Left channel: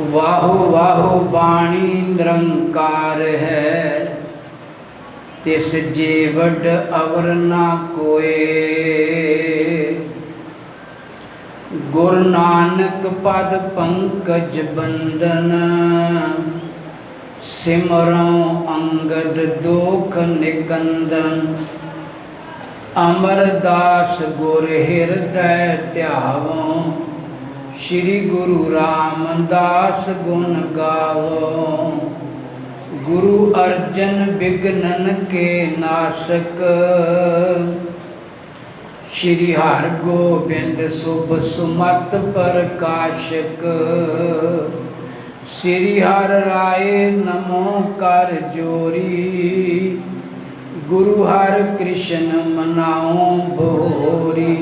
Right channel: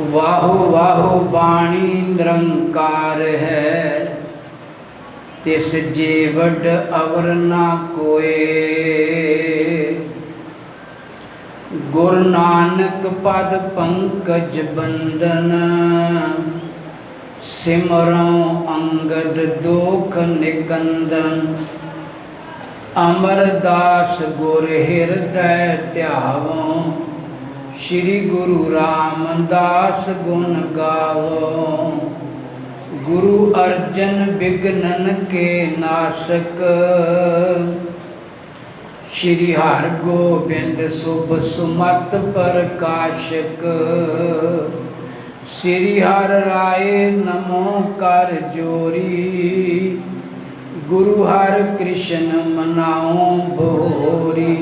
वाहो वाहो बाणी निरंकार है, तिस जे वड अवर ना कोय। गुरु नानक पद पंकज बंदन, सिमरों अंगद दोख निकंदन। अमरदास गुर हृदय ध्यावो, श्री गुरु रामदास गुण गावो। गुरु अर्जन विघ्नन के नासक, श्री हर गोबिंद शुभ सुमत प्रकाशक। श्री हर राय नमो कर जोरी, गुरु हर कृष्ण मनाओ भोरी।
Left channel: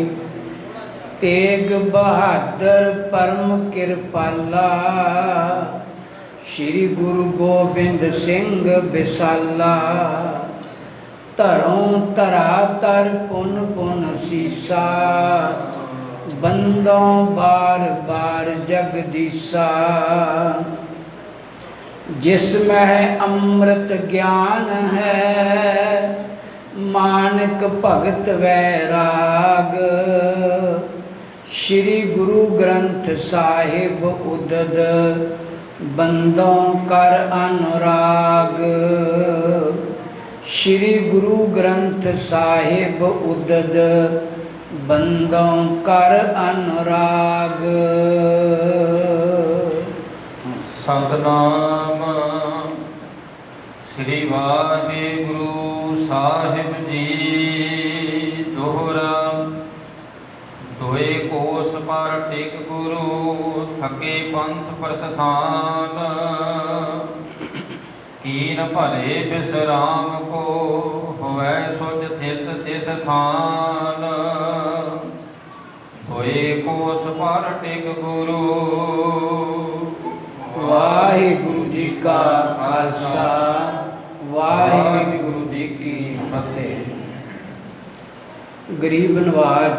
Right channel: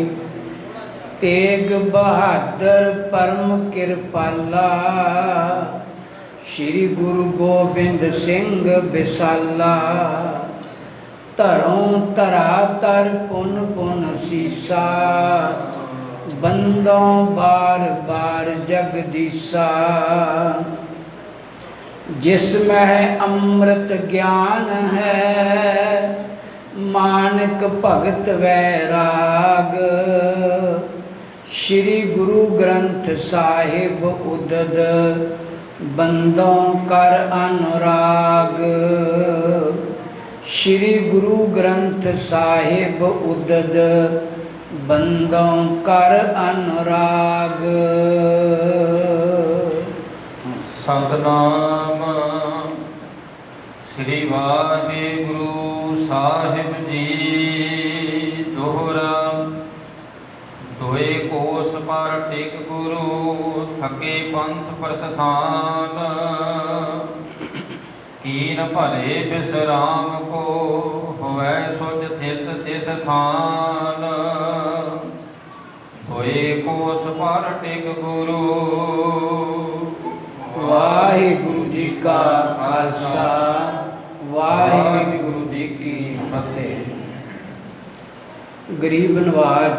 तेग बहादुर परम कृपाला, श्री गुरु गोबिंद सिंह विसाला। धरों धरा तर पुन पुन सीसा, बंदों बार बार जगदीसा। जिसमें अमृत ज्ञान है, मानक भगत वैराग। श्री गुरु ग्रंथ साहिब उदद, बंदों कर अनुराग। श्री गुरु ग्रंथ साहिब उदद, बंदों कर अनुराग। सतनाम श्री वाहिगुरु साहिब जी। दोहरा दोए कोस पर टिक गुरु, थके पंथ प्रस्थान। कीन भले विश्राम को, होवै सुच थित तिस थान। दोए कोस पर टिक गुरु। वाहिगुरु जी का खालसा, वाहिगुरु जी की फतेह। गरीब नवाज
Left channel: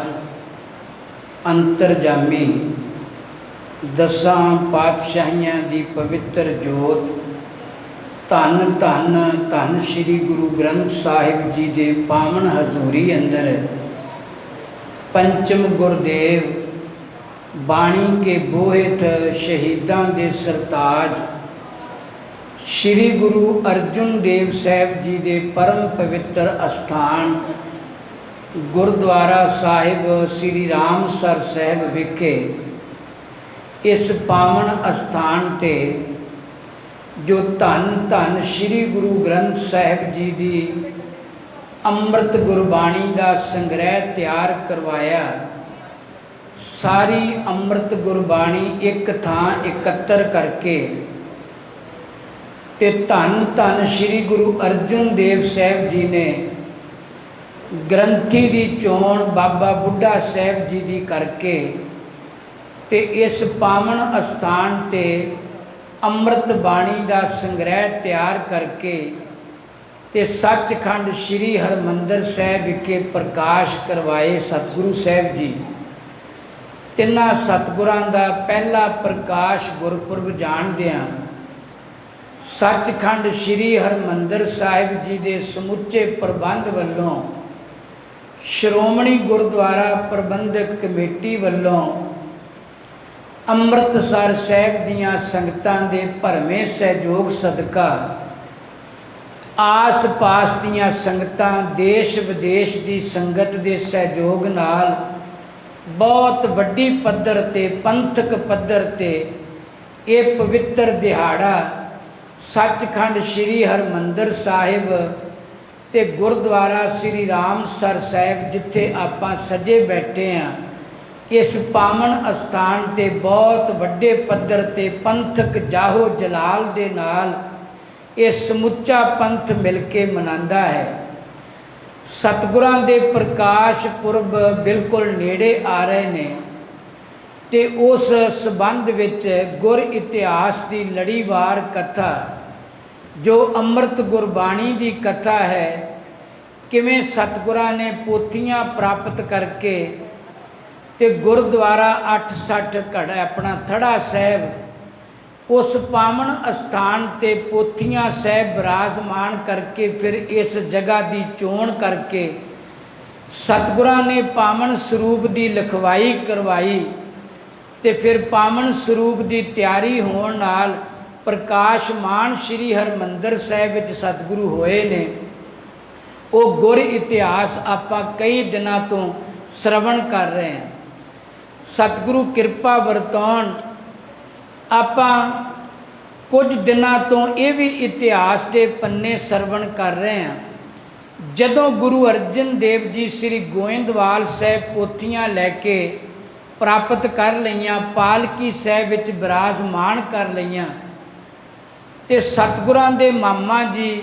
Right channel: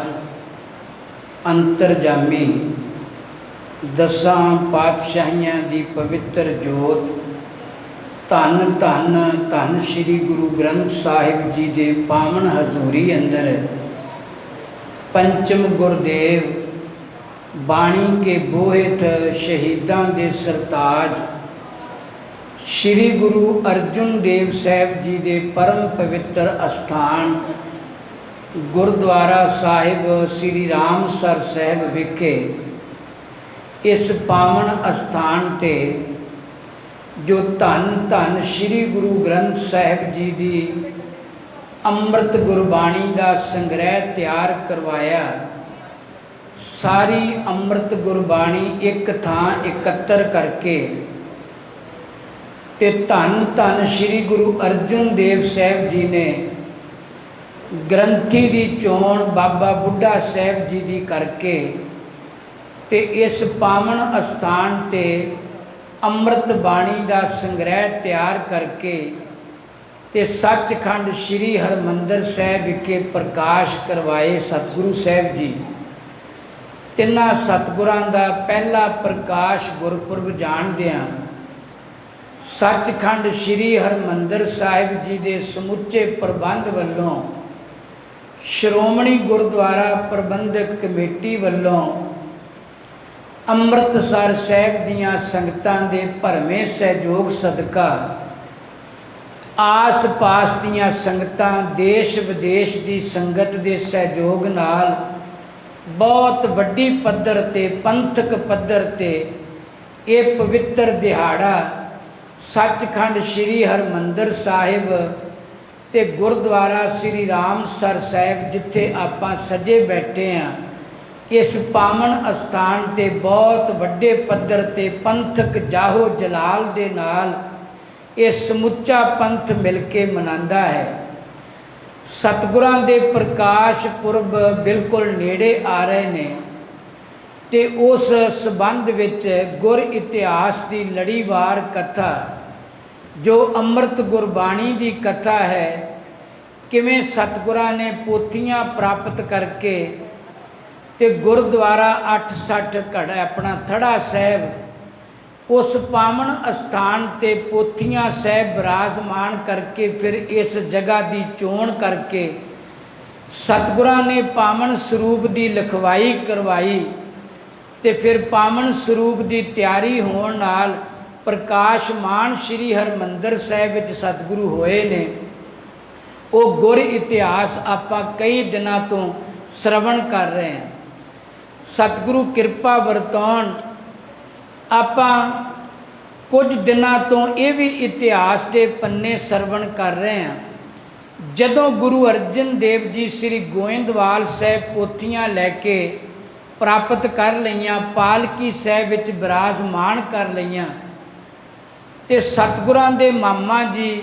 अंतरजामी दसां पातशाहियां दी पवित्र जोत, धन धन धन श्री गुरु ग्रंथ साहिब जी दे पावन हजूरी अंदर पंचम गुरदेव बाणी के बोहित शहीदां दे सरताज श्री गुरु अर्जुन देव साहिब जी दे परम पवित्र अस्थान गुरुद्वारा साहिब श्री रामसर साहिब विखे इस पावन अस्थान ते जो धन धन श्री गुरु ग्रंथ साहिब जी की अमृत गुरबाणी का संग्रह तैयार करवाया। सारी अमृत गुरबाणी एक थां एकत्र करके ते धन धन श्री गुरु अर्जुन देव साहिब जी ने ग्रंथी की चोण बाबा बुढ़ा साहिब जी की करके ते इस पावन अस्थान ते अमृत बाणी का संग्रह तैयार करके ते सचखंड श्री हरमंदर साहिब विखे प्रकाश करवाए सतगुरु साहिब जी। तिन्हां सतगुरां दा पहला प्रकाश गुरपुरब जाणदियां सचखंड श्री हरमंदर साहिब जी के समुचे प्रबंध वल्लों श्रोमणी गुरुद्वारा प्रबंधक कमेटी वल्लों अमृतसर साहिब दियां संगतां दे भरवें सहयोग सदका आस पास दियां संगतां देश विदेश की संगत के सहयोग नाल बहुत वड्डी पद्धर ते पंथक पद्धर ते ये पवित्र दिहाड़ा सचखंड श्री हरमंदर साहिब ते गुरुद्वारा श्री रामसर साहिब जिथे आपां सजे बैठे हैं इस पावन अस्थान ते बहुत वड्डे पद्धर ते पंथक जाहो जलाल दे नाल ये समुचा पंथ मिल के मनांदा है। सतगुरां दे प्रकाश पुरब बिल्कुल नेड़े आ रहे ने ते उस संबंध विच गुर इतिहास की लड़ीवार कथा जो अमृत गुरबाणी की कथा है, किवें सतगुरां ने पोथियां प्राप्त करके ते गुरुद्वारा 860 घड़ा अपना थड़ा साहिब ਉਸ ਪਾਵਨ ਅਸਥਾਨ ਤੇ ਪੋਥੀਆਂ ਸਾਹਿਬ ਬਿਰਾਜਮਾਨ ਕਰਕੇ ਫਿਰ ਇਸ ਜਗ੍ਹਾ ਦੀ ਚੋਣ ਕਰਕੇ ਸਤਿਗੁਰਾਂ ਨੇ ਪਾਵਨ ਸਰੂਪ ਦੀ ਲਿਖਵਾਈ ਕਰਵਾਈ ਤੇ ਫਿਰ ਪਾਵਨ ਸਰੂਪ ਦੀ ਤਿਆਰੀ ਹੋਣ ਨਾਲ ਪ੍ਰਕਾਸ਼ਮਾਨ ਸ੍ਰੀ ਹਰਿਮੰਦਰ ਸਾਹਿਬ ਵਿੱਚ ਸਤਿਗੁਰੂ ਹੋਏ ਨੇ। ਉਹ ਗੁਰ ਇਤਿਹਾਸ ਆਪਾਂ ਕਈ ਦਿਨਾਂ ਤੋਂ ਸ਼ਰਵਣ ਕਰ ਰਹੇ ਹਾਂ। ਸਤਿਗੁਰੂ ਕਿਰਪਾ ਵਰਤਾਉਣ, ਆਪਾਂ ਕੁਝ ਦਿਨਾਂ ਤੋਂ ਇਹ ਵੀ ਇਤਿਹਾਸ ਦੇ ਪੰਨੇ ਸ਼ਰਵਣ ਕਰ ਰਹੇ ਹਾਂ। ਜਦੋਂ ਗੁਰੂ ਅਰਜਨ ਦੇਵ ਜੀ ਸ੍ਰੀ ਗੋਇੰਦਵਾਲ ਸਾਹਿਬ ਪੋਥੀਆਂ ਲੈ ਕੇ ਪ੍ਰਾਪਤ ਕਰ ਲਈਆਂ, ਪਾਲਕੀ ਸਾਹਿਬ ਵਿੱਚ ਬਿਰਾਜਮਾਨ ਕਰ ਲਈਆਂ, ਤੇ ਸਤਿਗੁਰਾਂ ਦੇ ਮਾਮਾ ਜੀ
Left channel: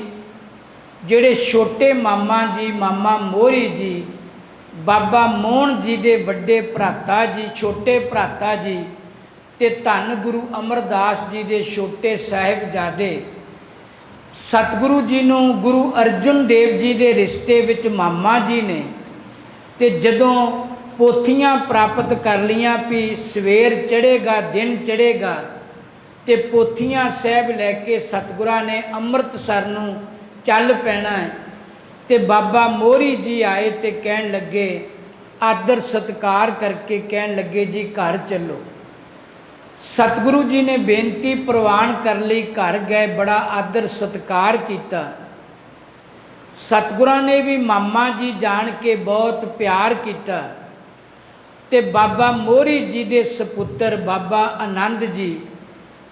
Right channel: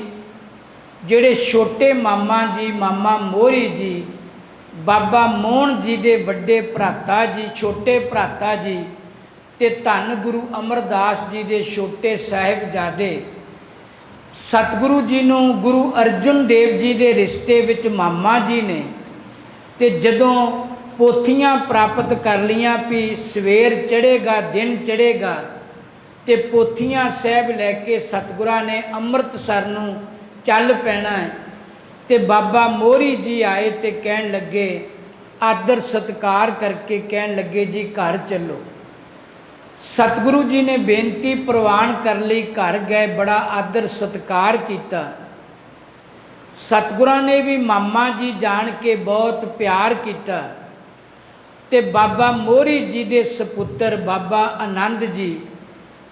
ਜਿਹੜੇ ਛੋਟੇ ਮਾਮਾ ਜੀ, ਮਾਮਾ ਮੋਹਰੀ ਜੀ, ਬਾਬਾ ਮੋਹਨ ਜੀ ਦੇ ਵੱਡੇ ਭਰਾਤਾ ਜੀ, ਛੋਟੇ ਭਰਾਤਾ ਜੀ, ਤੇ ਧੰਨ ਗੁਰੂ ਅਮਰਦਾਸ ਜੀ ਦੇ ਛੋਟੇ ਸਾਹਿਬਜ਼ਾਦੇ ਸਤਿਗੁਰੂ ਜੀ ਨੂੰ ਗੁਰੂ ਅਰਜਨ ਦੇਵ ਜੀ ਦੇ ਰਿਸ਼ਤੇ ਵਿੱਚ ਮਾਮਾ ਜੀ ਨੇ। ਤੇ ਜਦੋਂ ਪੋਥੀਆਂ ਪ੍ਰਾਪਤ ਕਰ ਲਈਆਂ ਵੀ ਸਵੇਰ ਚੜ੍ਹੇਗਾ, ਦਿਨ ਚੜ੍ਹੇਗਾ, ਤੇ ਪੋਥੀਆਂ ਸਾਹਿਬ ਲੈ ਕੇ ਸਤਿਗੁਰਾਂ ਨੇ ਅੰਮ੍ਰਿਤਸਰ ਨੂੰ ਚੱਲ ਪੈਣਾ ਹੈ। ਤੇ ਬਾਬਾ ਮੋਹਰੀ ਜੀ ਆਏ ਤੇ ਕਹਿਣ ਲੱਗੇ, ਆਦਰ ਸਤਿਕਾਰ ਕਰਕੇ ਕਹਿਣ ਲੱਗੇ ਜੀ ਘਰ ਚੱਲੋ। ਸਤਿਗੁਰੂ ਜੀ ਨੇ ਬੇਨਤੀ ਪ੍ਰਵਾਨ ਕਰ ਲਈ, ਘਰ ਗਏ, ਬੜਾ ਆਦਰ ਸਤਿਕਾਰ ਕੀਤਾ। ਸਤਿਗੁਰਾਂ ਨੇ ਵੀ ਮਾਮਾ ਜੀ ਜਾਣ ਕੇ ਬਹੁਤ ਪਿਆਰ ਕੀਤਾ। ਤੇ ਬਾਬਾ ਮੋਹਰੀ ਜੀ ਦੇ ਸਪੁੱਤਰ ਬਾਬਾ ਆਨੰਦ ਜੀ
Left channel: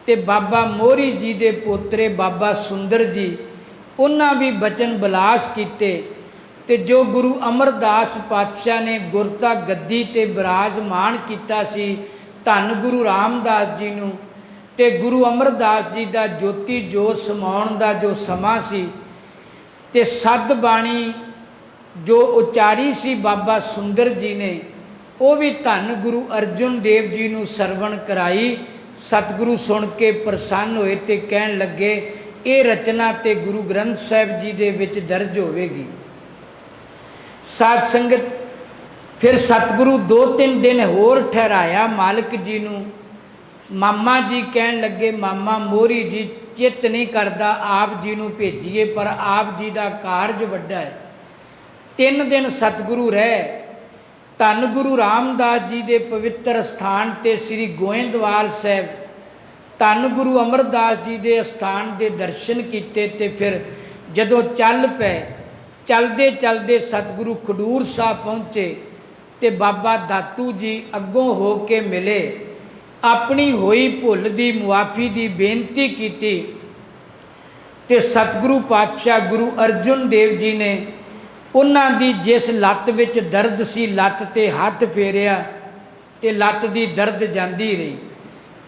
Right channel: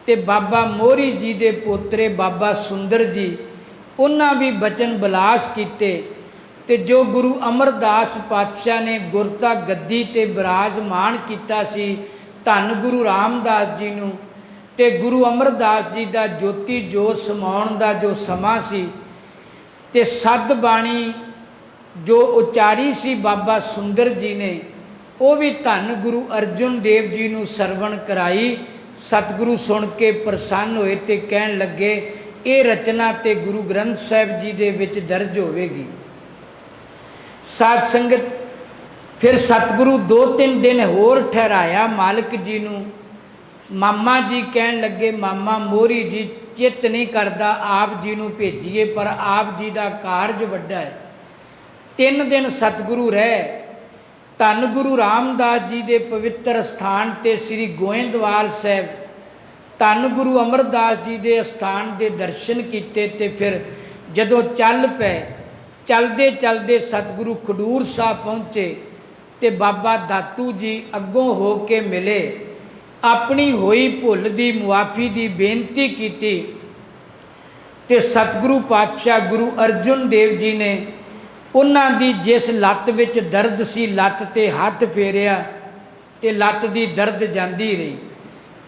ਤੇ ਬਾਬਾ ਮੋਹਰੀ ਜੀ ਦੇ ਪੋਤਰੇ ਬਾਬਾ ਸੁੰਦਰ ਜੀ, ਉਹਨਾਂ ਵੀ ਬਚਨ ਬਿਲਾਸ ਕੀਤੇ। ਤੇ ਜੋ ਗੁਰੂ ਅਮਰਦਾਸ ਪਾਤਸ਼ਾਹ ਨੇ ਗੁਰਤਾ ਗੱਦੀ ਤੇ ਬਿਰਾਜਮਾਨ ਕੀਤਾ ਸੀ ਧੰਨ ਗੁਰੂ ਰਾਮਦਾਸ ਜੀ ਨੂੰ, ਤੇ ਗੁਰੂ ਅਮਰਦਾਸ ਜੀ ਦਾ ਜੋਤੀ ਜੋਤ ਸਮਾਉਣ ਦਾ ਜੋ ਸਮਾਂ ਸੀ, ਤੇ ਸੱਧ ਬਾਣੀ ਜੋ ਉਚਾਰੀ ਸੀ ਬਾਬਾ ਸੁੰਦਰ ਜੀ ਨੇ, ਉਹ ਵੀ ਧੰਨ ਗੁਰੂ ਅਰਜਨ ਦੇਵ ਜੀ ਨੂੰ ਸਰਵਣ ਕਰਾਈ। ਸਤਿਗੁਰੂ ਸੁਣ ਕੇ ਪ੍ਰਸੰਨ ਹੋਏ ਤੇ ਕਹਿਣ ਲੱਗੇ, ਇਹ ਰਚਨਾ ਤੇ ਗੁਰੂ ਗ੍ਰੰਥ ਸਾਹਿਬ ਜੀ ਦੇ ਵਿੱਚ ਦਰਜ ਹੋਵੇਗੀ। ਸਾਧ ਸੰਗਤ, ਫਿਰ ਸਤਿਗੁਰੂ 2-3 ਦਿਨ ਹੋਰ ਠਹਿਰਾਇਆ ਮਾਲਕ ਜੀ ਨੂੰ। ਮਾਮਾ ਜੀ ਕਹਿਣ ਲੱਗੇ, ਮਾਮਾ ਮੋਹਰੀ ਜੀ ਚਿੱਤ ਨਹੀਂ ਕਰਦਾ ਆਪ ਜੀ ਨੂੰ ਭੇਜੀਏ, ਪਰ ਆਪ ਜੀ ਦਾ ਕਾਰਜ ਵੱਡਾ ਹੈ। 3 ਦਿਨ ਸਤਿਗੁਰੂ ਰਹੇ। ਧੰਨ ਗੁਰੂ ਰਾਮਦਾਸ ਜੀ ਦੇ ਪਵਿੱਤਰ ਸਥਾਨ ਤੇ ਸ੍ਰੀ ਗੋਇੰਦਵਾਲ ਸਾਹਿਬ, ਧੰਨ ਗੁਰੂ ਅਮਰਦਾਸ ਜੀ ਦੇ ਸਥਾਨ ਦੇ ਦਰਸ਼ਨ ਕੀਤੇ। ਤੇ ਫਿਰ ਜਦੋਂ ਚੱਲ ਪਏ, ਚਲਦੇ ਚਲਦੇ ਸਤਿਗੁਰੂ ਖਡੂਰ ਸਾਹਿਬ ਪਹੁੰਚੇ ਤੇ ਬਾਬਾ ਦਾਤੂ ਜੀ ਅੱਗੋਂ ਹੋ ਕੇ ਮਿਲੇ, ਆਪਣੀ ਹੋਈ ਭੁੱਲ ਦੀ ਮੁਆਫੀ ਦੀ ਬੇਨਤੀ ਕੀਤੀ। ਤੇ ਸਤਿਗੁਰੂ ਪਾਤਸ਼ਾਹ ਗੁਰੂ ਅਰਜਨ ਦੇਵ ਜੀ ਨੇ ਉਹਨਾਂ ਦੀ ਜਿਸ ਲੱਤ ਵਿੱਚ ਦਰਦ ਸੀ, ਲੱਤ ਤੇ ਹੱਥ ਫੇਰਿਆ ਤੇ ਲੱਤ ਦੀ ਦਰਦ ਜਾਂਦੀ ਰਹੀ।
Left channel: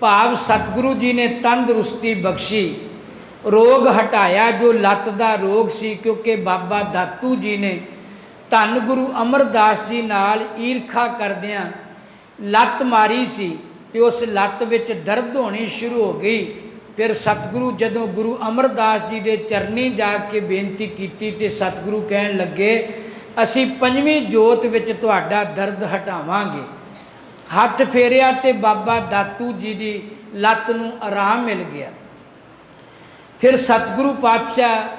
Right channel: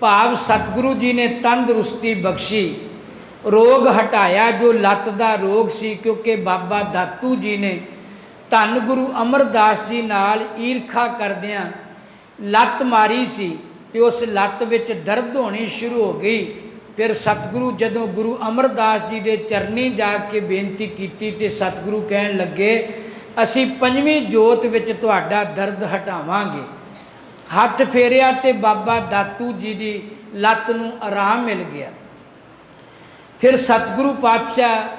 ਭਾਵ ਸਤਿਗੁਰੂ ਜੀ ਨੇ ਤੰਦਰੁਸਤੀ ਬਖਸ਼ੀ, ਰੋਗ ਹਟਾਇਆ ਜੋ ਲੱਤ ਦਾ ਰੋਗ ਸੀ। ਕਿਉਂਕਿ ਬਾਬਾ ਦਾਤੂ ਜੀ ਨੇ ਧੰਨ ਗੁਰੂ ਅਮਰਦਾਸ ਜੀ ਨਾਲ ਈਰਖਾ ਕਰਦਿਆਂ ਲੱਤ ਮਾਰੀ ਸੀ ਤੇ ਉਸ ਲੱਤ ਵਿੱਚ ਦਰਦ ਹੋਣੀ ਸ਼ੁਰੂ ਹੋ ਗਈ। ਫਿਰ ਸਤਿਗੁਰੂ ਜਦੋਂ ਗੁਰੂ ਅਮਰਦਾਸ ਜੀ ਦੇ ਚਰਨੀ ਜਾ ਕੇ ਬੇਨਤੀ ਕੀਤੀ ਤੇ ਸਤਿਗੁਰੂ ਕਹਿਣ ਲੱਗੇ, ਅਸੀਂ 5ਵੀਂ ਜੋਤ ਵਿੱਚ ਤੁਹਾਡਾ ਦਰਦ ਹਟਾਵਾਂਗੇ। ਹੱਥ ਫੇਰਿਆ ਤੇ ਬਾਬਾ ਦਾਤੂ ਜੀ ਦੀ ਲੱਤ ਨੂੰ ਆਰਾਮ ਮਿਲ ਗਿਆ। ਫਿਰ ਸਤਿਗੁਰੂ ਪਾਤਸ਼ਾਹ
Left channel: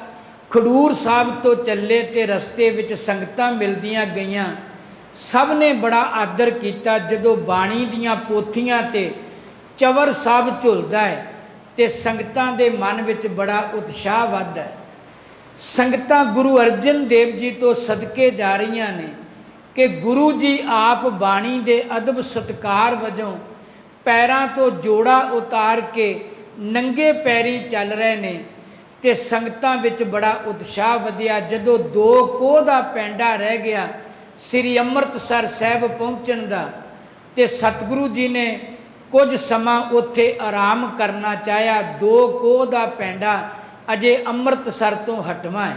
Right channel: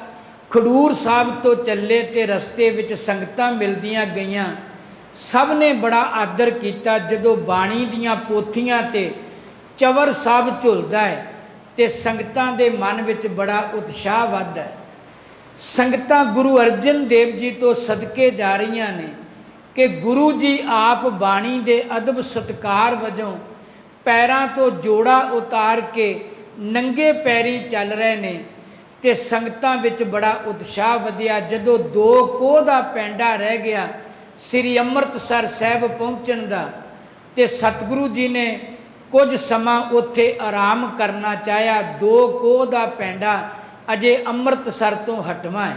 ਖਡੂਰ ਸਾਹਿਬ ਤੋਂ ਚੱਲੇ ਤੇ ਰਸਤੇ ਵਿੱਚ ਸੰਗਤਾਂ ਮਿਲਦੀਆਂ ਗਈਆਂ। ਸਭ ਨੇ ਬੜਾ ਆਦਰ ਕੀਤਾ। ਜਦੋਂ ਬਾਣੀ ਦੀਆਂ ਪੋਥੀਆਂ ਤੇ ਚਵਰ ਸਾਹਿਬ ਝੁਲਦਾ ਹੈ ਤੇ ਸੰਗਤਾਂ ਦੇ ਮਨ ਵਿੱਚ ਬੜਾ ਉਤਸ਼ਾਹ ਵੱਧਦਾ ਹੈ। ਸੰਗਤਾਂ ਗੁਰੂ ਅਰਜਨ ਦੇਵ ਜੀ ਤੋਂ ਸਦਕੇ ਜਾ ਰਹੀਆਂ ਨੇ ਕਿ ਗੁਰੂ ਜੀ ਆਪ ਬਾਣੀ ਦੇ ਅਦਬ ਸਤਿਕਾਰ ਵਜੋਂ ਪੈਰਾਂ ਤੋਂ ਜੋੜਾ ਉਤਾਰ ਕੇ ਨੰਗੇ ਪੈਰੀ ਚੱਲ ਰਹੇ ਨੇ। ਤੇ ਸੰਗਤਾਂ ਵਿੱਚ ਬੜਾ ਉਤਸ਼ਾਹ ਵਧਿਆ। ਜਦੋਂ 2 ਕੋਹ ਦਾ ਪੈਂਡਾ ਰਹਿ ਗਿਆ ਸ੍ਰੀ ਅੰਮ੍ਰਿਤਸਰ ਸਾਹਿਬ ਪਹੁੰਚਣ ਦਾ, ਤੇ ਸਤਿਗੁਰੂ ਜੀ ਨੇ ਕੁਝ ਸਮਾਂ ਉੱਥੇ ਆਰਾਮ ਕਰਨਾ ਚਾਹਿਆ। 2 ਕੋਹ ਦਾ ਪੈਂਡਾ ਅਜੇ ਅੰਮ੍ਰਿਤਸਰ ਤੋਂ ਹਟਵਾ ਹੈ।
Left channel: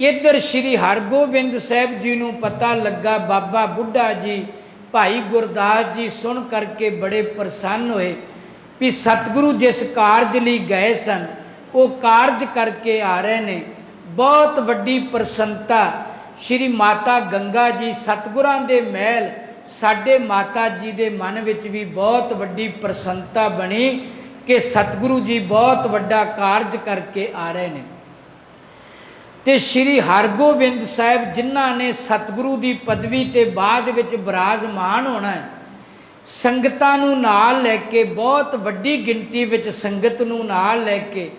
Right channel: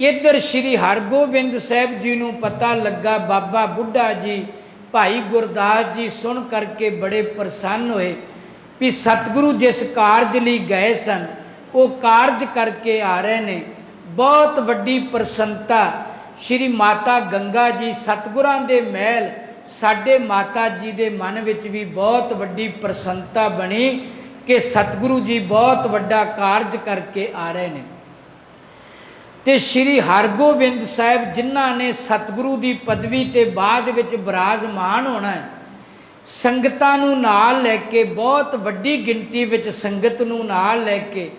ਇੱਧਰ ਸ੍ਰੀ ਹਰਗੋਬਿੰਦ ਸਾਹਿਬ ਜੀ ਨੂੰ ਪਤਾ ਲੱਗਾ। ਬਾਬਾ ਬੁੱਢਾ ਜੀ, ਭਾਈ ਗੁਰਦਾਸ ਜੀ ਸੁਣ ਕਰਕੇ ਬੜੇ ਪ੍ਰਸੰਨ ਹੋਏ ਵੀ ਸਤਿਗੁਰੂ ਜਿਸ ਕਾਰਜ ਲਈ ਗਏ ਸਨ ਉਹ ਕਾਰਜ ਕਰਕੇ ਆ ਰਹੇ ਨੇ। ਬਹੁਤ ਵੱਡੀ ਪ੍ਰਸੰਨਤਾ। ਸ਼੍ਰੀ ਮਾਤਾ ਗੰਗਾ ਜੀ ਸਤਿਗੁਰਾਂ ਦੇ ਮਹਿਲ, ਸਾਡੇ ਮਾਤਾ ਜੀ ਦੇ ਮਨ ਵਿੱਚ ਵੀ ਬਹੁਤ ਵੱਡੀ ਪ੍ਰਸੰਨਤਾ ਬਣੀ ਕਿ ਸਤਿਗੁਰੂ ਜੀ ਬਹੁਤ ਵੱਡਾ ਕਾਰਜ ਕਰਕੇ ਆ ਰਹੇ ਨੇ। ਤੇ ਸ਼੍ਰੀ ਹਰਗੋਬਿੰਦ ਸਾਹਿਬ ਜਿਨ੍ਹਾਂ ਨੇ ਸਤਿਗੁਰੂ ਦੀ ਪਦਵੀ ਤੇ ਬਾਅਦ ਵਿੱਚ ਬਿਰਾਜਮਾਨ ਹੋਣਾ ਹੈ, ਸੰਗਤਾਂ ਨੂੰ ਨਾਲ ਲੈ ਕੇ, ਬਹੁਤ ਵੱਡੀ ਗਿਣਤੀ ਵਿੱਚ ਸੰਗਤ ਨੂੰ ਨਾਲ ਲੈ ਕੇ,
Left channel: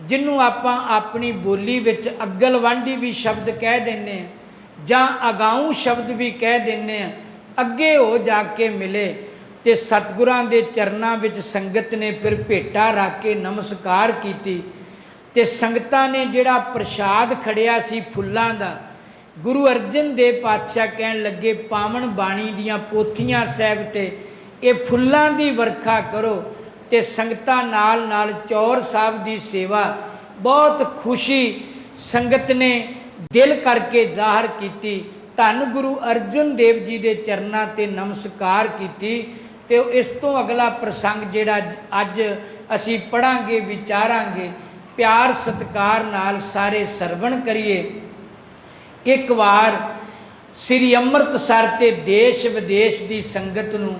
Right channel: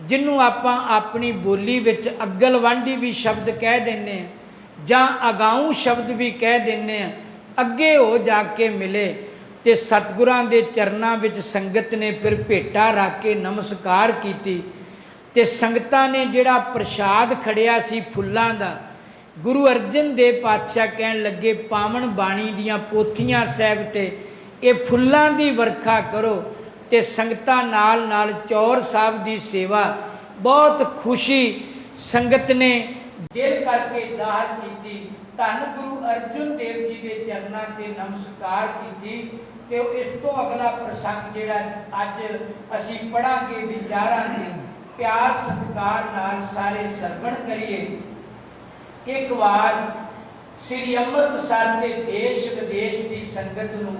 ਜਿਹਨੂੰ ਆਪਾਂ ਆਪਣੀ ਬੋਲੀ ਵਿੱਚ ਅਗਲਵਾਂਢੀ ਵੀ ਸ਼ਬਦ ਕਹਿ ਦਿੰਦੇ ਹਾਂ ਜਾਂ ਅਗਾਊਂ ਸ਼ਬਦ ਵੀ ਕਹਿ ਦਿੰਦੇ ਹਾਂ, ਅੱਗੇ ਹੋ ਜਾ ਕੇ ਮਿਲੇ ਤੇ ਸਤਿਗੁਰਾਂ ਦੇ ਚਰਨਾਂ ਵਿੱਚ ਸੰਗਤ ਨੇ ਫਿਰ ਭੇਟਾ ਰੱਖ ਕੇ ਨਮਸਕਾਰ ਕੀਤੀ। ਤੇ ਸੰਗਤਾਂ ਨੇ ਜਿਹੜਾ ਪ੍ਰਸ਼ਾਦ ਖੜਿਆ ਸੀ ਫੁੱਲਾਂ ਦਾ, ਗੁਰੂ ਅਰਜਨ ਦੇਵ ਪਾਤਸ਼ਾਹ ਕਹਿਣ ਲੱਗੇ ਪਾਵਨ ਬਾਣੀ ਦੀਆਂ ਪੋਥੀਆਂ ਸਾਹਿਬ ਤੇ ਇਹ ਫੁੱਲਾਂ ਦੀ ਵਰਖਾ ਕਰੋ। ਤੇ ਸੰਗਤਾਂ ਨਾਲ ਨਾਲ ਚੌਰ ਸਾਹਿਬ ਦੀ ਸੇਵਾ, ਬਹੁਤ ਖੁਸ਼ੀ ਸੰਗਤ ਨੇ ਦਿਲ ਕਰਕੇ ਜ਼ਾਹਰ ਕੀਤੀ। ਧੰਨ ਗੁਰੂ ਅਰਜਨ ਦੇਵ ਜੀ ਦੇ ਚਰਨਾਂ ਤੇ ਨਮਸਕਾਰ ਕੀਤੀ। ਤੇ ਇਸ ਤੋਂ ਅਗਲਾ ਪ੍ਰਸੰਗ ਜਿਹੜਾ ਅੱਜ ਅਸੀਂ ਪੜਾਂਗੇ, ਵਿਚਾਰਾਂਗੇ, ਪਿਆਰ ਸਤਿਕਾਰ ਨਾਲ ਸਾਰੇ ਸਰਵਣ ਕਰੀਏ। ਇੱਕ ਵਾਰ ਸ੍ਰੀ ਅੰਮ੍ਰਿਤਸਰ ਤੇ ਦੇਸ਼ ਵਿਦੇਸ਼ ਦੀ ਸੰਗਤ ਨੂੰ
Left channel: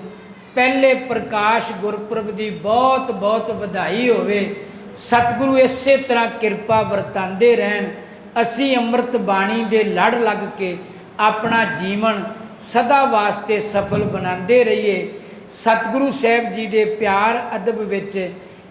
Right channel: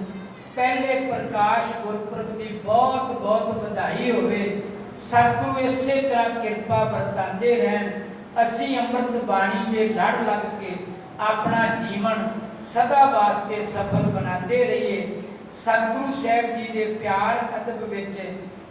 ਪਹਿਲੇ ਪ੍ਰਕਾਸ਼ ਗੁਰਪੁਰਬ ਦੀ ਬਹੁਤ ਬਹੁਤ ਵਧਾਈ ਹੋਵੇ। ਸਤਿਗੁਰੂ ਇਸੇ ਤਰ੍ਹਾਂ ਕਿਰਪਾ ਵਰਤਾਉਂਦੇ ਰਹਿਣ। ਅਸੀਂ ਅੰਮ੍ਰਿਤ ਬਾਣੀ ਦੇ ਲੜ ਲੱਗ ਕੇ ਆਪਣਾ ਜੀਵਨ ਸਦਾ ਵਾਸਤੇ ਸਫਲ ਬਣਾਉਂਦੇ ਰਹੀਏ। ਸਤਿਗੁਰੂ ਸਾਹਿਬ ਜੀ ਦੇ ਪਿਆਰ ਅਦਬ ਵਿੱਚ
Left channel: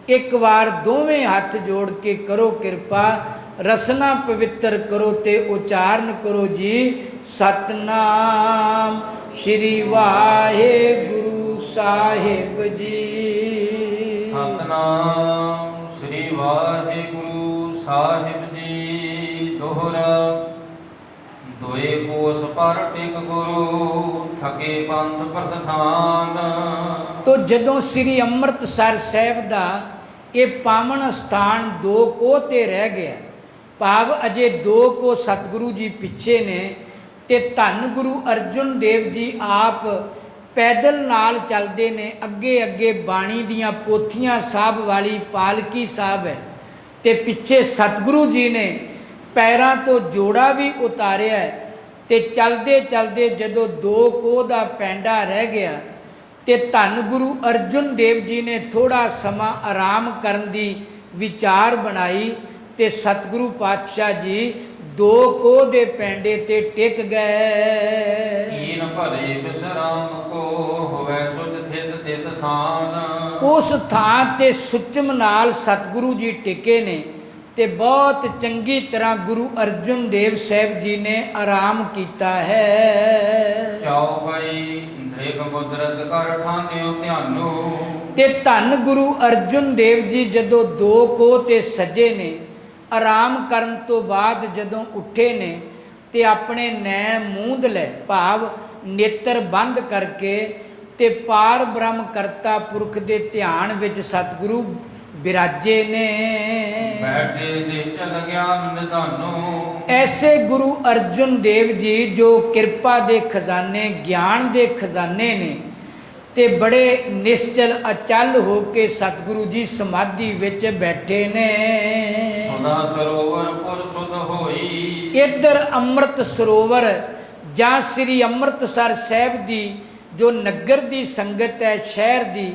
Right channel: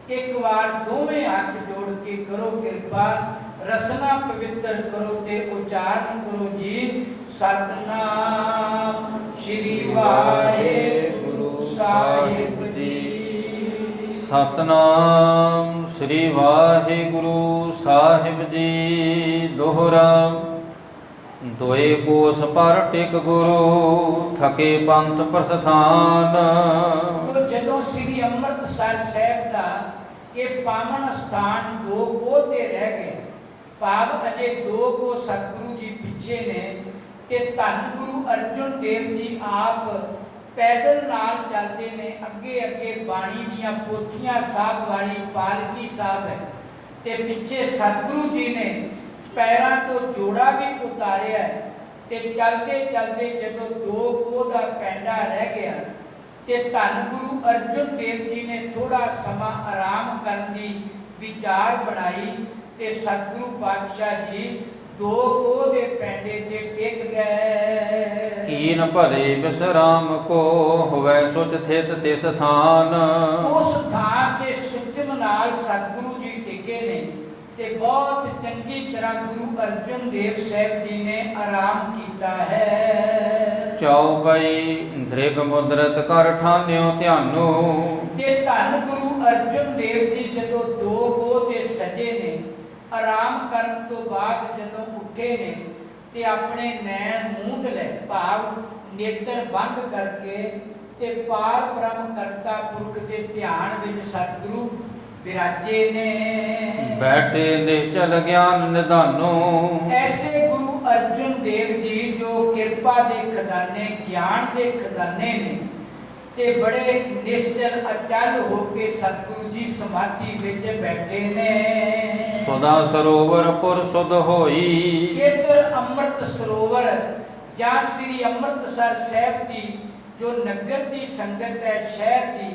ਇੱਕ ਵਾਰ ਦੋਵੇਂ ਹੱਥ ਜੋੜ ਕੇ ਕਰੋ ਕਿਰਪਾ, ਰਸਨਾ ਪਵਿੱਤਰ ਕਰੋ ਤੇ ਉਚਾਰਨ ਕਰੋ ਜੀ ਸਤਨਾਮ ਸ਼੍ਰੀ ਵਾਹਿਗੁਰੂ ਸਾਹਿਬ ਜੀ। ਸਤਨਾਮ ਸ੍ਰੀ ਵਾਹਿਗੁਰੂ ਸਾਹਿਬ ਜੀ। ਦੋਹਰਾ ਦੋਏ ਕੋਸ ਪਰ ਟਿਕ ਗੁਰੂ, ਥਕੇ ਪੰਥ ਪ੍ਰਸਥਾਨ। ਤੋ ਜਦੋਂ ਸ੍ਰੀ ਅੰਮ੍ਰਿਤਸਰ ਸਾਹਿਬ ਦਾ ਇਹ ਪਾਵਨ ਸਥਾਨ 2 ਕੋਹ ਤੇ ਰਹਿ ਗਿਆ, ਭਾਵ ਅਜੇ 2 ਕੋਹ ਸਤਿਗੁਰੂ ਜੀ ਪਿੱਛੇ ਨੇ, ਤੇ ਧੰਨ ਗੁਰੂ ਅਰਜਨ ਦੇਵ ਜੀ ਆਪ ਪੈਦਲ ਨਾਲ ਚੱਲਦੇ ਨੇ। ਅੱਗੇ ਅੱਗੇ ਬਾਣੀ ਦੀਆਂ ਪੋਥੀਆਂ ਸਾਹਿਬ ਵਾਲੀ ਪਾਲਕੀ ਸਾਹਿਬ ਹੈ, ਤੇ ਪਿੱਛੇ ਸਤਿਗੁਰੂ ਜੀ ਨੇ ਪੈਰਾਂ ਤੋਂ ਜੋੜਾ ਵੀ ਉਤਾਰਿਆ। ਤੇ ਚਲਦੇ ਚਲਦੇ ਜਦੋਂ 2 ਕੋਹ ਦਾ ਪੈਂਡਾ ਰਹਿ ਗਿਆ ਤੇ ਧੰਨ ਗੁਰੂ ਅਰਜਨ ਦੇਵ ਜੀ ਨੇ ਥੋੜਾ ਸਮਾਂ ਆਰਾਮ ਕਰਨ ਦੀ ਵਿਚਾਰ ਬਣਾਈ ਤੇ ਸਤਿਗੁਰੂ ਪਾਤਸ਼ਾਹ ਜੀ 2 ਕੋਹ ਦੇ ਪੈਂਡੇ ਤੇ ਟਿਕ ਗਏ। ਕੀਨ ਭਲੇ ਬਿਸਰਾਮ ਕੋ, ਹੋਵੇ ਸੁਚ ਥਿਤ ਤਿਸ ਥਾਨ। ਉਸ ਥਾਂ ਤੇ ਸੁਚਮ ਨਾਲ ਸਤਿਗੁਰੂ ਜੀ ਟਿਕੇ ਨੇ ਤੇ ਬਹੁਤ ਚੰਗੀ ਤਰ੍ਹਾਂ ਗੁਰੂ ਅਰਜਨ ਦੇਵ ਸਾਹਿਬ ਜੀ ਨੇ ਆਰਾਮ ਕੀਤਾ ਹੈ। ਚਉਪਈ ਧ੍ਰਿਗ ਮੁਦਰਤ ਕਰ ਠਾਨਿਓ ਧਿਆਨੋ। ਤੇ ਧੰਨ ਗੁਰੂ ਅਰਜਨ ਦੇਵ ਜੀ ਜਦੋਂ 2 ਕੋਹ ਤੇ ਸਜੇ ਨੇ, ਆਰਾਮ ਕਰਨ ਤੋਂ ਬਾਅਦ ਜਦੋਂ ਉੱਠੇ ਨੇ ਤੇ ਆਪਣੇ ਨੈਣ ਮੂੰਦ ਲੈ, ਭਾਵ ਨੇਤਰ ਬੰਦ ਕਰਕੇ, ਤੇ ਪਾਰ ਬ੍ਰਹਮ ਕਰਤਾ ਪੁਰਖ ਦੇ ਧਿਆਨ ਵਿੱਚ ਸਤਿਗੁਰੂ ਬਿਰਾਜੇ ਨੇ। ਬੈਠੇ ਨਿਸ਼ਚਲ ਗਿਆਨ ਨਿਧਾਨੋ। ਐਸੇ ਗੁਰੂ ਅਰਜਨ ਦੇਵ ਜੀ ਜੋ ਕਿਰਪਾ ਦੇ ਖਜ਼ਾਨੇ, ਗਿਆਨ ਦੇ ਖਜ਼ਾਨੇ ਨੇ, ਤੇ ਬੜੇ ਨਿਸ਼ਚਲ ਅਚਲ ਹੋ ਕੇ ਸਤਿਗੁਰੂ ਜੀ ਸਮਾਧੀ ਵਿੱਚ ਬੈਠੇ ਨੇ। ਸਦਾ ਸਰੋਵਰ ਪੁਰ ਸੁਧ ਹੋਈ। ਇੱਧਰ ਅੰਮ੍ਰਿਤ ਸਰੋਵਰ ਜਾਂ ਸ੍ਰੀ ਅੰਮ੍ਰਿਤਸਰ ਸਾਹਿਬ ਦੀ ਜੋ ਨਗਰ ਦੀ ਸੰਗਤ ਹੈ, ਸ਼ਹਿਰ ਦੀ,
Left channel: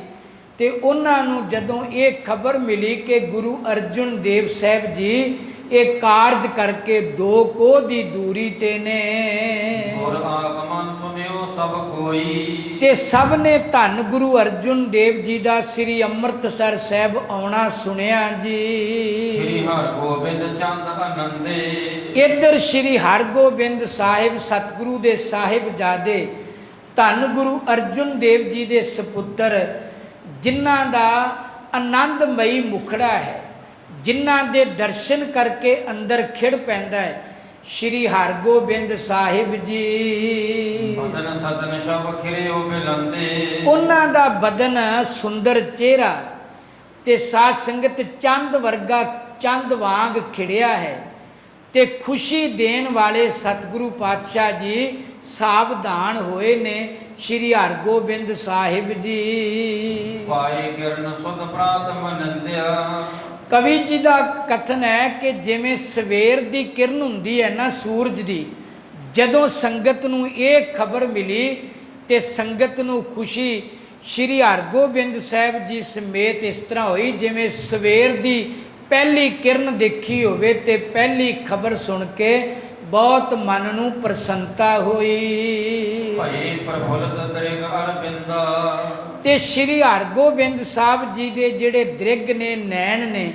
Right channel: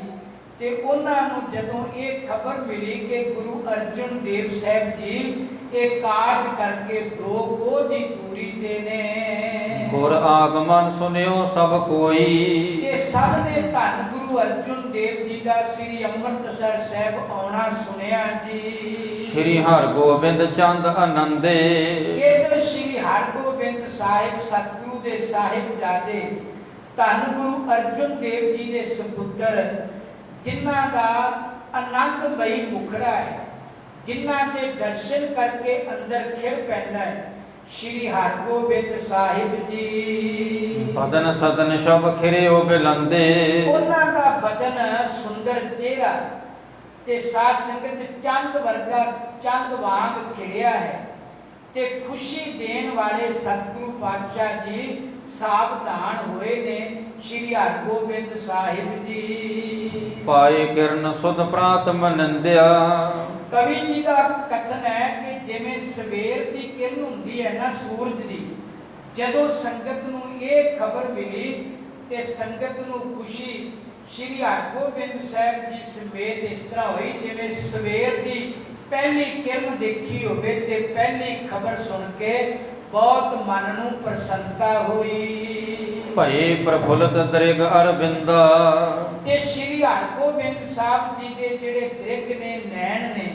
ਤੇ ਉਹਨਾਂ ਨੂੰ ਜਦੋਂ ਇਹ ਖਬਰ ਮਿਲੀ ਕਿ ਗੁਰੂ ਅਰਜਨ ਦੇਵ ਸਾਹਿਬ ਜੀ ਇਹ ਕਾਰਜ ਕਰਕੇ 2 ਕੋਹ ਦੀ ਦੂਰੀ ਤੇ ਨੇ। ਗੁਰ ਆਗਮਨ ਸੁਨਿਓ ਸਭ ਕੋਈ। ਤੇ ਸਭ ਨੇ ਧੰਨ ਗੁਰੂ ਅਰਜਨ ਦੇਵ ਜੀ ਦਾ ਸ੍ਰੀ ਅੰਮ੍ਰਿਤਸਰ ਸਾਹਿਬ ਆਉਣਾ ਸੁਣਿਆ ਜੀ। ਸ੍ਰੀ ਹਰਗੋਬਿੰਦ ਚੰਦ ਆਨੰਦੇ। ਇੱਧਰ ਸ੍ਰੀ ਹਰਗੋਬਿੰਦ ਸਾਹਿਬ ਸਤਿਗੁਰੂ ਦੇ ਸਾਹਿਬਜ਼ਾਦੇ ਧੰਨ ਗੁਰੂ ਅਰਜਨ ਦੇਵ ਜੀ ਦੇ ਸਪੁੱਤਰ, ਜਿਨ੍ਹਾਂ ਦਾ ਆਨੰਦਮਈ ਮੁਖੜਾ ਹੈ, ਜਿਨ੍ਹਾਂ ਦੇ ਦਰਸ਼ਨ ਕਰਕੇ ਅੰਦਰ ਖਿੜ ਪੈਂਦਾ ਹੈ, ਸ਼੍ਰੀ ਹਰਗੋਬਿੰਦ ਸਾਹਿਬ ਜੀ। ਬਦਨ ਸਦਨ ਸ਼ਬ ਖਿਰਿਓ ਬਿਲੰਦੇ। ਉਹਨਾਂ ਦਾ ਬਦਨ ਸੁੰਦਰ ਚਿਹਰਾ ਤੇ ਸਾਧ ਸੰਗਤ ਚੰਦ ਵਰਗਾ, ਚੰਦ ਵਾਂਗ ਖਿੜਿਆ ਹੈ। ਤੇ ਖੁਸ਼ੀ ਦੇਣ ਵਾਲੇ ਸਤਿਗੁਰੂ ਪਾਤਸ਼ਾਹ ਜੀ ਸਾਵਧਾਨ ਹੋਏ ਨੇ। ਸ਼੍ਰੀ ਹਰਗੋਬਿੰਦ ਸਾਹਿਬ ਜੀ ਪਾਏ ਕਿਰਨ ਸੁਧ ਪ੍ਰਾਤ ਮਨੰਦਿਆ। ਕਵੀ ਜੀ ਦਾ ਕਥਨ ਹੈ ਕਿ ਜਿਵੇਂ ਸਵੇਰ ਦੀ ਕਿਰਨ ਹੁੰਦੀ ਹੈ ਨਾ ਸੂਰਜ ਦੀ, ਜਦੋਂ ਸੰਗਤ ਨੂੰ ਇਹ ਖਬਰ ਮਿਲੀ ਤੇ ਸੰਗਤ ਨੂੰ ਖੁਸ਼ੀ ਸ਼੍ਰੀ ਹਰਗੋਬਿੰਦ ਸਾਹਿਬ ਜੀ ਸਮੇਤ ਇਸ ਤਰ੍ਹਾਂ ਹੋਈ ਜਿਵੇਂ ਸਵੇਰ ਦੀ ਪਹਿਲੀ ਕਿਰਨ ਦੇਖੀ ਹੋਵੇ ਤੇ ਪਹਿਲੀ ਖਬਰ ਸੁਣ ਕੇ ਬਹੁਤ ਮਨ ਨੂੰ ਪ੍ਰਸੰਨਤਾ ਹੋਈ। ਭਏ ਪ੍ਰਫੁੱਲਤ ਦ੍ਰਿਗ ਅਰਬਿੰਦਾ। ਤੇ ਸ਼੍ਰੀ ਹਰਗੋਬਿੰਦ ਸਾਹਿਬ ਜੀ ਦੇ ਜਿਹੜੇ ਦ੍ਰਿਗ ਨੇ, ਨੈਣ ਨੇ,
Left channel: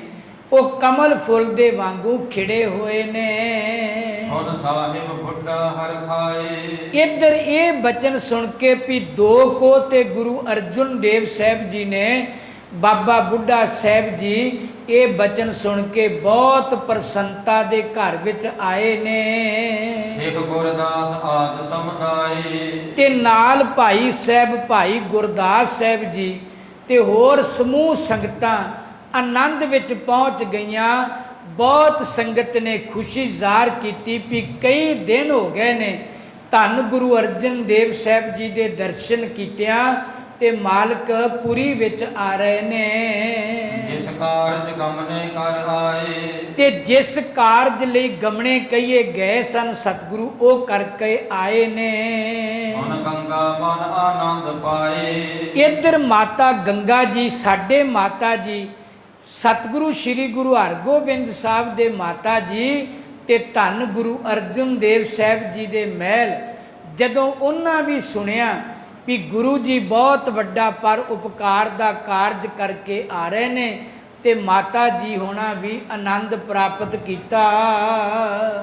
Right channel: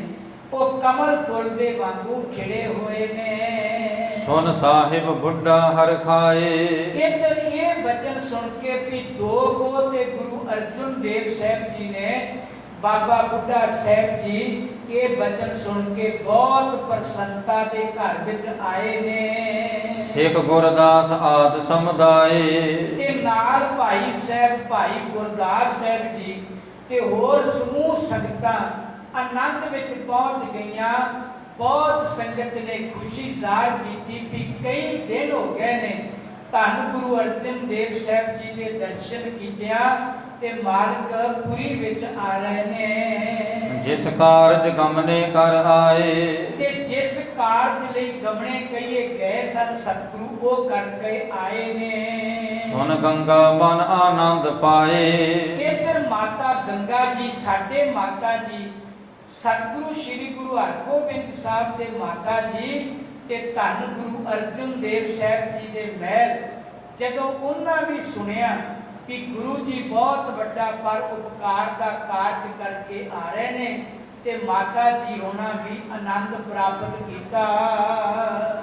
ਉਹ ਕਮਲ ਫੁੱਲ ਦੇ ਵਾਂਗੂ ਖਿੜੇ ਹੋਏ ਨੇ। ਸੁਨ ਸਾਹਿਬ ਬੁੱਢਾ ਹਰ ਖਾਏ। ਇੱਧਰ ਇਹ ਬਚਨ ਸੁਣ ਕੇ ਵੀ ਦੋ ਕੋ ਤੇ ਗੁਰੂ ਅਰਜਨ ਦੇਵ ਸਾਹਿਬ ਜੀ ਨੇ, ਬਾਬਾ ਬੁੱਢਾ ਸਾਹਿਬ ਜੀ ਇਹ ਬਚਨ ਸੁਣ ਕੇ ਬਹੁਤ ਪ੍ਰਸੰਨਤਾ ਦੇ ਘਰ ਵਿੱਚ ਆਏ ਨੇ। ਸਿੱਖ ਗੁਰਦਾਸ ਆਦ ਸਮੁਦਾਏ। ਤੇ ਨਾਲ ਭਾਈ ਸਾਹਿਬ, ਭਾਈ ਗੁਰਦਾਸ ਸਾਹਿਬ ਜੀ ਤੇ ਹੋਰ ਸਮੂਹ ਸੰਗਤਾਂ ਆਨੰਦ ਵਿੱਚ ਪਹੁੰਚ ਗਈਆਂ। ਬਹੁਤ ਸੰਗਤ ਨੇ ਖੁਸ਼ੀ ਜ਼ਾਹਰ ਕੀਤੀ ਵੀ ਕਈ ਦਿਨ ਹੋ ਗਏ ਨੇ ਧੰਨ ਗੁਰੂ ਅਰਜਨ ਦੇਵ ਸਾਹਿਬ ਜੀ ਦੇ ਦਰਸ਼ਨ ਕੀਤਿਆਂ ਤੇ ਮਾਲਕ ਪੁਰੀ ਵਿੱਚ ਆ ਰਹੇ ਨੇ। ਜਿਸ ਕਾਰਜ ਗਮਨੇ ਕਰ ਆਏ। ਤੇ ਜਿਸ ਕਾਰਜ ਲਈ ਗਮਣੇ ਕਹੀਏ ਗਏ ਸਨ ਸਤਿਗੁਰੂ, ਉਹ ਕਰਕੇ ਆਏ ਨੇ। ਸੁਨ ਗੰਗਾ ਬਨ ਆਨੰਦ ਪਾਏ। ਇੱਧਰ ਮਾਤਾ ਗੰਗਾ ਜੀ, ਸਾਡੇ ਮਾਤਾ ਜੀ, ਸਤਿਗੁਰੂ ਸ੍ਰੀ ਗੁਰੂ ਹਰਗੋਬਿੰਦ ਸਾਹਿਬ ਦੇ ਮਾਤਾ ਜੀ ਤੇ ਧੰਨ ਗੁਰੂ ਅਰਜਨ ਦੇਵ ਸਾਹਿਬ ਜੀ ਦੇ ਮਹਿਲ, ਜਦੋਂ ਉਹਨਾਂ ਵੀ ਸੁਣਿਆ ਵੀ ਗੁਰੂ ਜੀ ਬਹੁਤ ਵੱਡਾ ਪਰ ਉਪਕਾਰ ਦਾ ਕਾਰਜ ਕਰਕੇ ਆ ਰਹੇ ਨੇ ਤੇ ਮਾਤਾ ਜੀ ਹੋਣਾ ਵੀ ਆਨੰਦ ਪ੍ਰਾਪਤ ਕੀਤਾ।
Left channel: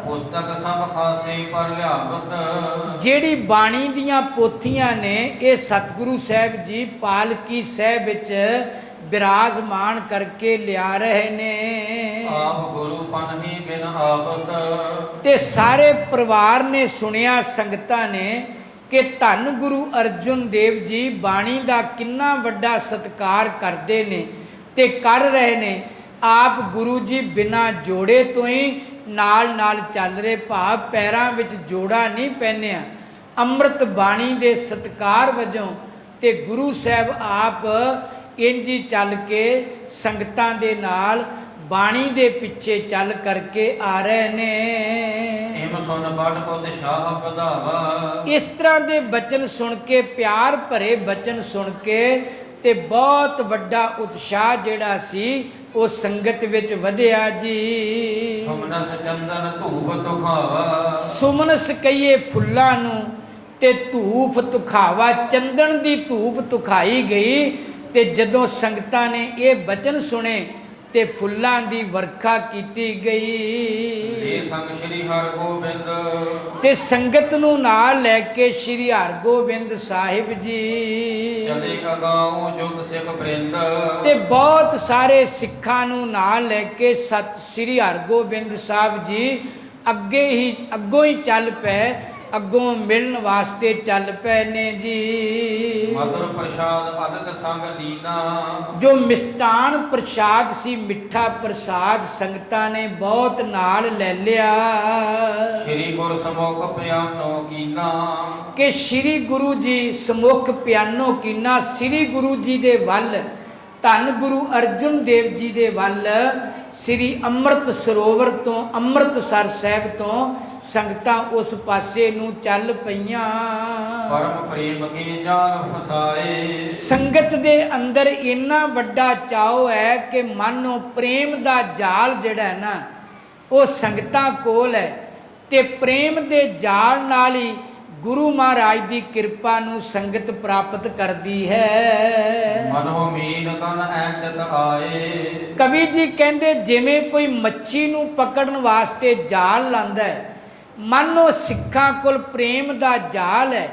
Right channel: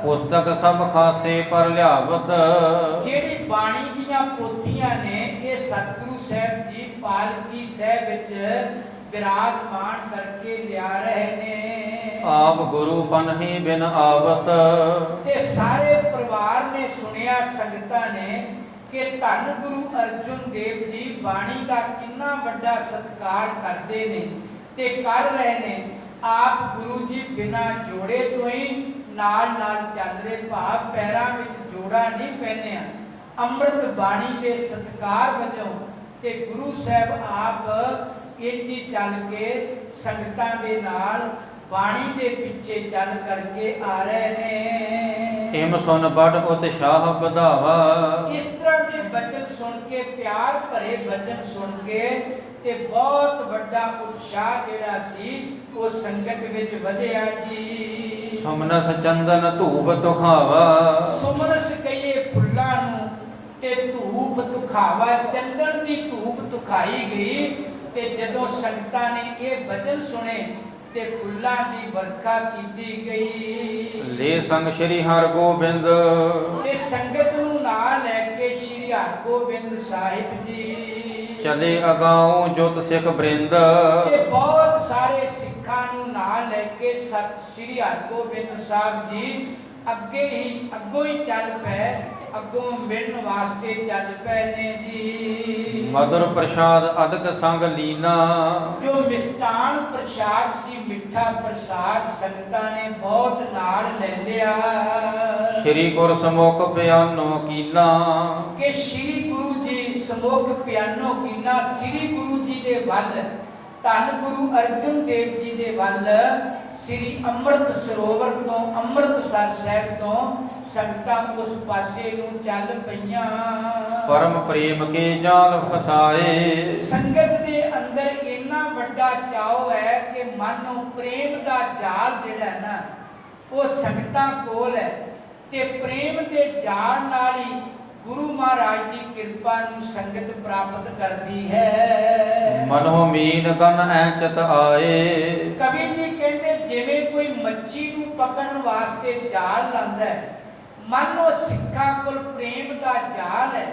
ਪੁਸਤਕ ਸਭ ਖਾਸੇ ਪਰ ਲਿਆਵਤ। ਜਿਹੜੀ ਬਾਣੀ ਦੀਆਂ ਪੋਥੀਆਂ ਨੇ ਇਹ ਸਤਿਗੁਰੂ ਸਾਹਿਬ ਜੀ ਪਾਲਕੀ ਸਾਹਿਬ ਵਿੱਚ ਬਿਰਾਜਮਾਨ ਕਰਕੇ ਲਿਆ ਰਹੇ ਨੇ। ਆਪ ਗੁਰੂ ਪਨਹੀ ਬਿਨ ਆਵਤ। ਤੇ ਸਾਰੇ ਪਰਿਵਾਰ ਨੇ ਸੁਣਿਆ, ਸੰਗਤਾਂ ਨੇ, ਕਿ ਧੰਨ ਗੁਰੂ ਅਰਜਨ ਦੇਵ ਜੀ ਬਾਣੀ ਦਾ ਕਿੰਨਾ ਵੱਡਾ ਸਤਿਕਾਰ ਕਰਦੇ ਨੇ ਤੇ ਕਰ ਰਹੇ ਨੇ। ਆਪ ਗੁਰੂ ਜੀ ਬਿਨਾਂ ਜੋੜੇ ਤੋਂ ਹੀ ਨਾਲ ਨਾਲ ਚੱਲ ਰਹੇ, ਭਾਵ ਪੈਰਾਂ ਵਿੱਚ ਜੋੜਾ ਨਹੀਂ ਪਹਿਨਿਆ। ਅੰਮ੍ਰਿਤ ਬਾਣੀ ਦੇ ਸਤਿਕਾਰ ਵਜੋਂ ਤੇ ਗੁਰੂ ਸਾਹਿਬ ਆਪ ਇੰਜ ਹੀ ਚੱਲ ਕੇ ਸੰਗਤਾਂ ਦੇ ਨਾਲ ਬਾਣੀ ਦੇ ਪਿੱਛੇ ਚੱਲ ਕਰਕੇ ਆ ਰਹੇ ਨੇ। ਇਮ ਸੁਨ ਬੜ ਉਤਸ਼ਾਹ ਵਧਾਵਾ। ਇਸ ਤਰ੍ਹਾਂ ਦੇ ਬਚਨ ਸੁਣ ਕੇ, ਪਿਆਰ ਭਰੇ ਬਚਨ ਸੁਣ ਕੇ ਤੇ ਬਹੁਤ ਵੱਡਾ ਉਤਸ਼ਾਹ ਜਿਹੜਾ ਸੀ ਉਹ ਸੰਗਤ ਵਿੱਚ ਵਧਿਆ ਜੀ। ਸੁਮਨਸ ਚੰਦਨ ਧੂਪ ਤੁਖਾਵਾ। ਸੁਮਨਸ ਕਹੀਏ ਫੁੱਲਾਂ ਨੂੰ ਤੇ ਧੂਪ ਤੁਖਾਵਾ, ਚੰਦਨ ਦੀ ਧੂਪ ਤੁਖਾਈ ਗਈ। ਤੇ ਜਦੋਂ ਸੰਗਤਾਂ ਨੇ ਇਹ ਬਚਨ ਸੁਣੇ ਤੇ ਫੁੱਲਾਂ ਦੀ ਵਰਖਾ ਕੀਤੀ ਗਈ। ਲੈ ਸੰਗ ਸ਼੍ਰੀ ਹਰਗੋਬਿੰਦ। ਤੇ ਸੰਗਤ ਨੂੰ ਨਾਲ ਲੈ ਕੇ ਸ਼੍ਰੀ ਹਰਗੋਬਿੰਦ ਸਾਹਿਬ ਜੀ ਚਲੇ ਅਗਾਉ ਜੁਤ ਸਿੱਖ ਬ੍ਰਿੰਦ। ਤੇ ਬਹੁਤ ਸਾਰੇ ਸਿੱਖਾਂ ਨੂੰ ਨਾਲ ਲੈ ਕੇ ਸਤ ਸ਼੍ਰੀ ਹਰਗੋਬਿੰਦ ਸਾਹਿਬ ਜੀ ਅੱਗੋਂ ਹੀ ਚੱਲ ਪਏ, ਅੱਗੋਂ ਮਿਲਣ ਵਾਸਤੇ ਚੱਲ ਪਏ ਨੇ ਜੀ। ਮਧੁਰ ਪ੍ਰਸਾਦ ਅਦਕ ਸੰਗ ਲੀਨਾ। ਜੋ ਮਿਸ਼ਟਾਨ ਪ੍ਰਸਾਦ ਸੀ, ਮਿੱਠਾ ਪ੍ਰਸਾਦ, ਸੰਗਤਾਂ ਨੇ ਬਹੁਤ ਨਾਲ ਲੈ ਲਿਆ। ਸ਼੍ਰੀ ਗੁਰ ਸਮੁਖ ਪਿਆਨੋ ਕੀਨਾ। ਕਿ ਸ਼੍ਰੀ ਗੁਰੂ ਜੀ ਸਮੁਖ ਪਿਆਨੋ ਕੀਨਾ, ਸ਼੍ਰੀ ਗੁਰੂ ਜੀ ਦੇ ਵੱਲ, ਧੰਨ ਗੁਰੂ ਅਰਜਨ ਦੇਵ ਜੀ ਦੇ ਵੱਲ, ਸ਼੍ਰੀ ਅੰਮ੍ਰਿਤ ਸਰੋਵਰ ਤੋਂ, ਅੰਮ੍ਰਿਤਸਰ ਸਾਹਿਬ ਤੋਂ ਸੰਗਤਾਂ ਉਸ ਪਾਸੇ ਨੂੰ ਚੱਲ ਪਈਆਂ। ਪਰਮ ਪ੍ਰੇਮ ਕੇ ਜਾਲ ਫਸਾਏ। ਸੰਗਤ ਦੇ ਅੰਦਰ ਇੰਨਾ ਵੱਡਾ ਚਾਅ ਹੈ ਕਿ ਮਾਨੋ ਪ੍ਰੇਮ ਦਾ ਜਾਲ ਜਿਹੜਾ ਨਾ ਉਹ ਸੰਗਤਾਂ ਕੋਲ ਹੈ ਤੇ ਪ੍ਰੇਮ ਦੇ ਜਾਲ ਨਾਲ ਹੀ ਗੁਰੂ ਮਹਾਰਾਜ ਦੀ ਕਿਰਪਾ ਨੂੰ ਸੰਗਤ ਪ੍ਰਾਪਤ ਕਰਦੀ ਹੈ। ਮਨੋ ਮੀਨ ਗਨ ਐਚਤ ਆਏ। ਕਵੀ ਜੀ ਕਹਿੰਦੇ ਜਿਵੇਂ ਕੋਈ ਮੱਛੀ ਨੂੰ ਪਕੜਨ ਵਾਸਤੇ ਜਾਲ ਲਾਂਦਾ ਹੈ, ਮਾਨੋ ਸਿੱਖਾਂ ਕੋਲ ਪ੍ਰੇਮ ਦਾ ਜਾਲ ਹੈ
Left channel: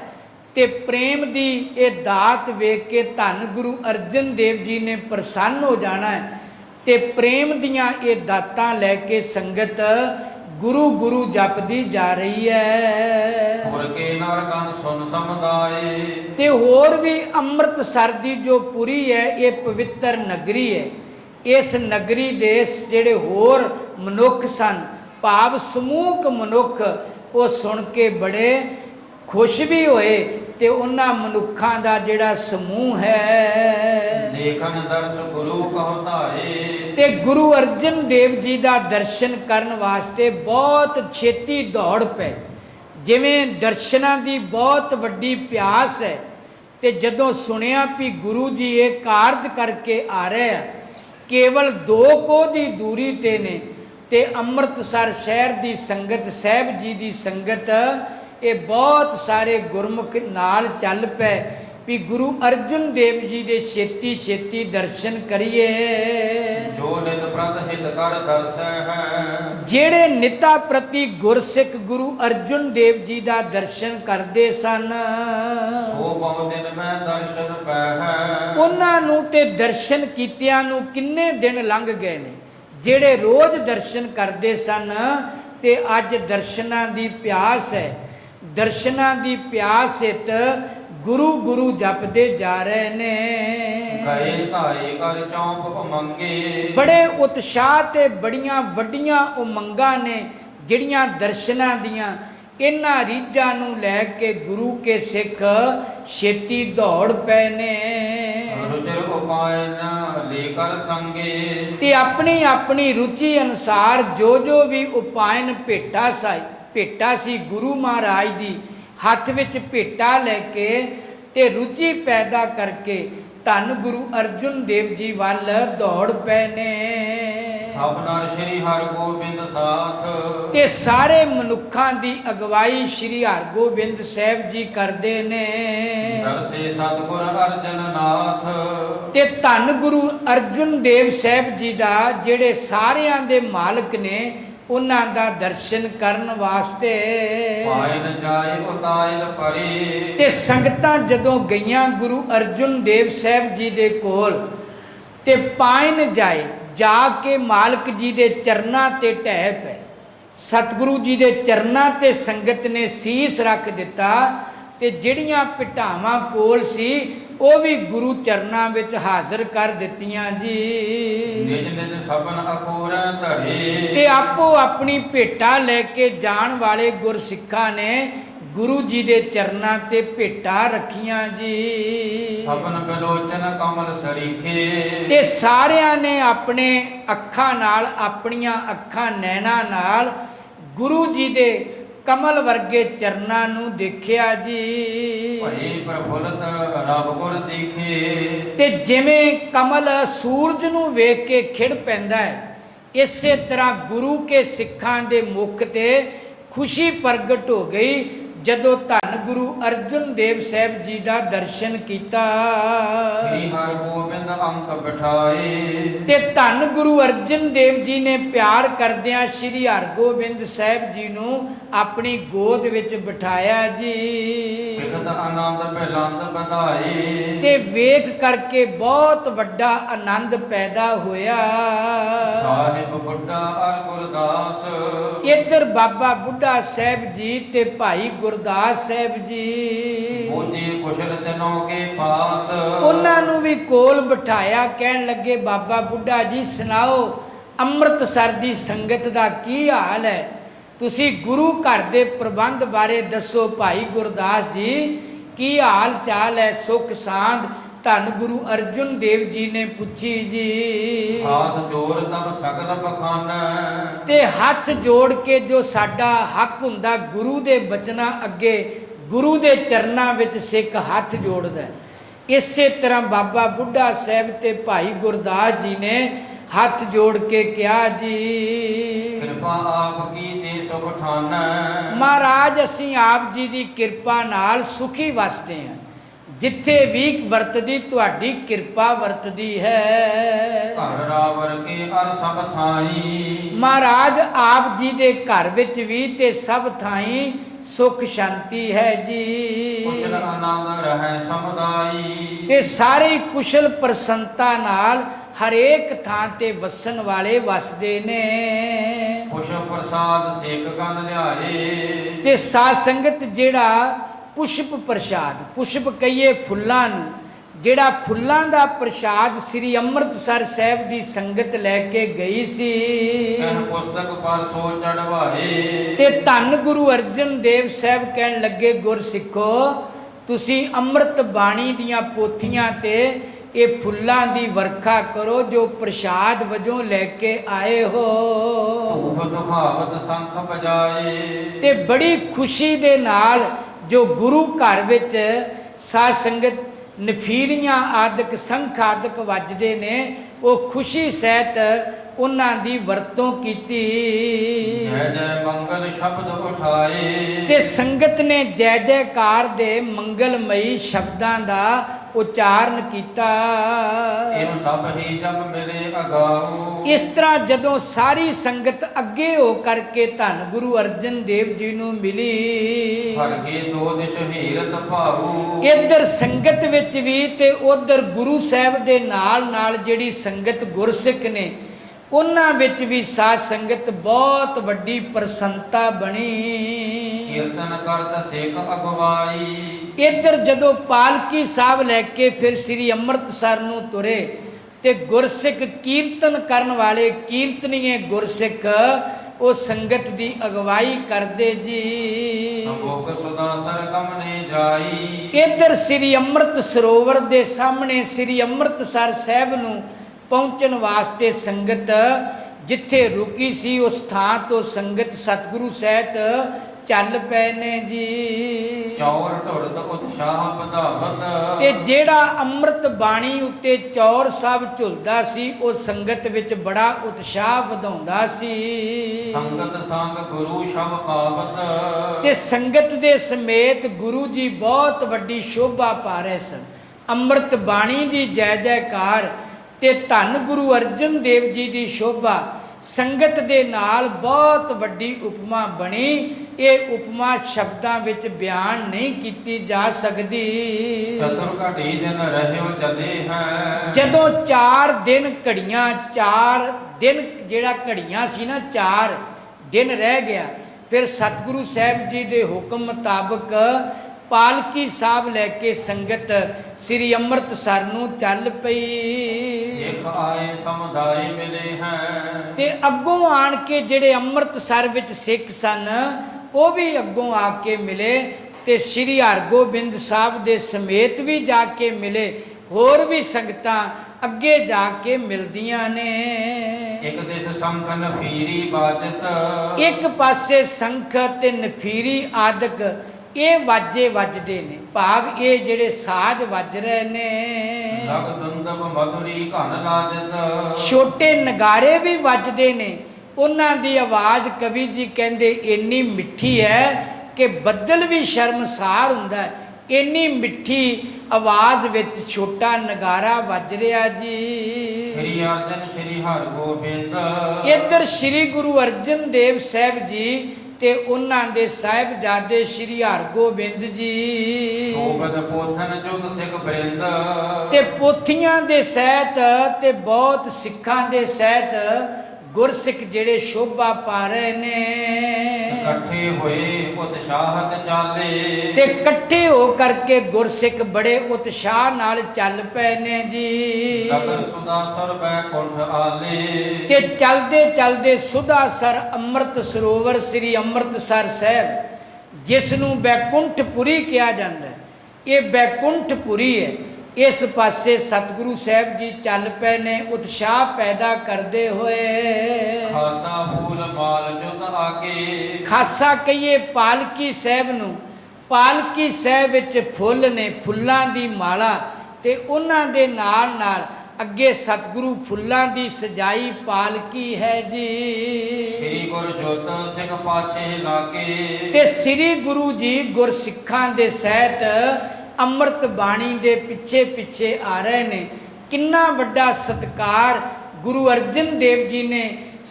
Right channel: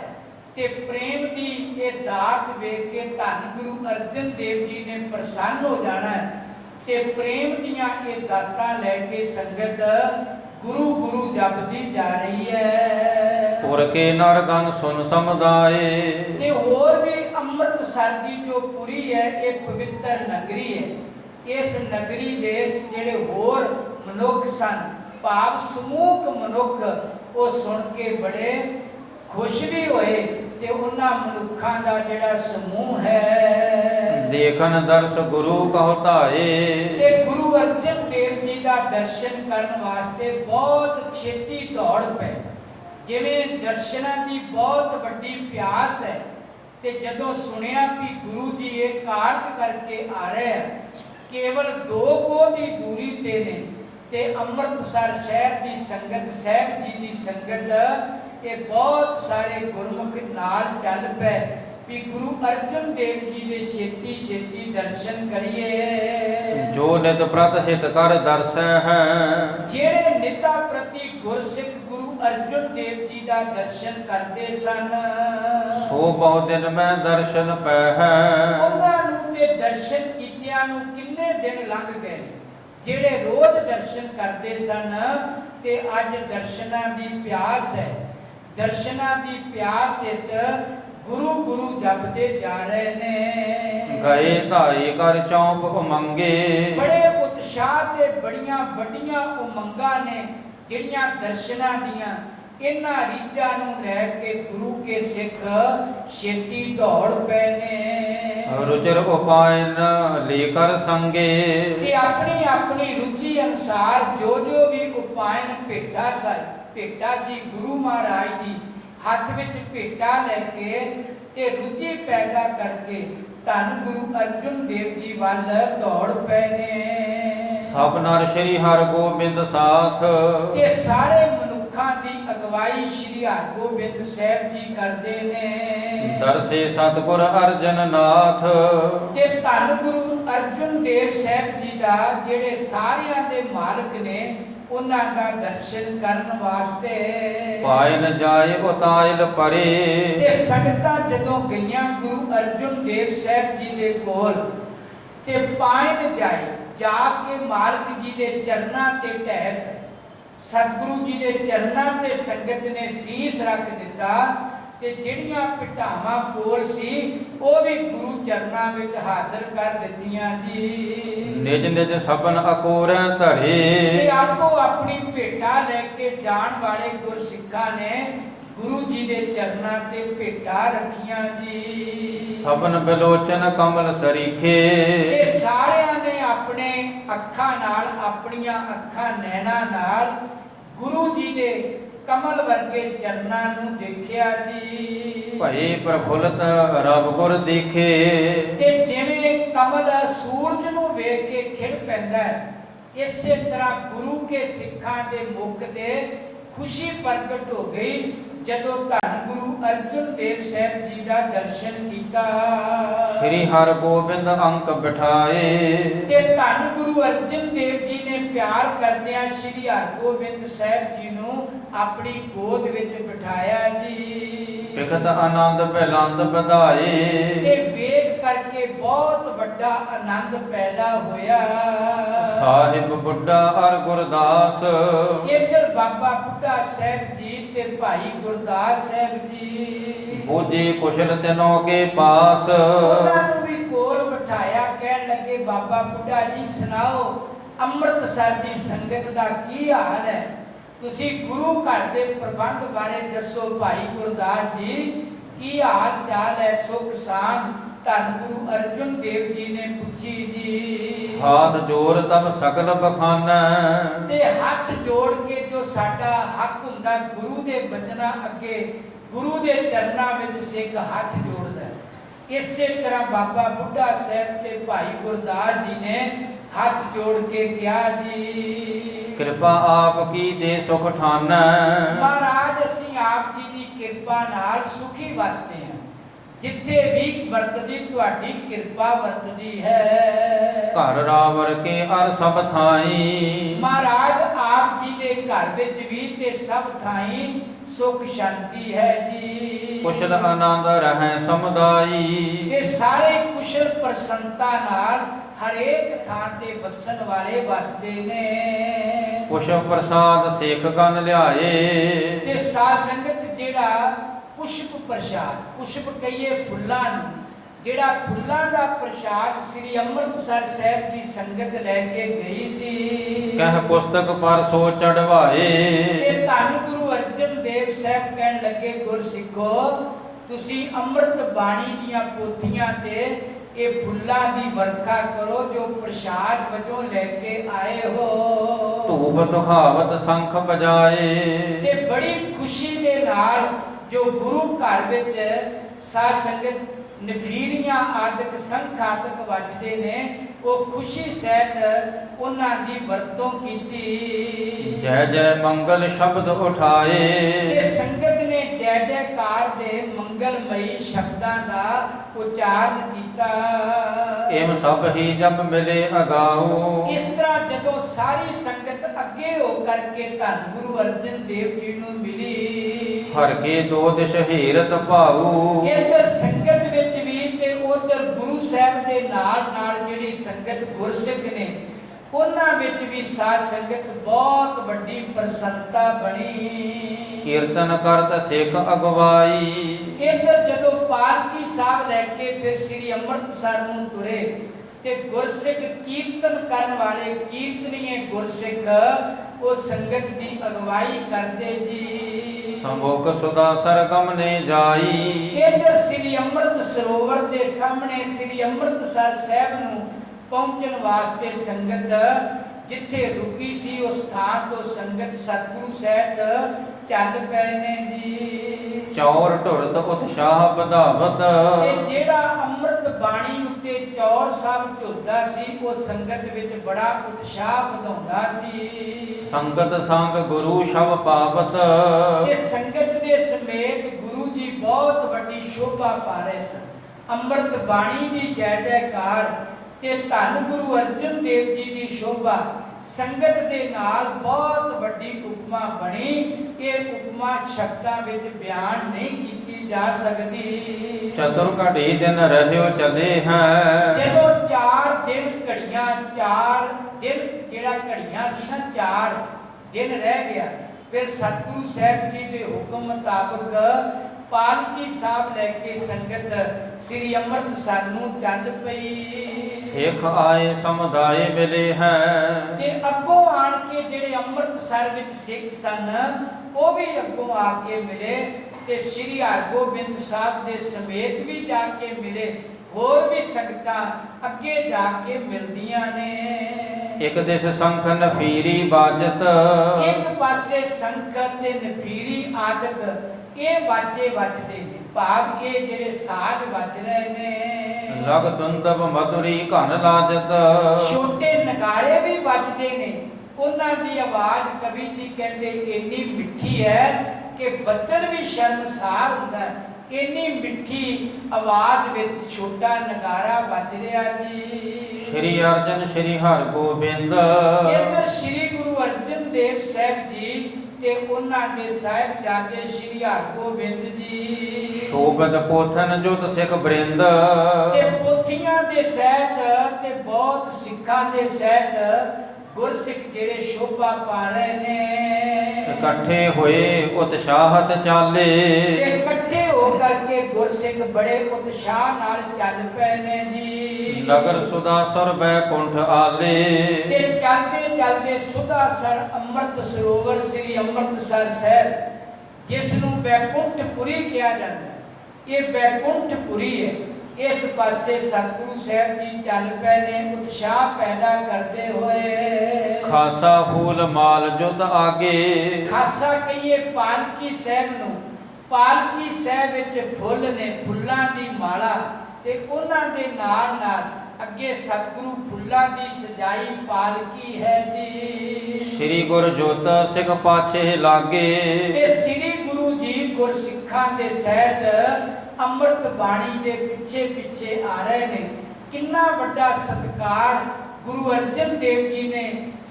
ਤੇ ਪ੍ਰੇਮ ਦੀ ਇਹ ਦਾਤ ਵੇਖ ਕੇ ਧੰਨ ਗੁਰੂ ਅਰਜਨ ਦੇਵ ਜੀ ਨੇ ਪ੍ਰਸੰਨ ਹੋ ਜਾਣਾ ਹੈ ਤੇ ਪ੍ਰੇਮ ਦੀਆਂ ਇਹ ਦਾਤਾਂ ਲੈ ਕੇ ਸੰਗਤ ਗੁਰੂ ਗੁਰੂ ਜਪਦੀ ਜਾ ਰਹੀ ਹੈ। ਹੋਰ ਕੇ ਨਰ ਗਨ ਸੁਨ ਸਮੁਦਾਏ। ਤੇ ਹੋਰ ਵੀ ਅੰਮ੍ਰਿਤਸਰ ਦੀ ਜੋ ਪੁਰੀ ਹੈ ਇਹ ਪਵਿੱਤਰ ਨਗਰੀ ਹੈ। ਇਸ ਨਗਰੀ ਦੇ ਜਿਹੜੇ ਹੋਰ ਮਨੁੱਖ ਸਨ, ਭਾਵ ਸਮੂਹ ਮਨੁੱਖ, ਉਹ ਸੁਣ ਕੇ ਬੜੇ ਖੁਸ਼ ਵੀ ਹੋਏ ਤੇ ਉਹਨਾਂ ਮਨੁੱਖਾਂ ਦਾ ਜਿਹੜਾ ਸਮੂਹ ਹੈ ਦੇਖਨ ਦਰਸ ਗੁਰੂ ਕਹੁ ਧਾਏ। ਤੇ ਗੁਰੂ ਅਰਜਨ ਦੇਵ ਜੀ ਦਾ ਦਰਸ਼ਨ ਕਰਨ ਵਾਸਤੇ ਬਹੁਤ ਛੇਤੀ ਦੌੜ ਪਏ। ਜਿਵੇਂ ਦਰਸ਼ਨਾਂ ਦੀ ਬਹੁਤ ਵੱਡੀ ਪਿਆਸ ਹੈ, ਤੇ ਜਦੋਂ ਸੁਣਿਆ ਵੀ ਗੁਰੂ ਜੀ ਇਹ ਕਾਰਜ ਕਰਕੇ ਆ ਰਹੇ ਆ, ਕੇਵਲ 2 ਕੋਹ ਦੀ ਦੂਰੀ ਤੇ ਨੇ, ਤੇ ਅੰਮ੍ਰਿਤਸਰ ਸ਼ਹਿਰ ਦੀ ਸੰਗਤ, ਸਾਹਿਬ ਜੀ ਦੀ ਸੰਗਤ, ਇਹ ਬਹੁਤ ਸਾਰੇ ਗੁਰਮੁਖ ਨਾਲ ਚੱਲ ਪਏ ਵੀ ਗੁਰੂ ਅਰਜਨ ਦੇਵ ਜੀ ਦੇ ਛੇਤੀ ਛੇਤੀ ਦਰਸ਼ਨ ਕਰੀਏ। ਜੋ ਨਿਤ ਪ੍ਰਤ ਹਿਤ ਕਰ ਦਰਸੈ ਹੈ, ਜਿਹੜੇ ਨਿਤਾ ਪ੍ਰਤੀ ਗੁਰਸਿੱਖ ਗੁਰੂ ਅਰਜਨ ਦੇਵ ਜੀ ਦਾ ਦਰਸ਼ਨ ਕਰਦੇ ਸਨ, ਸੋ ਬਹੁ ਦਿਨ ਮੈਂ ਦਰਸ਼ਨ ਪੈ ਹੈ। ਉਹਨਾਂ ਨੂੰ ਤੇ ਦਰਸ਼ਨ ਕੀਤਿਆਂ ਨੂੰ ਕਿੰਨੇ ਦਿਨ ਲੰਘ ਗਏ ਨੇ। ਜਿਹੜੇ ਰੋਜ਼ ਦਰਸ਼ਨ ਕਰਦੇ ਸਨ, ਤੇ ਅੱਜ ਦਰਸ਼ਨਾਂ ਦੀ ਪਿਆਸ ਹੈ, ਦਰਸ਼ਨਾਂ ਦੀ ਪਿਆਸ ਹਿਤ ਗੁਰੂ ਗੁਰੂ ਜਪਦੇ ਜਾ ਰਹੇ ਨੇ। ਗਏ ਧਾਈ ਕਰ ਚੌਂਕ ਉਮੰਗੇ, ਬੜੇ ਉਤਸ਼ਾਹ ਤੇ ਬੜੀਆਂ ਵੱਡੀਆਂ ਉਮੰਗਾਂ ਨੇ ਜਿਹੜੀਆਂ ਦਰਸ਼ਨਾਂ ਦੀਆਂ। ਇਹਨਾਂ ਰੀਝਾਂ ਨੂੰ ਲੈ ਕੇ ਗੁਰੂ ਕੇ ਸਿੱਖ ਛੇਤੀ ਦੌੜ ਪਏ ਨੇ। ਰੁਚਿਰ ਉਪਾਇਨ ਲੈ ਕਰ ਸੰਗੇ, ਤੇ ਆਪਣੀ ਆਪਣੀ ਰੁਚੀ ਅਨੁਸਾਰ ਜੋ ਜੋ ਵੀ ਉਪਾਇਨ ਭੇਟਾ ਸੀ ਗੁਰੂ ਮਹਾਰਾਜ ਦੀ, ਹੱਥ ਵਿੱਚ ਭੇਟਾ ਲੈ ਕੇ ਤੇ ਰੁਚੀ ਪੈਦਾ ਕਰਕੇ ਧੰਨ ਗੁਰੂ ਅਰਜਨ ਦੇਵ ਜੀ ਵੱਲ ਦੌੜ ਪਏ ਨੇ। ਸਭ ਨਰ ਸ੍ਰੀ ਹਰਿਗੋਬਿੰਦ ਸਾਥ, ਤੇ ਸਾਰੇ ਮਨੁੱਖਾਂ ਦੀ ਅਗਵਾਈ ਸ੍ਰੀ ਹਰਿਗੋਬਿੰਦ ਸਾਹਿਬ ਜੀ ਕਰਦੇ ਨੇ। ਦਰਸੇ ਸਤਿਗੁਰ ਅਰਜਨ ਨਾਥ, ਤੇ ਧੰਨ ਗੁਰੂ ਅਰਜਨ ਦੇਵ ਸਾਹਿਬ ਜੀ ਦਾ ਜਿਹੜੇ ਸਾਰਿਆਂ ਦੇ ਮਾਲਕ ਨੇ, ਉਹਨਾਂ ਦਾ ਦਰਸ਼ਨ ਕਰਨ ਵਾਸਤੇ ਪਾਇ ਨ ਜਾਏ ਉਤਾਇਲ ਪਰੇ। ਤੇ ਸੰਗਤਾਂ ਜਦੋਂ ਗਈਆਂ ਗੁਰੂ ਅਰਜਨ ਦੇਵ ਸਾਹਿਬ ਜੀ ਦੇ ਕੋਲ, ਤੇ ਪਾਇ ਨ ਜਾਏ, ਜਾ ਕੇ ਮਾਲਕ ਜੀ ਦੇ ਚਰਨਾਂ ਤੇ ਢਹਿ ਪਏ। ਸਤਿਗੁਰੂ ਜੀ ਦੇ ਚਰਨਾਂ ਤੇ ਸੰਗਤ ਨੇ ਸੀਸ ਰੱਖ ਦਿੱਤਾ, ਤੇ ਜਿਹੜੀਆਂ ਭਟਾਵਾਂ ਕੋਲ ਸੀ ਉਹ ਵੀ ਗੁਰੂ ਚਰਨਾਂ ਵਿੱਚ ਹਾਜ਼ਰ ਕਰ ਦਿੱਤੀਆਂ ਜੀ। ਨਿਜ ਨਿਜ ਸਭਨ ਅਕੋਰੈ ਧਰੇ, ਤੇ ਆਪੋ ਆਪਣੀ ਭੇਟਾ ਲੈ ਕੇ ਜਾਣ ਵਾਲੇ ਗੁਰਸਿੱਖਾਂ ਨੇ ਗੁਰੂ ਜੀ ਦੇ ਚਰਨਾਂ ਤੇ ਭੇਟਾ ਰੱਖੀਆਂ ਜੀ। ਸਭਨ ਬਿਲੋਚਨ ਕਮਲ ਸਰੀਖੇ, ਤੇ ਸਾਰਿਆਂ ਨੇ ਆਪਣੇ ਅੱਖਾਂ ਨਾਲ, ਆਪਣੀਆਂ ਅੱਖਾਂ ਨੈਣਾਂ ਨਾਲ ਗੁਰੂ ਜੀ ਦੇ ਕਮਲ ਵਰਗੇ ਚਰਨਾਂ ਨੂੰ ਦੇਖਿਆ ਜੀ। ਭਰੇ ਪ੍ਰਫੁੱਲਤ ਰਬ ਗੁਰ ਦੇਖੇ, ਤੇ ਜਿਵੇਂ ਕਮਲ ਸੂਰਜ ਨੂੰ ਵੇਖ ਕੇ ਖਿੜ ਪੈਂਦਾ ਹੈ, ਇਸੇ ਤਰ੍ਹਾਂ ਗੁਰੂ ਕੇ ਸਿੱਖਾਂ ਦੇ ਮੁਖ ਤੇ ਖੁਸ਼ੀ ਪ੍ਰਗਟ ਹੋ ਗਈ ਜਦੋਂ ਧੰਨ ਗੁਰੂ ਅਰਜਨ ਦੇਵ ਸਾਹਿਬ ਜੀ ਦਾ ਦਰਸ਼ਨ ਕੀਤਾ। ਸ੍ਰੀ ਹਰਿਗੋਬਿੰਦ ਅੰਕ ਬਿਠਾਏ, ਤੇ ਧੰਨ ਗੁਰੂ ਅਰਜਨ ਦੇਵ ਜੀ ਨੇ ਪਿਆਰ ਕਰਦਿਆਂ ਸ੍ਰੀ ਹਰਿਗੋਬਿੰਦ ਸਾਹਿਬ ਜੀ ਨੂੰ ਆਪਣੀ ਗੋਦ ਵਿੱਚ ਬਿਠਾਇਆ ਜੀ। ਵਿਖਤ ਆਨੰਦ ਬਿਲੰਦ ਵਧਾਏ, ਤੇ ਵੇਖ ਕਰਕੇ ਬਹੁਤ ਵੱਡਾ ਆਨੰਦ ਪੈਦਾ ਹੋਇਆ। ਸਾਹਿਬ ਬੁੱਢਾ ਹਰ ਗੁਰਦਾਸ, ਇੱਧਰ ਬਾਬਾ ਬੁੱਢਾ ਸਾਹਿਬ ਜੀ ਤੇ ਭਾਈ ਗੁਰਦਾਸ ਸਾਹਿਬ ਜੀ, ਪੂਜੀ ਕੁਸ਼ਲ ਤਿਨੋਂ ਕੇ ਪਾਸ। ਉਹਨਾਂ ਨੂੰ ਵੀ ਕੋਲ ਬਿਠਾਇਆ। ਕਹਿਣ ਲੱਗੇ, ਬਾਬਾ ਬੁੱਢਾ ਜੀ ਸੁਣਾਓ, ਅੰਮ੍ਰਿਤਸਰ ਦੀ ਸੰਗਤ ਦਾ ਕੀ ਹਾਲ ਹੈ? ਤੁਸੀਂ ਗੁਰੂ ਘਰ ਦੇ ਪ੍ਰਬੰਧ ਬਾਰੇ ਦੱਸੋ। ਭਾਈ ਗੁਰਦਾਸ ਜੀ, ਕੀ ਹਾਲ ਚਾਲ ਹੈ? ਸੁਖ ਸਾਂਦ? ਧੰਨ ਗੁਰੂ ਅਰਜਨ ਦੇਵ ਜੀ ਨੇ ਪੁੱਛੀ ਜੀ। ਹਾਥ ਜੋੜ ਤਬ ਸਗਲ ਬਖਾਨਾ, ਤੇ ਹੱਥ ਜੋੜ ਕੇ ਜੋ ਸਾਡਾ ਹੱਕ ਹੁੰਦਾ ਗੁਰੂ ਦੇ ਬਚਨਾਂ ਅੱਗੇ, ਗੁਰੂ ਦੇ ਚਰਨਾਂ ਵਿੱਚ ਸਿੱਖ ਹੱਥ ਜੋੜਦਾ। ਇਸੇ ਤਰ੍ਹਾਂ ਬਾਬਾ ਬੁੱਢਾ ਸਾਹਿਬ ਤੇ ਭਾਈ ਗੁਰਦਾਸ ਜੀ ਨੇ ਹੱਥ ਜੋੜ ਕੇ ਕਿਹਾ ਜੀ, ਕਿਰਪਾ ਆਪ ਕੀ ਦੇ ਸੁਖ ਠਾਨੈ। ਮਹਾਰਾਜ, ਅਸੀਂ ਆਪ ਜੀ ਦੀ ਕਿਰਪਾ ਨਾਲ ਸੁਖੀ ਵਸਦੇ ਹਾਂ। ਜਿੱਥੇ ਵੀ ਵਰਤਦੀ ਤੁਹਾਡੀ ਕਿਰਪਾ ਵਰਤਦੀ ਹੈ। ਘਰ ਰਾਮ ਰਕੇ ਅਰ ਸਭ ਥਾਈ, ਮਹਾਰਾਜ ਆਪ ਜੀ ਦੇ ਘਰ ਵਿੱਚ ਵੀ ਤੇ ਸਭ ਥਾਈਂ ਸੁਖ ਸ਼ਾਂਤੀ ਹੈ ਜੀ। ਕੁਸ਼ਲ ਆਨੰਦ ਰਹਿ ਸਮੁਦਾਈ, ਤੇ ਸਾਰੇ ਕੁਸ਼ਲ ਪ੍ਰਸੰਨਤਾ ਨਾਲ ਹਰੇਕ ਥਾਂ ਤੇ ਵਸਣ ਵਾਲੇ ਵਸਦੇ ਨੇ। ਪੁਸ਼ਪ ਪ੍ਰਸਾਦ ਸੇਖ ਗਨ ਲਿਆਏ, ਤੇ ਸਾਧ ਸੰਗਤ ਜਿਹੜਾ ਪੁਸ਼ਪ ਪ੍ਰਸ਼ਾਦ, ਪੁਸ਼ਪ ਕਹੀਏ ਫੁੱਲਾਂ ਨੂੰ, ਜਿਹੜਾ ਫੁੱਲਾਂ ਦਾ ਪ੍ਰਸ਼ਾਦ ਸ੍ਰੀ ਅੰਮ੍ਰਿਤਸਰ ਸਾਹਿਬ ਦੀ ਸੰਗਤ ਲੈ ਕੇ ਗਈ ਸੀ। ਕਹਿ ਪੁਸਤਕ ਪਰ ਸੋ ਚੜਵਾਏ, ਤੇ ਧੰਨ ਗੁਰੂ ਅਰਜਨ ਦੇਵ ਸਾਹਿਬ ਕਹਿਣ ਲੱਗੇ, ਗੁਰਸਿੱਖੋ, ਤੁਸੀਂ ਅੰਮ੍ਰਿਤ ਬਾਣੀ ਦੀਆਂ ਪੋਥੀਆਂ ਤੇ ਇਹ ਫੁੱਲਾਂ ਦੀ ਵਰਖਾ ਕਰੋ ਜੋ ਪ੍ਰਸ਼ਾਦ ਵਜੋਂ ਲੈ ਕੇ ਆਏ ਹੋ। ਧੂਪ ਤੁਖਾਵਤ ਸੰਖ ਬਜਾਏ, ਤੇ ਬੜੀ ਖੁਸ਼ੀ ਦੇ ਨਾਲ ਜੋ ਗੁਰੂ ਘਰ ਵਿੱਚ ਸਾਧ ਸੰਗਤ ਨਫੀਰੀਆਂ ਆਦਿਕ ਸੰਖ ਆਦਿਕ ਵੱਜਦੇ ਨੇ, ਉਹ ਖੁਸ਼ੀ ਸਹਿਤ ਉਹਨਾਂ ਦੀ ਵਰਤੋਂ ਕੀਤੀ। ਜੈ ਜੈ ਮੰਗਲ ਸ਼ਬਦ ਉਠਾਏ, ਤੇ ਸੰਗਤ ਨੇ ਜੈ ਜੈਕਾਰ ਦੇ ਮੰਗਲਮਈ ਸ਼ਬਦਾਂ ਦਾ ਉਚਾਰਨ ਕੀਤਾ। ਇਹ ਸਭ ਹੀ ਜਪ ਮਿਲੇ ਅਗਾਊ, ਇਸ ਤਰ੍ਹਾਂ ਜਦੋਂ ਸਾਰੀ ਸੰਗਤ ਅੱਗੇ ਹੋ ਕਰਕੇ ਧੰਨ ਗੁਰੂ ਅਰਜਨ ਦੇਵ ਜੀ ਨੂੰ ਮਿਲੀ, ਹਰ ਕੇ ਦੋ ਦਿਸ਼ ਹੀਰਤ ਭਾਊ। ਇੱਧਰ ਸੰਗਤ ਵਿੱਚ ਵੀ ਤੇ ਉਧਰ ਗੁਰੂ ਸਾਹਿਬ ਦੇ ਨਾਲ ਨਾਲ ਜਿਹੜੀ ਸੰਗਤ ਗੁਰਸਿੱਖ ਨੇ ਉਹਨਾਂ ਵਿੱਚ ਵੀ ਸਾਧ ਸੰਗਤ ਬਹੁਤ ਵੱਡੀ ਪ੍ਰਸੰਨਤਾ ਬਣੀ। ਕੀਰਤਨ ਕਰਤ ਸਿੱਖ ਅਗਵਾਈ, ਇੱਧਰ ਜਦੋਂ ਪਾਲਕੀ ਸਾਹਿਬ ਲੈ ਕੇ ਫਿਰ ਸ੍ਰੀ ਅੰਮ੍ਰਿਤਸਰ ਨੂੰ ਤੁਰੇ ਤੇ ਗੁਰਸਿੱਖ ਕੀਰਤਨ ਕਰਨ ਵਾਲੇ ਕੀਰਤਨੀਏ ਗੁਰਸਿੱਖ ਉਹ ਸੰਗਤ ਦੀ ਅਗਵਾਈ ਕਰਦੇ ਜੀ। ਸਮੁਖ ਸੁਦਾ ਸਰਗਮ ਨੇ ਜਾਈ, ਇੱਧਰ ਸ੍ਰੀ ਅੰਮ੍ਰਿਤ ਸਰੋਵਰ ਦੇ ਸਾਹਮਣੇ ਸ੍ਰੀ ਅੰਮ੍ਰਿਤਸਰ ਸਾਹਿਬ ਨੂੰ ਪਹੁੰਚਣ ਵਾਸਤੇ ਸੰਗਤ ਜਿੱਥੇ ਰੁਕੀ ਸੀ ਉਸ ਥਾਂ ਤੋਂ ਸੰਗਤ ਸਤਿਗੁਰੂ ਸਹਿਤ ਚੱਲ ਪਏ ਨੇ ਜੀ। ਚੌਰ ਢੁਰਦ ਉਤਸ਼ਾਹ ਵਧਾਵਤ, ਤੇ ਜਿਹੜਾ ਅੰਮ੍ਰਿਤ ਬਾਣੀ ਉੱਤੇ ਚੌਰ ਸਾਹਿਬ ਝੁਲਦਾ ਸੀ ਉਹ ਸੰਗਤ ਵਿੱਚ ਬੜਾ ਉਤਸ਼ਾਹ ਵਧਾਉਂਦਾ ਸੀ। ਸੰਗਤ ਸੰਗ ਗੁਰੂ ਸ਼ਬ ਪਾਵਤ, ਤੇ ਸੰਗਤ ਦੇ ਸਮੇਤ ਗੁਰੂ ਜੀ ਬਹੁਤ ਵੱਡੀ ਸ਼ੋਭਾ ਪਾ ਰਹੇ ਸਨ। ਅੰਮ੍ਰਿਤ ਬਾਣੀ ਦੀ ਜੈ ਜੈਕਾਰ ਤੇ ਧੰਨ ਗੁਰੂ ਅਰਜਨ ਦੇਵ ਜੀ ਦੀ ਸ਼ੋਭਾ ਸੰਗਤ ਦੇ ਨਾਲ ਬਹੁਤ ਵੱਡੀ ਉਪਮਾ ਬਣੀ। ਇਹ ਉਪਮਾ ਸ਼ਬਦਾਂ ਵਿੱਚ ਬਿਆਨ ਨਹੀਂ ਕੀਤੀ ਜਾ ਸਕਦੀ। ਚਤੁਰ ਘੜੀ ਦਿਨ ਰਹਿਓ ਚਲੇ ਹੈ, ਜਦੋਂ 4 ਦਿਨ ਘੜੀਆਂ 4 ਦਿਨ ਜਿਹੜਾ ਘੜੀਆਂ ਸੀ ਨਾ 4 ਦਿਨ ਰਹਿ ਗਿਆ, ਫਿਰ ਸਤਿਗੁਰੂ ਸਾਹਿਬ ਜੀ ਦੇ ਹੁਕਮ ਮੁਤਾਬਕ ਪਾਲਕੀ ਸਾਹਿਬ ਲੈ ਕੇ ਸੰਗਤ ਸ੍ਰੀ ਅੰਮ੍ਰਿਤਸਰ ਨੂੰ ਚੱਲ ਪਈ। ਸਿੱਖ ਆਏ ਸਮੁਦਾਇ ਮਿਲੇ ਹੈ, ਤੇ ਅੱਗੋਂ ਆਣ ਕੇ ਜਿਹੜੇ ਅੰਮ੍ਰਿਤਸਰ ਵਿੱਚ ਸਿੱਖ ਸਨ ਉਹ ਵੀ ਅੱਗੋਂ ਆ ਕੇ ਮਿਲੇ ਤੇ ਸ੍ਰੀ ਹਰਗੋਬਿੰਦ ਸਾਹਿਬ ਦੇ ਸਮੇਤ ਵੀ ਜਾ ਕੇ ਮਿਲੇ। ਹੋਰ ਵੀ ਸੰਗਤਾਂ ਅੱਗੇ ਜਾ ਕੇ ਮਿਲਦੀਆਂ ਨੇ। ਇੱਕ ਦਿਸ ਸੰਖ ਨਫੀਰੀ ਬਾਜਤ, ਇੱਕ ਪਾਸੇ ਸੰਖ ਤੇ ਨਫੀਰੀ ਆਦਿਕ ਇਹ ਵਾਜੇ ਵੱਜਦੇ ਨੇ, ਭਾਵ ਇਹ ਜਿਹੜੇ ਸਾਜ਼ ਵੱਜ ਰਹੇ ਨੇ। ਲਗ ਦੁੰਦਬ ਮਧੁਰੀ ਘਨ ਲਾਜਤ, ਛੋਟੇ ਨਗਾਰੇ ਵੀ ਵੱਜਦੇ ਨੇ। ਉਹਨਾਂ ਦੀ ਆਵਾਜ਼ ਕਵੀ ਜੀ ਕਹਿੰਦੇ ਇੰਨੀ ਮਿੱਠੀ ਹੈ ਕਿ ਬੱਦਲ ਵੀ ਸ਼ਰਮਸਾਰ ਹੁੰਦਾ ਹੈ। ਇੰਨੀ ਮਿੱਠੀ ਆਵਾਜ਼ ਵਿੱਚ ਛੋਟਾ ਨਗਾਰਾ ਵੱਜ ਰਿਹਾ ਜੀ। ਸ੍ਰੀ ਅਰਜਨ ਸ੍ਰੀ ਹਰਗੋਬਿੰਦ, ਇੱਧਰ ਸ੍ਰੀ ਗੁਰੂ ਅਰਜਨ ਦੇਵ ਸਾਹਿਬ ਜੀ ਤੇ ਉਹਨਾਂ ਦੇ ਸਾਹਿਬਜ਼ਾਦੇ ਸ੍ਰੀ ਹਰਗੋਬਿੰਦ ਜੀ, ਸ਼ੋਭਤ ਪੋਥਨ ਜੁਤ ਸਿੱਖ ਬ੍ਰਿੰਦ, ਤੇ ਪੋਥੀਆਂ ਦੇ ਸਹਿਤ ਤੇ ਬਹੁਤ ਸਿੱਖਾਂ ਦੇ ਸਹਿਤ ਗੁਰਸਿੱਖ ਜਿਹੜੇ ਸ਼ੋਭਾ ਪਾ ਰਹੇ ਨੇ। ਇਕੱਠੇ ਹੋਏ ਉਤਸ਼ਾਹਤ ਚਾਲੇ, ਤੇ ਇਕੱਠੇ ਹੋ ਕਰਕੇ ਗੁਰਸਿੱਖ ਬੜੇ ਉਤਸ਼ਾਹ ਨਾਲ ਚੱਲ ਪਏ ਨੇ ਜੀ। ਨਗਰ ਸੁਦਾਸਰ ਬੈਕੁੰਠ ਆਲੇ, ਤੇ ਚਲਦੇ ਚਲਦੇ ਸੁਦਾਸਰ ਅੰਮ੍ਰਿਤ ਸਰੋਵਰ ਸ੍ਰੀ ਅੰਮ੍ਰਿਤਸਰ ਸਾਹਿਬ ਜਿਸ ਨੂੰ ਬੈਕੁੰਠਪੁਰੀ ਕਿਹਾ ਜਾਂਦਾ ਹੈ, ਇਹ ਬੈਕੁੰਠਪੁਰੀ ਹੈ। ਇਸ ਪਾਸੇ ਸਤਿਗੁਰੂ ਸਾਹਿਬ ਜੀ ਚੱਲ ਪਏ ਨੇ ਉਤਸ਼ਾਹ ਪੈਦਾ ਕਰਦੇ ਹੋਏ। ਖਾਸਾ ਫੂਲ ਮਾਲ ਜੁਦ ਆਗੇ, ਖਾਸਾ ਕਹੀਏ ਪਾਲਕੀ ਸਾਹਿਬ ਨੂੰ। ਪਾਲਕੀ ਸਾਹਿਬ ਵਿੱਚ ਫੁੱਲ ਨੇ, ਫੁੱਲਾਂ ਦੀ ਮਾਲਾ, ਤੇ ਉਹਨਾਂ ਦੇ ਨਾਲ ਨਾਲ ਅੱਗੇ ਸਤਿਗੁਰੂ ਫੁੱਲਾਂ ਦੀ ਸਜਾਈ ਪਾਲਕੀ ਹੈ ਜੀ। ਸ੍ਰੀ ਗੁਰ ਜੋਤ ਸਿੱਖ ਪਾਛੇ ਲਾਗੇ, ਤੇ ਸ੍ਰੀ ਗੁਰੂ ਜੀ ਗੁਰਸਿੱਖਾਂ ਦੇ ਸਹਿਤ ਅੰਮ੍ਰਿਤ ਬਾਣੀ ਦੇ ਪਿੱਛੇ ਪਿੱਛੇ ਆ ਰਹੇ ਨੇ। ਕਿੰਨਾ ਵੱਡਾ ਸਤਿਕਾਰ ਗੁਰੂ ਅਰਜਨ ਦੇਵ ਜੀ ਨੇ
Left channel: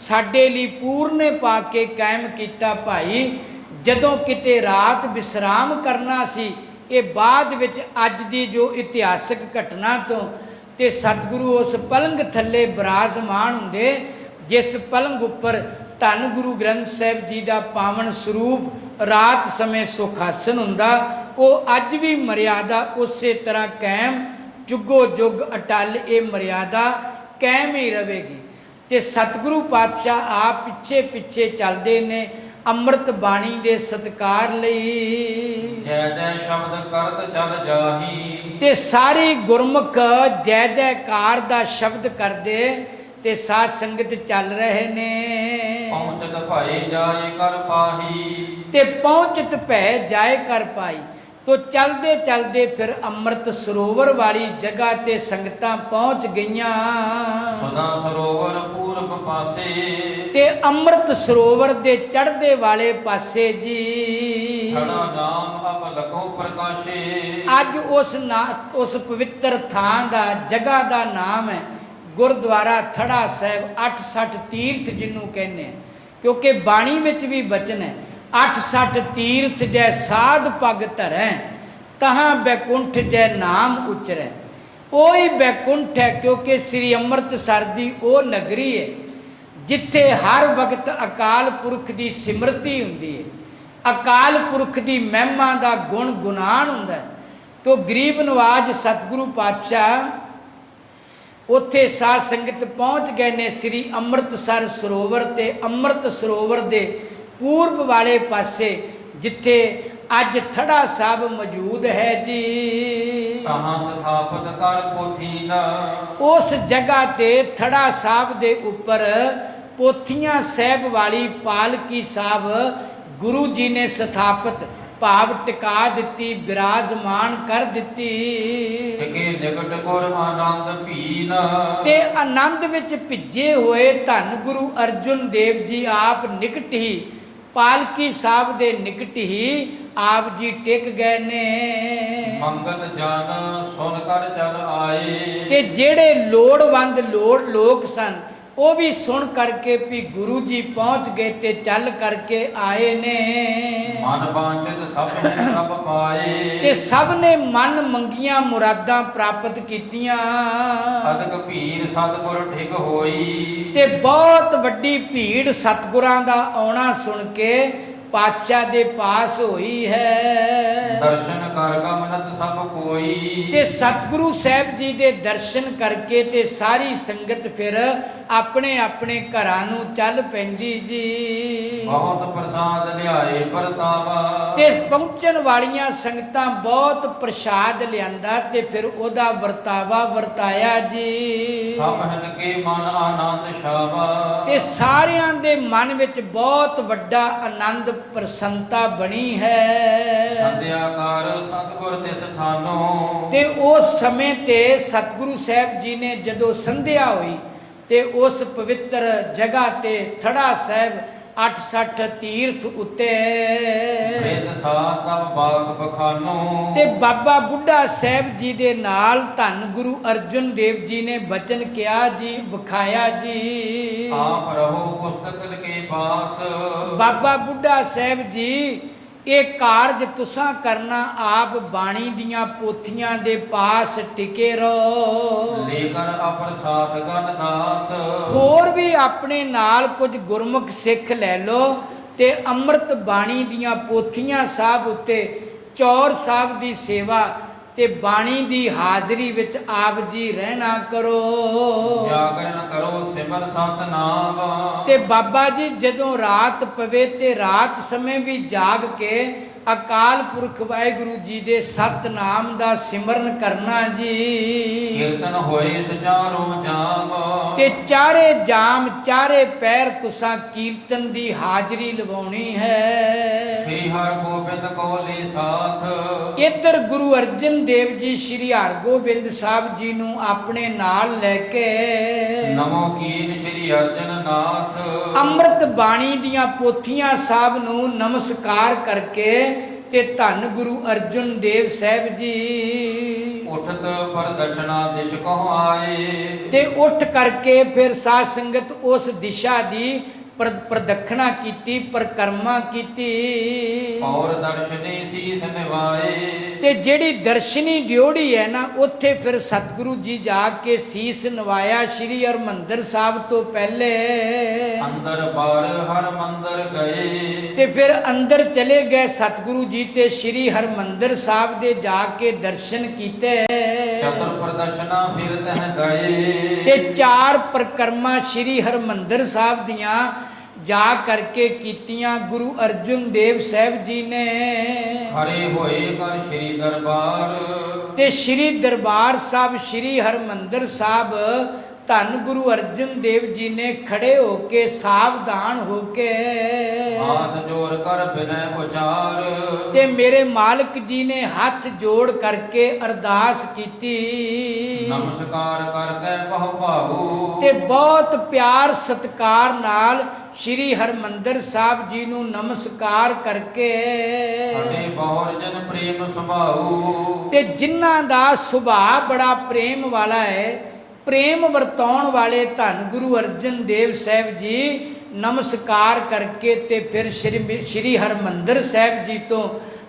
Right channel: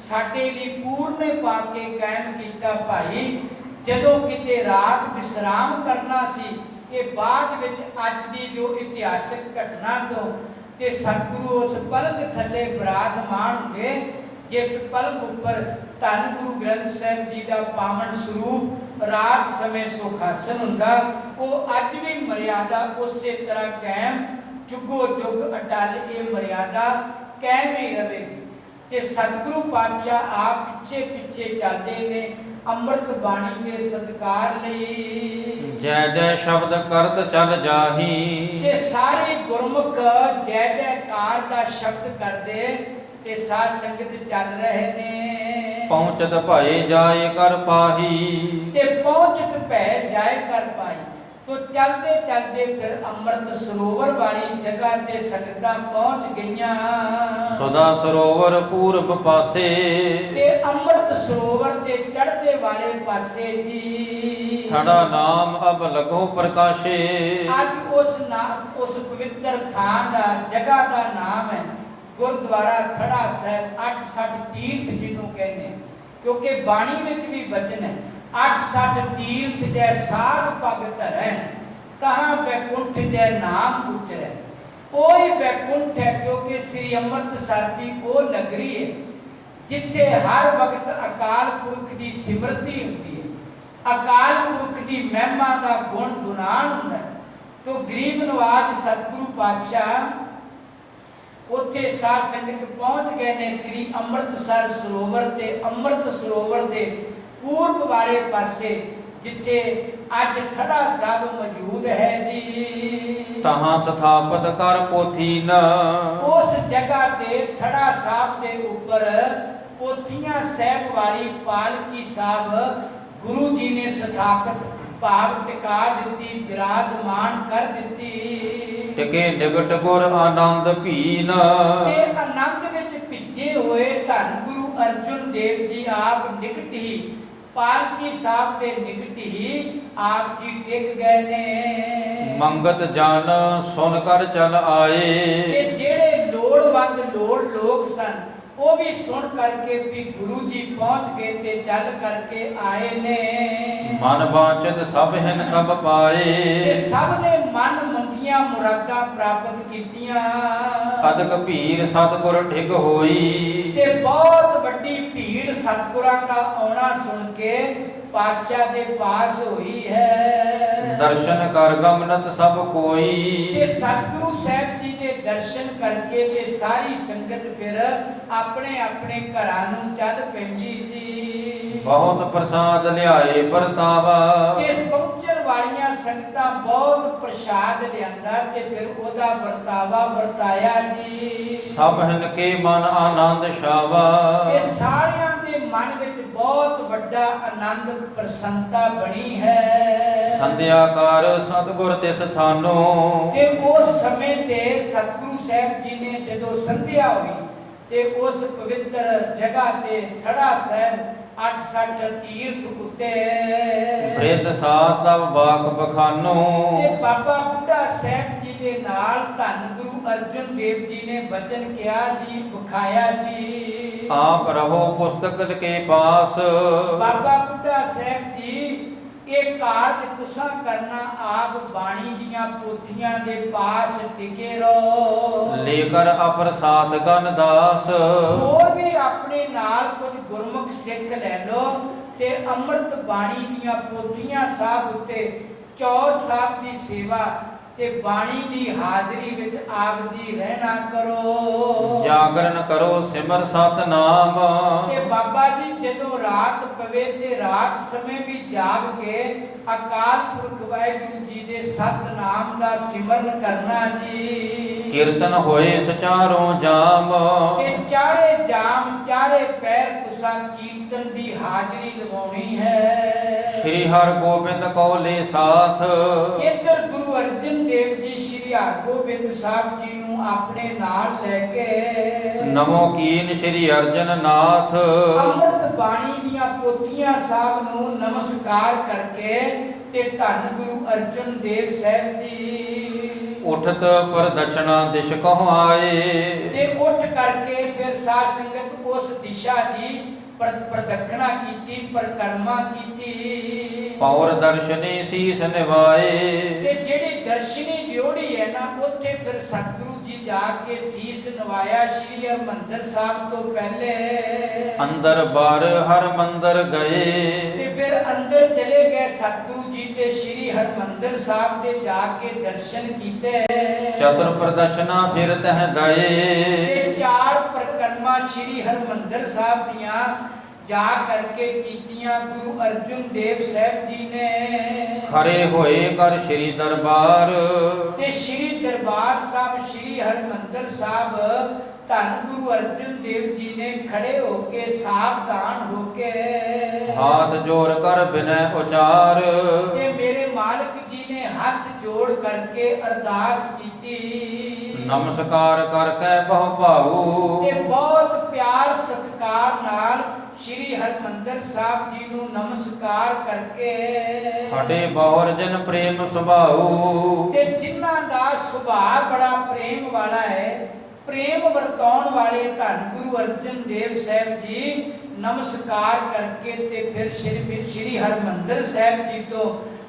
ਸਾਡੇ ਲਈ ਪੂਰਨੇ ਪਾ ਕੇ ਕਾਇਮ ਕੀਤਾ ਭਾਈ। ਜਦੋਂ ਕਿਤੇ ਰਾਤ ਵਿਸਰਾਮ ਕਰਨਾ ਸੀ, ਇਹ ਬਾਅਦ ਵਿੱਚ ਅੱਜ ਦੀ ਜੋ ਇਤਿਹਾਸਕ ਘਟਨਾ ਤੋਂ ਤੇ ਸਤਿਗੁਰੂ ਉਸ ਪਲੰਗ ਥੱਲੇ ਬਿਰਾਜਮਾਨ ਹੁੰਦੇ ਜਿਸ ਪਲੰਗ ਉੱਪਰ ਧੰਨ ਗੁਰੂ ਗ੍ਰੰਥ ਸਾਹਿਬ ਜੀ ਦਾ ਪਾਵਨ ਸਰੂਪ ਰਾਤ ਸਮੇਂ ਸੁਖਾਸਨ ਹੁੰਦਾ, ਉਹ ਅੱਜ ਵੀ ਮਰਿਆਦਾ ਉਸੇ ਤਰ੍ਹਾਂ ਕਾਇਮ ਜੁਗੋ ਜੁਗ ਅਟਲ ਇਹ ਮਰਿਆਦਾ ਕਾਇਮ ਹੀ ਰਹੇਗੀ। ਤੇ ਸਤਿਗੁਰੂ ਪਾਤਸ਼ਾਹ ਆਪ ਪਿੱਛੇ ਪਿੱਛੇ ਚੱਲਦੇ ਨੇ ਅੰਮ੍ਰਿਤ ਬਾਣੀ ਦੇ ਸਤਿਕਾਰ ਲਈ। ਜੈ ਜੈ ਸ਼ਬਦ ਕਰਤ ਚੱਲ ਜਾਹੀ, ਤੇ ਸਾਰੇ ਗੁਰਮੁਖ ਜੈ ਜੈਕਾਰ ਦਾ ਸ਼ਬਦ ਕਰਦੇ ਤੇ ਸਾਧ ਸੰਗਤ ਚੱਲ ਰਹੇ ਨੇ। ਪਹੁੰਚਤ ਭਾਏ ਜਾਏ ਕਰ ਪਾਹੀ, ਤੇ ਪਹੁੰਚਤ ਭੈ ਜਾਏ ਕਰ ਪਾਈ। ਤੋ ਚਲਦੇ ਚਲਦੇ ਫਿਰ ਅੰਮ੍ਰਿਤ ਸਰੋਵਰ ਵਾਲੀ ਜਗ੍ਹਾ ਤੇ ਸੰਗਤਾਂ ਪਹੁੰਚ ਗਈਆਂ। ਸਦਾ ਸਰੋਵਰ ਪੂਰਬ ਪਾਸੇ, ਤੇ ਅੰਮ੍ਰਿਤ ਸਰੋਵਰ ਦੇ ਚੜ੍ਹਦੇ ਵਾਲੇ ਪਾਸੇ ਜੀ ਥੜਾ ਨਾਮ ਅਬ ਲਗੋ ਪ੍ਰਕਾਸ਼ੇ। ਅੱਜ ਉਸ ਪਵਿੱਤਰ ਥਾਂ ਦਾ ਜਗ੍ਹਾ ਦਾ ਨਾਮ ਹੈ ਗੁਰਦੁਆਰਾ ਥੜਾ ਸਾਹਿਬ। 68 ਤੀਰਥ ਜਿਹਨੂੰ ਕਹਿੰਦੇ ਆ, ਕਿਉਂਕਿ ਬਾਣੀ ਵਿੱਚ ਵੀ ਬਚਨ ਹੈ 68 ਤੀਰਥ ਜੈ ਸਾਧ ਪਗ ਧਰੈ, ਤਹਾਂ ਬੈਕੁੰਠ ਜੈ ਨਾਮ ਉਚਰੈ। ਉਹੀ ਬੈਕੁੰਠ ਹੈ, ਕਿਉਂਕਿ ਸ੍ਰੀ ਅੰਮ੍ਰਿਤਸਰ ਦੀ ਉਹ ਨਗਰੀ ਹੈ ਜਿੱਥੇ ਹਰ ਵਕਤ ਅਕਾਲ ਪੁਰਖ ਦੀ ਸਿਮਰਤੀ ਹੁੰਦੀ ਹੈ, ਅਕਾਲ ਪੁਰਖ ਦੀ ਮਹਿਮਾ ਦਾ ਗੁਣ ਗੁਨਾਨ ਹੁੰਦਾ ਹੈ। ਤੋ ਗਰੀਬ ਨਵਾਜ ਸਤਿਗੁਰੂ ਪਾਤਸ਼ਾਹ ਉੱਥੇ ਸਾਧ ਸੰਗਤ ਪਹੁੰਚ ਗਏ ਨੇ ਸ੍ਰੀ ਅੰਮ੍ਰਿਤਸਰ ਸਰੋਵਰ ਤੇ। ਅੰਮ੍ਰਿਤ ਸਰੋਵਰ ਦੇ ਪੂਰਬ ਵਾਲੇ ਪਾਸੇ ਜਿੱਥੇ ਅੱਜ ਥੜਾ ਸਾਹਿਬ ਮੌਜੂਦ ਹੈ ਜੀ, ਤਹਾਂ ਸਥਾਪਤ ਕਰ ਪੋਥੀਨ। ਉਸ ਜਗ੍ਹਾ ਤੇ ਥੜਾ ਸਾਹਿਬ ਦੇ ਉੱਪਰ ਪੋਥੀਆਂ ਸਾਹਿਬ ਵਾਲੀ ਪਾਲਕੀ ਸਾਹਿਬ ਗੁਰੂ ਜੀ ਨੇ ਸਥਾਪਿਤ ਭਾਵ ਟਿਕਾ ਦਿੱਤੀ, ਬਿਰਾਜਮਾਨ ਕਰ ਦਿੱਤੀ। ਟਿਕੇ ਨਿਕਟ ਗੁਰ ਆਨੰਦ ਭੀਨ। ਤੇ ਆਨੰਦ ਵਿੱਚ ਭਿੱਜੇ ਹੋਏ ਧੰਨ ਗੁਰੂ ਅਰਜਨ ਦੇਵ ਜੀ ਆਪ ਨਿਕਟ ਹੀ, ਪਾਲਕੀ ਸਾਹਿਬ ਦੇ ਨਿਕਟ ਹੀ ਆਪ ਜੀ ਟਿਕ ਗਏ ਨੇ। ਮੰਗਤ ਜਨ ਸੁਨ ਕਰ ਚਲ ਆਏ। ਤੇ ਜਿਹੜੇ ਲੋੜਵੰਦ ਲੋਕ ਸਨ ਉਹ ਵੀ ਸੁਣ ਕਰਕੇ ਵੀ ਗੁਰੂ ਜੀ ਪਹੁੰਚ ਗਏ ਤੇ ਚੱਲ ਕਰਕੇ ਆਏ ਨੇ। ਮਨ ਵਾਂਚਿਤ ਸਭ ਹਿਨ ਸਭ ਪਾਏ। ਤੇ ਸਭ ਨੇ ਮਨ ਮੰਗੀਆਂ ਮੁਰਾਦਾਂ ਪ੍ਰਾਪਤ ਕੀਤੀਆਂ। ਅਦਕ ਭੀੜ ਸਤਿਗੁਰ ਠਿਗ ਹੋਈ। ਤੇ ਬਹੁਤ ਵੱਡੀ ਭੀੜ ਸਤਿਗੁਰਾਂ ਦਾ ਆਉਣਾ ਸੁਣ ਕੇ ਪਾਤਸ਼ਾਹ ਦੇ ਪਾਸ ਹੋਈ ਹੈ। ਦਰਸ਼ਨ ਕਰ ਗਮਨਤ ਸਭ ਕੋਈ। ਤੇ ਸਤਿਗੁਰੂ ਸਾਹਿਬ ਜੀ ਦੇ ਦਰਸ਼ਨ ਕਰਕੇ ਤੇ ਸਾਰੀ ਸੰਗਤ ਫਿਰ ਆਪਣੇ ਆਪਣੇ ਘਰਾਂ ਨੂੰ ਚੱਲ ਪੈਂਦੀ ਜੀ। ਬਹੁਤ ਪ੍ਰਸਾਦ ਲਿਆਏ ਪਰਤਾਵਾ। ਤੇ ਪਹੁੰਚਣ ਵਾਲੀਆਂ ਸੰਗਤਾਂ ਬਹੁਤ ਪ੍ਰਸ਼ਾਦ ਲਿਆਂਦਾ ਤੇ ਫਿਰ ਉਹਦਾ ਵਰਤਾਵਾ ਵਰਤਾਇਆ ਜੀ। ਸਭ ਹਿਨ ਕੇ ਮਨ ਆਨੰਦ ਛਾਵਾ। ਤੇ ਸਾਰਿਆਂ ਦੇ ਮਨ ਵਿੱਚ ਬਹੁਤ ਵੱਡਾ ਆਨੰਦ ਪ੍ਰਸੰਨਤਾ ਬਣੀ ਹੈ। ਸੰਧਿਆ ਕਰ ਸਤਿਗੁਰ ਤਿਸ ਥਾਨੋ। ਤੇ ਉਸ ਸਮੇਂ ਤੇ ਸਤਿਗੁਰੂ ਸਾਹਿਬ ਜੀ ਨੇ ਜਦੋਂ ਸੰਧਿਆ ਹੋਈ ਤੇ ਉਸ ਪਵਿੱਤਰ ਜਗ੍ਹਾ ਤੇ ਥੜਾ ਸਾਹਿਬ 68 ਤੀਰਥ ਉੱਤੇ ਬ੍ਰਿਧ ਸਾਧ ਤਬ ਬਾਗ ਬਖਾਨੋ। ਤੇ ਬਾਬਾ ਬੁੱਢਾ ਸਾਹਿਬ ਜੀ ਦੇ ਨਾਲ ਧੰਨ ਗੁਰੂ ਅਰਜਨ ਦੇਵ ਜੀ ਨੇ ਬਚਨ ਕਿਹਾ ਜੀ, ਵਿਖਾਇਆ ਜੀ। ਆਪ ਰਹੋ ਪੁਸਤਕ ਕੇ ਪਾਸ। ਬਾਬਾ ਬੁੱਢਾ ਸਾਹਿਬ ਜੀ ਇਹ ਕਾਰਜ ਤੁਸਾਂ ਕਰਨਾ, ਆਪ ਬਾਣੀ ਦੀਆਂ ਪੋਥੀਆਂ ਦੇ ਪਾਸ ਟਿਕੇ ਰਹੋ। ਲੇਕਰ ਅਪਰ ਸਾਧ ਗਨ ਦਾਸ। ਹੋਰ ਵੀ ਆਪਣੇ ਨਾਲ ਕੁਝ ਗੁਰਮੁਖ ਸਿੱਖ ਲੈ ਲਓ ਤੇ ਅੰਮ੍ਰਿਤ ਬਾਣੀ ਦੀਆਂ ਪੋਥੀਆਂ ਸਾਹਿਬ ਉੱਤੇ ਚੌਰ ਸਾਹਿਬ ਦੀ ਸੇਵਾ ਤੇ ਬਾਣੀ ਦੀ ਹਾਜ਼ਰੀ ਵਿੱਚ ਆਪ ਜੀ ਰਹਿਣਾ ਕਰੋ। ਜਾਗਰਨ ਕਰੋ ਸਿਮਰ ਸਤਨਾਮ। ਤੇ ਬਾਬਾ ਜੀ ਜਦੋਂ ਰਾਤ ਪਵੇ ਤੇ ਰਾਤ ਸਮੇਂ ਵੀ ਜਾਗ ਕੇ ਅਕਾਲ ਪੁਰਖ ਵਾਹਿਗੁਰੂ ਜੀ ਦੇ ਸਤਨਾਮ ਦਾ ਸਿਮਰਨ ਕਰਨਾ ਜੀ। ਕੀਰਤਨ ਹੋਏ ਸਚਾਰੋਂ ਜਾਮ। ਤੇ ਚਾਰੇ ਜਾਮ ਚਾਰੇ ਪੈਰ ਤੁਸਾਂ ਕੀਰਤਨ ਦੀ ਹਾਜ਼ਰੀ ਲਵਾਉਣੀ ਹੈ। ਸ੍ਰੀ ਹਰਿ ਗੋਬਿੰਦ ਕੌਲੇ ਸਾਥ। ਇੱਧਰ ਗੁਰੂ ਅਰਜਨ ਦੇਵ ਜੀ ਸ੍ਰੀ ਹਰਗੋਬਿੰਦ ਸਾਹਿਬ ਜੀ ਨੂੰ ਆਪਣੇ ਨਾਲ ਲੈ ਕੇ ਨਮੋ ਕੀਨ ਸ੍ਰੀ ਅਰਜਨ ਨਾਥ। ਅੰਮ੍ਰਿਤ ਬਾਣੀ ਦੀਆਂ ਪੋਥੀਆਂ ਸਾਹਿਬ ਨੂੰ ਨਮਸਕਾਰ ਕਰਕੇ ਤੇ ਧੰਨ ਗੁਰੂ ਅਰਜਨ ਦੇਵ ਸਾਹਿਬ ਜੀ ਉਠਤ ਪ੍ਰਦక్షਣਾ ਦਿਸ਼ ਕਹੁ ਆਏ। ਤੇ ਉੱਠ ਕਰਕੇ ਫਿਰ ਸਾਧ ਸੰਗਤ ਉਸ ਦਿਸ਼ਾ ਦੀ ਪ੍ਰਦਖਣਾ ਕੀਤੀ, ਪਰਿਕਰਮਾ ਕੀਤੀ। ਔਰ ਦਰਸ਼ਨੀ ਸੀਸ ਨਿਵਾਏ। ਤੇ ਜਿਹੜੀ ਦਰਸ਼ਨੀ ਡਿਓੜੀ ਹੈ ਨਾ ਉੱਥੇ ਫਿਰ ਸਤਿਗੁਰੂ ਜੀ ਜਾ ਕੇ ਸੀਸ ਨਵਾਇਆ। ਸ੍ਰੀ ਹਰਿਮੰਦਰ ਸਾਹਿਬ ਤੋਂ ਪਹਿਲੇ ਅੰਦਰ ਬਾਰ ਹਰ ਮੰਦਰ ਗਏ। ਤੇ ਫਿਰ ਅੰਦਰ ਚਲੇ ਗਏ ਸਤਿਗੁਰੂ ਜੀ ਤੇ ਸ੍ਰੀ ਹਰਿਮੰਦਰ ਸਾਹਿਬ ਦੇ ਜਾ ਕੇ ਦਰਸ਼ਨ ਕੀਤੇ। ਚਤੁਰ ਪ੍ਰਦਰਸ਼ਨਾ ਫਿਰ ਤਹ ਦਏ। ਤੇ ਚਾਰ ਪ੍ਰਕਰਮਾਂ ਸ੍ਰੀ ਹਰਿਮੰਦਰ ਸਾਹਿਬ ਦੀਆਂ ਜਾ ਕਰਕੇ ਕੀਤੀਆਂ ਗੁਰੂ ਅਰਜਨ ਦੇਵ ਸਾਹਿਬ ਜੀ ਨੇ। ਖੜੇ ਹੋਏ ਕਰ ਸ੍ਰੀ ਦਰਬਾਰ। ਤੇ ਸ੍ਰੀ ਦਰਬਾਰ ਸਾਹਿਬ ਸ੍ਰੀ ਹਰਿਮੰਦਰ ਸਾਹਿਬ ਧੰਨ ਗੁਰੂ ਅਰਜਨ ਦੇਵ ਜੀ ਨੇ ਖੜੇ ਹੋ ਕੇ ਸਾਵਧਾਨ ਹੋ ਕੇ ਹਾਥ ਜੋੜ ਕਰ ਬਿਨੈ ਉਚਾਰ ਤੇ ਮੇਰੇ ਮਾਲਕ ਜੀ ਨੇ ਹੱਥ ਜੋੜ ਕਰਕੇ ਅਰਦਾਸ ਕੀਤੀ। ਨਮਸਕਾਰ ਕਰਕੇ ਬਹੁ ਭਾਊ ਤੇ ਬਹੁਤ ਪਿਆਰ ਸਤਿਕਾਰ ਨਾਲ ਸ਼੍ਰੀ ਹਰਮੰਦਰ ਸਾਹਿਬ ਜੀ ਨੂੰ ਨਮਸਕਾਰ ਕਰਕੇ ਹਟੇ ਬਹੁਰ ਜਨ ਪ੍ਰੇਮ ਸੁਭਾਉ ਤੇ ਜਿਨ੍ਹਾਂ ਦਾ ਸੁਭਾਅ ਬੜਾ ਪ੍ਰੇਮ ਵਾਲਾ ਹੈ, ਪ੍ਰੇਮ ਵਰਤਾਉਣ ਵਾਲੇ ਧੰਨ ਗੁਰੂ ਅਰਜਨ ਦੇਵ ਸਾਹਿਬ ਜੀ ਨਮਸਕਾਰ ਕਰਕੇ ਤੇ ਫਿਰ ਸ਼੍ਰੀ ਹਰਮੰਦਰ ਸਾਹਿਬ ਜੀ ਤੋਂ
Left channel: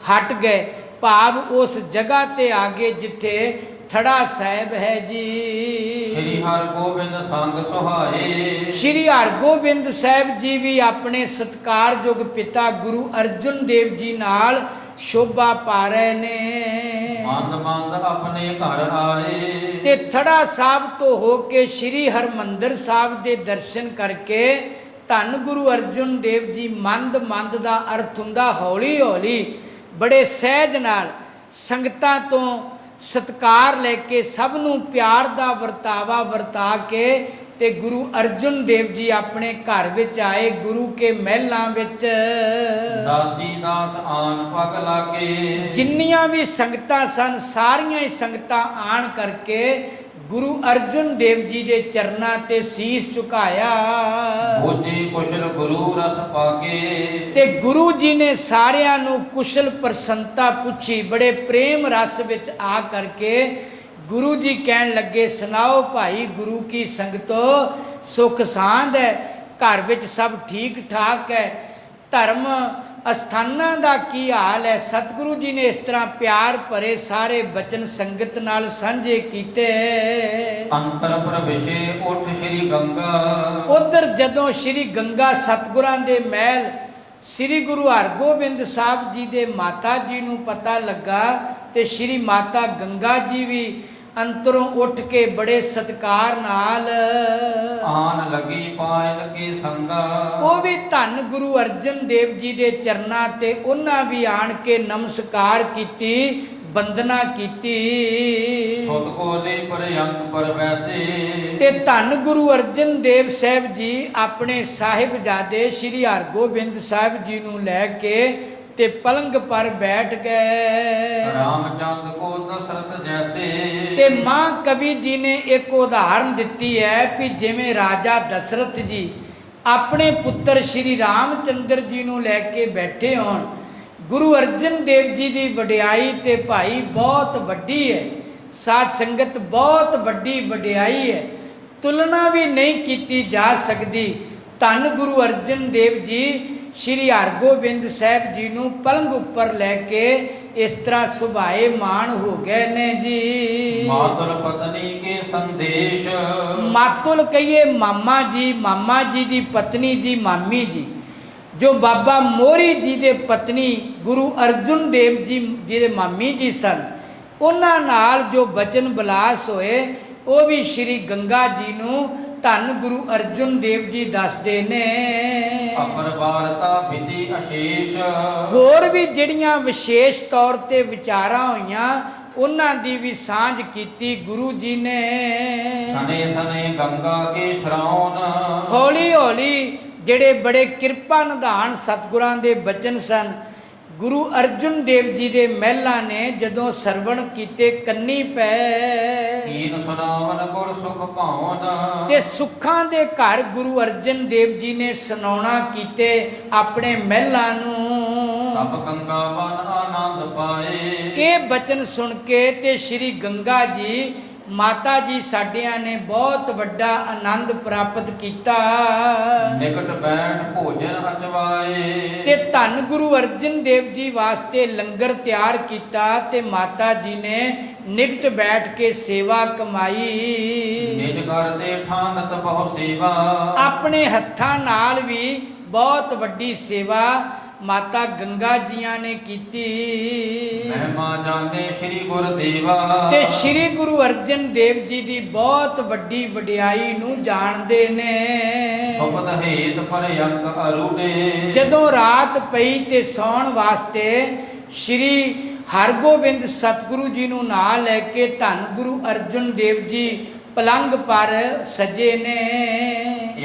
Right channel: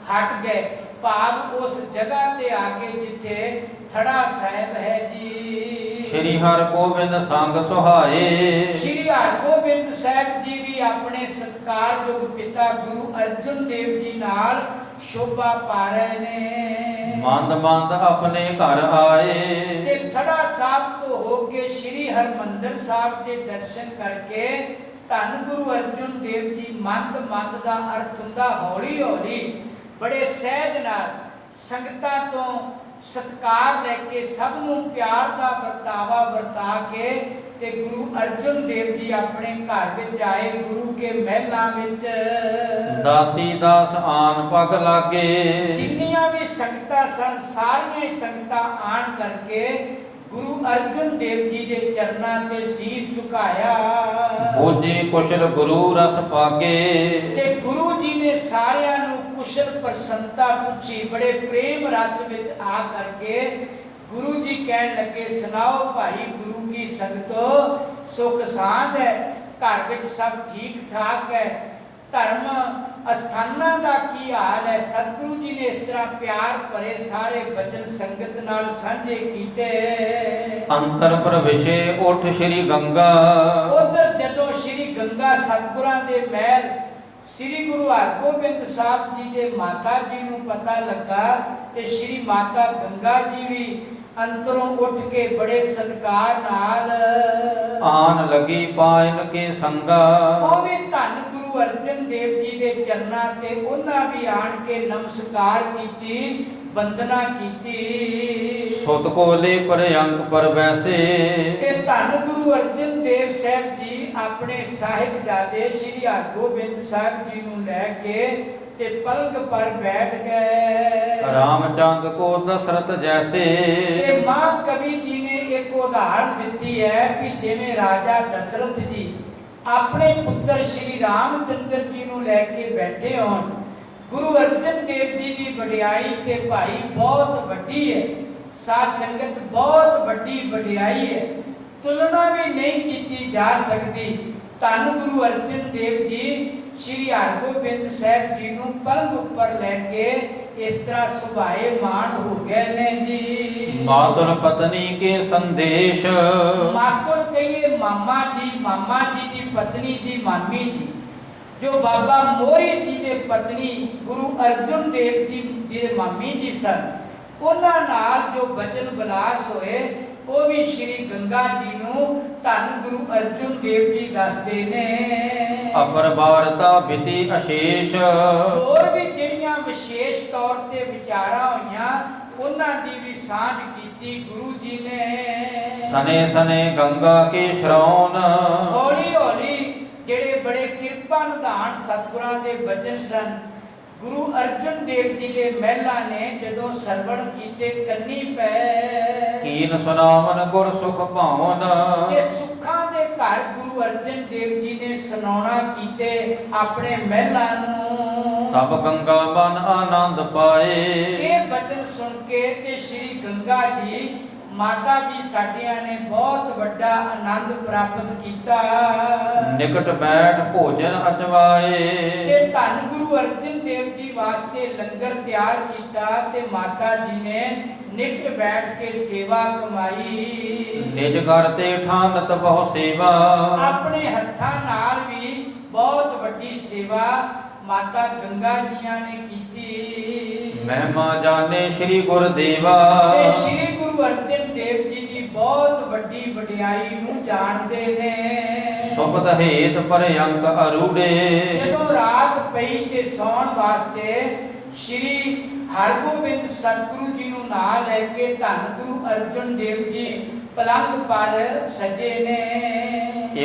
ਹਟ ਗਏ। ਭਾਵ ਉਸ ਜਗ੍ਹਾ ਤੇ ਆ ਗਏ ਜਿੱਥੇ ਥੜਾ ਸਾਹਿਬ ਹੈ ਜੀ। ਸ੍ਰੀ ਹਰਿ ਗੋਬਿੰਦ ਸੰਗ ਸੁਹਾਏ ਸ਼੍ਰੀ ਹਰਗੋਬਿੰਦ ਸਾਹਿਬ ਜੀ ਵੀ ਆਪਣੇ ਸਤਿਕਾਰਯੋਗ ਪਿਤਾ ਗੁਰੂ ਅਰਜਨ ਦੇਵ ਜੀ ਨਾਲ ਸ਼ੋਭਾ ਪਾ ਰਹੇ ਨੇ। ਮੰਦ ਮੰਦ ਆਪਣੇ ਘਰ ਆਏ ਤੇ ਥੜਾ ਸਾਹਿਬ ਤੋਂ ਹੋ ਕੇ ਸ਼੍ਰੀ ਹਰਮੰਦਰ ਸਾਹਿਬ ਦੇ ਦਰਸ਼ਨ ਕਰਕੇ ਧੰਨ ਗੁਰੂ ਅਰਜਨ ਦੇਵ ਜੀ ਮੰਦ ਮੰਦ ਦਾ ਅਰਥ ਹੁੰਦਾ ਹੌਲੀ ਹੌਲੀ ਬੜੇ ਸਹਿਜ ਨਾਲ ਸੰਗਤਾਂ ਤੋਂ ਸਤਿਕਾਰ ਲੈ ਕੇ ਸਭ ਨੂੰ ਪਿਆਰ ਦਾ ਵਰਤਾਵਾ ਵਰਤਾ ਕੇ ਤੇ ਗੁਰੂ ਅਰਜਨ ਦੇਵ ਜੀ ਆਪਣੇ ਘਰ ਵਿੱਚ ਆਏ। ਗੁਰੂ ਕੇ ਮਹਿਲਾਂ ਵਿੱਚ ਦਾਸੀ ਦਾਸ ਆਨ ਪਗ ਲਾਗੇ ਜਿੰਨੀਆਂ ਵੀ ਸੰਗਤਾਂ ਸਨ ਸਾਰੀਆਂ ਹੀ ਸੰਗਤਾਂ ਆਣ ਕਰਕੇ ਗੁਰੂ ਅਰਜਨ ਦੇਵ ਜੀ ਦੇ ਚਰਨਾਂ ਤੇ ਸੀਸ ਝੁਕਾਇਆ। ਬੋਝੇ ਕੁਸ਼ਲ ਗੁਰੂ ਰਸ ਪਾਗੇ ਤੇ ਗੁਰੂ ਜੀ ਨੇ ਸਾਰਿਆਂ ਨੂੰ ਕੁਸ਼ਲ ਪ੍ਰਸੰਨਤਾ ਪੁੱਛੀ। ਬੜੇ ਪ੍ਰੇਮ ਰਸ ਵਿੱਚ ਆ ਕਰਕੇ ਗੁਰੂ ਜੀ ਕਹਿਣ ਲੱਗੇ, ਸੁਣਾਓ ਭਾਈ ਗੁਰੂ ਕੀ ਸੰਗਤੋ, ਸੁਖ ਸਾਂਦ ਹੈ, ਘਰ ਵਿੱਚ ਸਭ ਠੀਕ ਠਾਕ ਹੈ, ਧਰਮ ਅਸਥਾਨਾਂ ਦਾ ਕੀ ਹਾਲ ਹੈ। ਸਤਿਗੁਰੂ ਜੀ ਨੇ ਇਸ ਤਰ੍ਹਾਂ ਪਿਆਰ ਭਰੇ ਸਾਰੇ ਬਚਨ ਸੰਗਤ ਨਾਲ ਸਾਂਝੇ ਕੀਤੇ। ਅੰਤਰ ਪ੍ਰਵੇਸ਼ੇ ਉਠ ਸ੍ਰੀ ਗੰਗਾ ਉਧਰ ਜਦੋਂ ਸ੍ਰੀ ਗੰਗਾ ਸਤਿਗੁਰਾਂ ਦੇ ਮਹਿਲ ਸ੍ਰੀ ਗੁਰੂ ਹਰਗੋਬਿੰਦ ਸਾਹਿਬ ਜੀ ਦੇ ਮਾਤਾ ਜੀ ਨੂੰ ਪਤਾ ਲੱਗਾ ਤੇ ਸ੍ਰੀ ਮਾਤਾ ਗੰਗਾ ਜੀ ਵੀ ਅੰਤਰੋਂ ਉੱਠ ਕੇ ਬੜੇ ਸਤਿਕਾਰ ਨਾਲ ਆਨ ਲਗੀ ਪਾਇਲ ਕੇ ਸੰਗਾ ਉਹ ਵੀ ਧੰਨ ਗੁਰੂ ਅਰਜਨ ਦੇਵ ਜੀ ਦੇ ਚਰਨਾਂ ਤੇ ਉਹਨਾਂ ਵੀ ਆਣ ਕੇ ਨਮਸਕਾਰ ਕੀਤੀ, ਵੰਦਨਾ ਕੀਤੀ। ਸੁਤ ਕੋਲੇ ਪਰਯੰਕ ਪਰ ਵੈਸੇ ਤੇ ਧੰਨ ਗੁਰੂ ਅਰਜਨ ਦੇਵ ਸਾਹਿਬ ਜੀ ਆਪਣੇ ਸਾਹਿਬਜ਼ਾਦੇ ਸ੍ਰੀ ਹਰਗੋਬਿੰਦ ਸਾਹਿਬ ਜੀ ਨੂੰ ਲੈ ਕੇ ਤੇ ਪਲੰਗ ਪਰ ਬੈਠ ਗਏ। ਰਾਮਚੰਦ ਕੋ ਦਸ਼ਰਥ ਜੈਸੇ ਤੇ ਮਾਂ ਕਵੀ ਜੀ ਨੇ ਇੱਕ ਉਦਾਹਰਨ ਦਿੱਤੀ ਹੈ ਕਿ ਜਿਵੇਂ ਰਾਜਾ ਦਸ਼ਰਥ ਜੀ ਆਪਣੇ ਪੁੱਤਰ ਸ਼੍ਰੀ ਰਾਮਚੰਦਰ ਜੀ ਨੂੰ ਲੈ ਕੇ ਬੈਠੇ ਹੋਣ। ਗੁਰੂ ਅਰਜਨ ਦੇਵ ਜੀ ਦੀ ਵਡਿਆਈ ਤੇ ਭਾਈ ਬਹੁਤ ਵੱਡੀ ਹੈ, ਸਾਧ ਸੰਗਤ ਬਹੁਤ ਵੱਡੀ ਵਡਿਆਈ ਹੈ, ਤੁਲਨਾ ਵੀ ਨਹੀਂ ਕੀਤੀ ਜਾ ਸਕਦੀ। ਧੰਨ ਗੁਰੂ ਅਰਜਨ ਦੇਵ ਜੀ ਸ਼੍ਰੀ ਹਰਗੋਬਿੰਦ ਸਾਹਿਬ ਜੀ ਨੂੰ ਪਲੰਗ ਉੱਪਰ ਲੈ ਕੇ ਇਸ ਤਰ੍ਹਾਂ ਸੁਭਾਏ ਮਾਣ ਹੋ ਗਏ ਨੇ ਜੀ। ਮਾਤਰ ਪਤਨੀ ਕੇ ਸੰਦੇਸ਼ ਮਾਤੁਲ ਕਹੀਏ ਮਾਮਾ ਜੀ ਦੀ ਪਤਨੀ ਜੀ, ਮਾਮੀ ਜੀ, ਜੋ ਬਾਬਾ ਮੋਹਰੀ ਜੀ ਦੇ ਪਤਨੀ ਗੁਰੂ ਅਰਜਨ ਦੇਵ ਜੀ ਦੇ ਮਾਮੀ ਜੀ ਸਨ, ਉਹਨਾਂ ਨਾਲ ਜੋ ਬਚਨ ਬਿਲਾਸ ਹੋਏ ਉਹ ਵੀ ਸ਼੍ਰੀ ਗੰਗਾ ਜੀ ਨੂੰ ਧੰਨ ਗੁਰੂ ਅਰਜਨ ਦੇਵ ਜੀ ਦੱਸਦੇ ਨੇ। ਅਪਰਬਾਰਤਾ ਬਿਤੀ ਅਸ਼ੇਸ਼ ਹੋਰ ਵੀ ਜਿਹੜੀਆਂ ਵਿਸ਼ੇਸ਼ ਤੌਰ ਤੇ ਵਿਚਾਰਾਂ ਹੋਈਆਂ ਉਹਨਾਂ ਦੀ ਵੀ ਸਾਂਝ ਕੀਤੀ ਗੁਰੂ ਜੀ ਨੇ। ਸਨੇ ਸਨੇ ਗੰਗਾ ਕੇ ਸ਼ਰਾਉਨ ਹੌਲੀ ਹੌਲੀ ਜਿਹੜੇ ਬੜੇ ਕਿਰਪਾ ਨਿਧਾਨ ਸਤਿਗੁਰਾਂ ਦੇ ਬਚਨ ਸਨ, ਗੁਰੂ ਅਰਜਨ ਦੇਵ ਜੀ ਦੇ ਮਹਿਲਾਂ ਨੇ ਜਦੋਂ ਸਰਵਣ ਕੀਤੇ ਕੰਨੀ ਪੈ। ਕੀਨ ਸੁਨਾਵਨ ਗੁਰ ਸੁਖ ਭਾਵਨ ਤੇ ਸੁੱਖਾਂ ਦੇ ਘਰ ਗੁਰੂ ਅਰਜਨ ਦੇਵ ਜੀ ਨੇ ਸੁਣਾਉਣਾ ਕੀਤੇ ਆਪਣੇ ਮਹਿਲਾਂ ਨੂੰ। ਤਬ ਗੰਗਾ ਬਨ ਆਨੰਦ ਪਾਏ ਇਹ ਬਚਨ ਸੁਣ ਕੇ ਤੇ ਸ਼੍ਰੀ ਗੰਗਾ ਜੀ ਮਾਤਾ ਜੀ ਸਾਡਿਆਂ ਨੇ ਬਹੁਤ ਵੱਡਾ ਆਨੰਦ ਪ੍ਰਾਪਤ ਕੀਤਾ। ਨਿਕਟ ਬੈਠ ਭੋਜਨ ਅਜਵਾਏ ਤੇ ਧੰਨ ਗੁਰੂ ਅਰਜਨ ਦੇਵ ਜੀ ਵਾਸਤੇ ਲੰਗਰ ਤਿਆਰ ਕੀਤਾ ਤੇ ਮਾਤਾ ਜੀ ਨੇ ਨਿਕਟ ਬੈਠ ਕੇ ਸੇਵਾ ਕਮਾਈ। ਨਿਜ ਘਰ ਤੇ ਠਾਨਤ ਬਹੁ ਸੇਵਾ ਆਪਣੇ ਹੱਥਾਂ ਨਾਲ ਵੀ ਬਹੁਤ ਵੱਡੀ ਸੇਵਾ ਮਾਤਾ ਗੰਗਾ ਜੀਆਂ ਨੇ ਕੀਤੀ। ਮਹਿਮਾ ਜਾਣੇ ਸ੍ਰੀ ਗੁਰਦੇਵਾ ਤੇ ਸ੍ਰੀ ਗੁਰੂ ਅਰਜਨ ਦੇਵ ਜੀ ਦੀ ਬਹੁਤ ਵੱਡੀ ਵਡਿਆਈ ਨੂੰ ਜਾਣਦੇ ਨੇ। ਸੁਪਤ ਹੇਤ ਪਰਯੰਕ ਅਰੂੜੇ ਜਦੋਂ ਰਾਤ ਪਈ ਤੇ ਸੌਣ ਵਾਸਤੇ ਸ੍ਰੀ ਹਰਗੋਬਿੰਦ ਸਤਿਗੁਰੂ ਜੀ ਨੂੰ ਨਾਲ ਲੈ ਕੇ ਧੰਨ ਗੁਰੂ ਅਰਜਨ ਦੇਵ ਜੀ ਪਲੰਗ ਪਰ ਸਜੇ ਨੇ।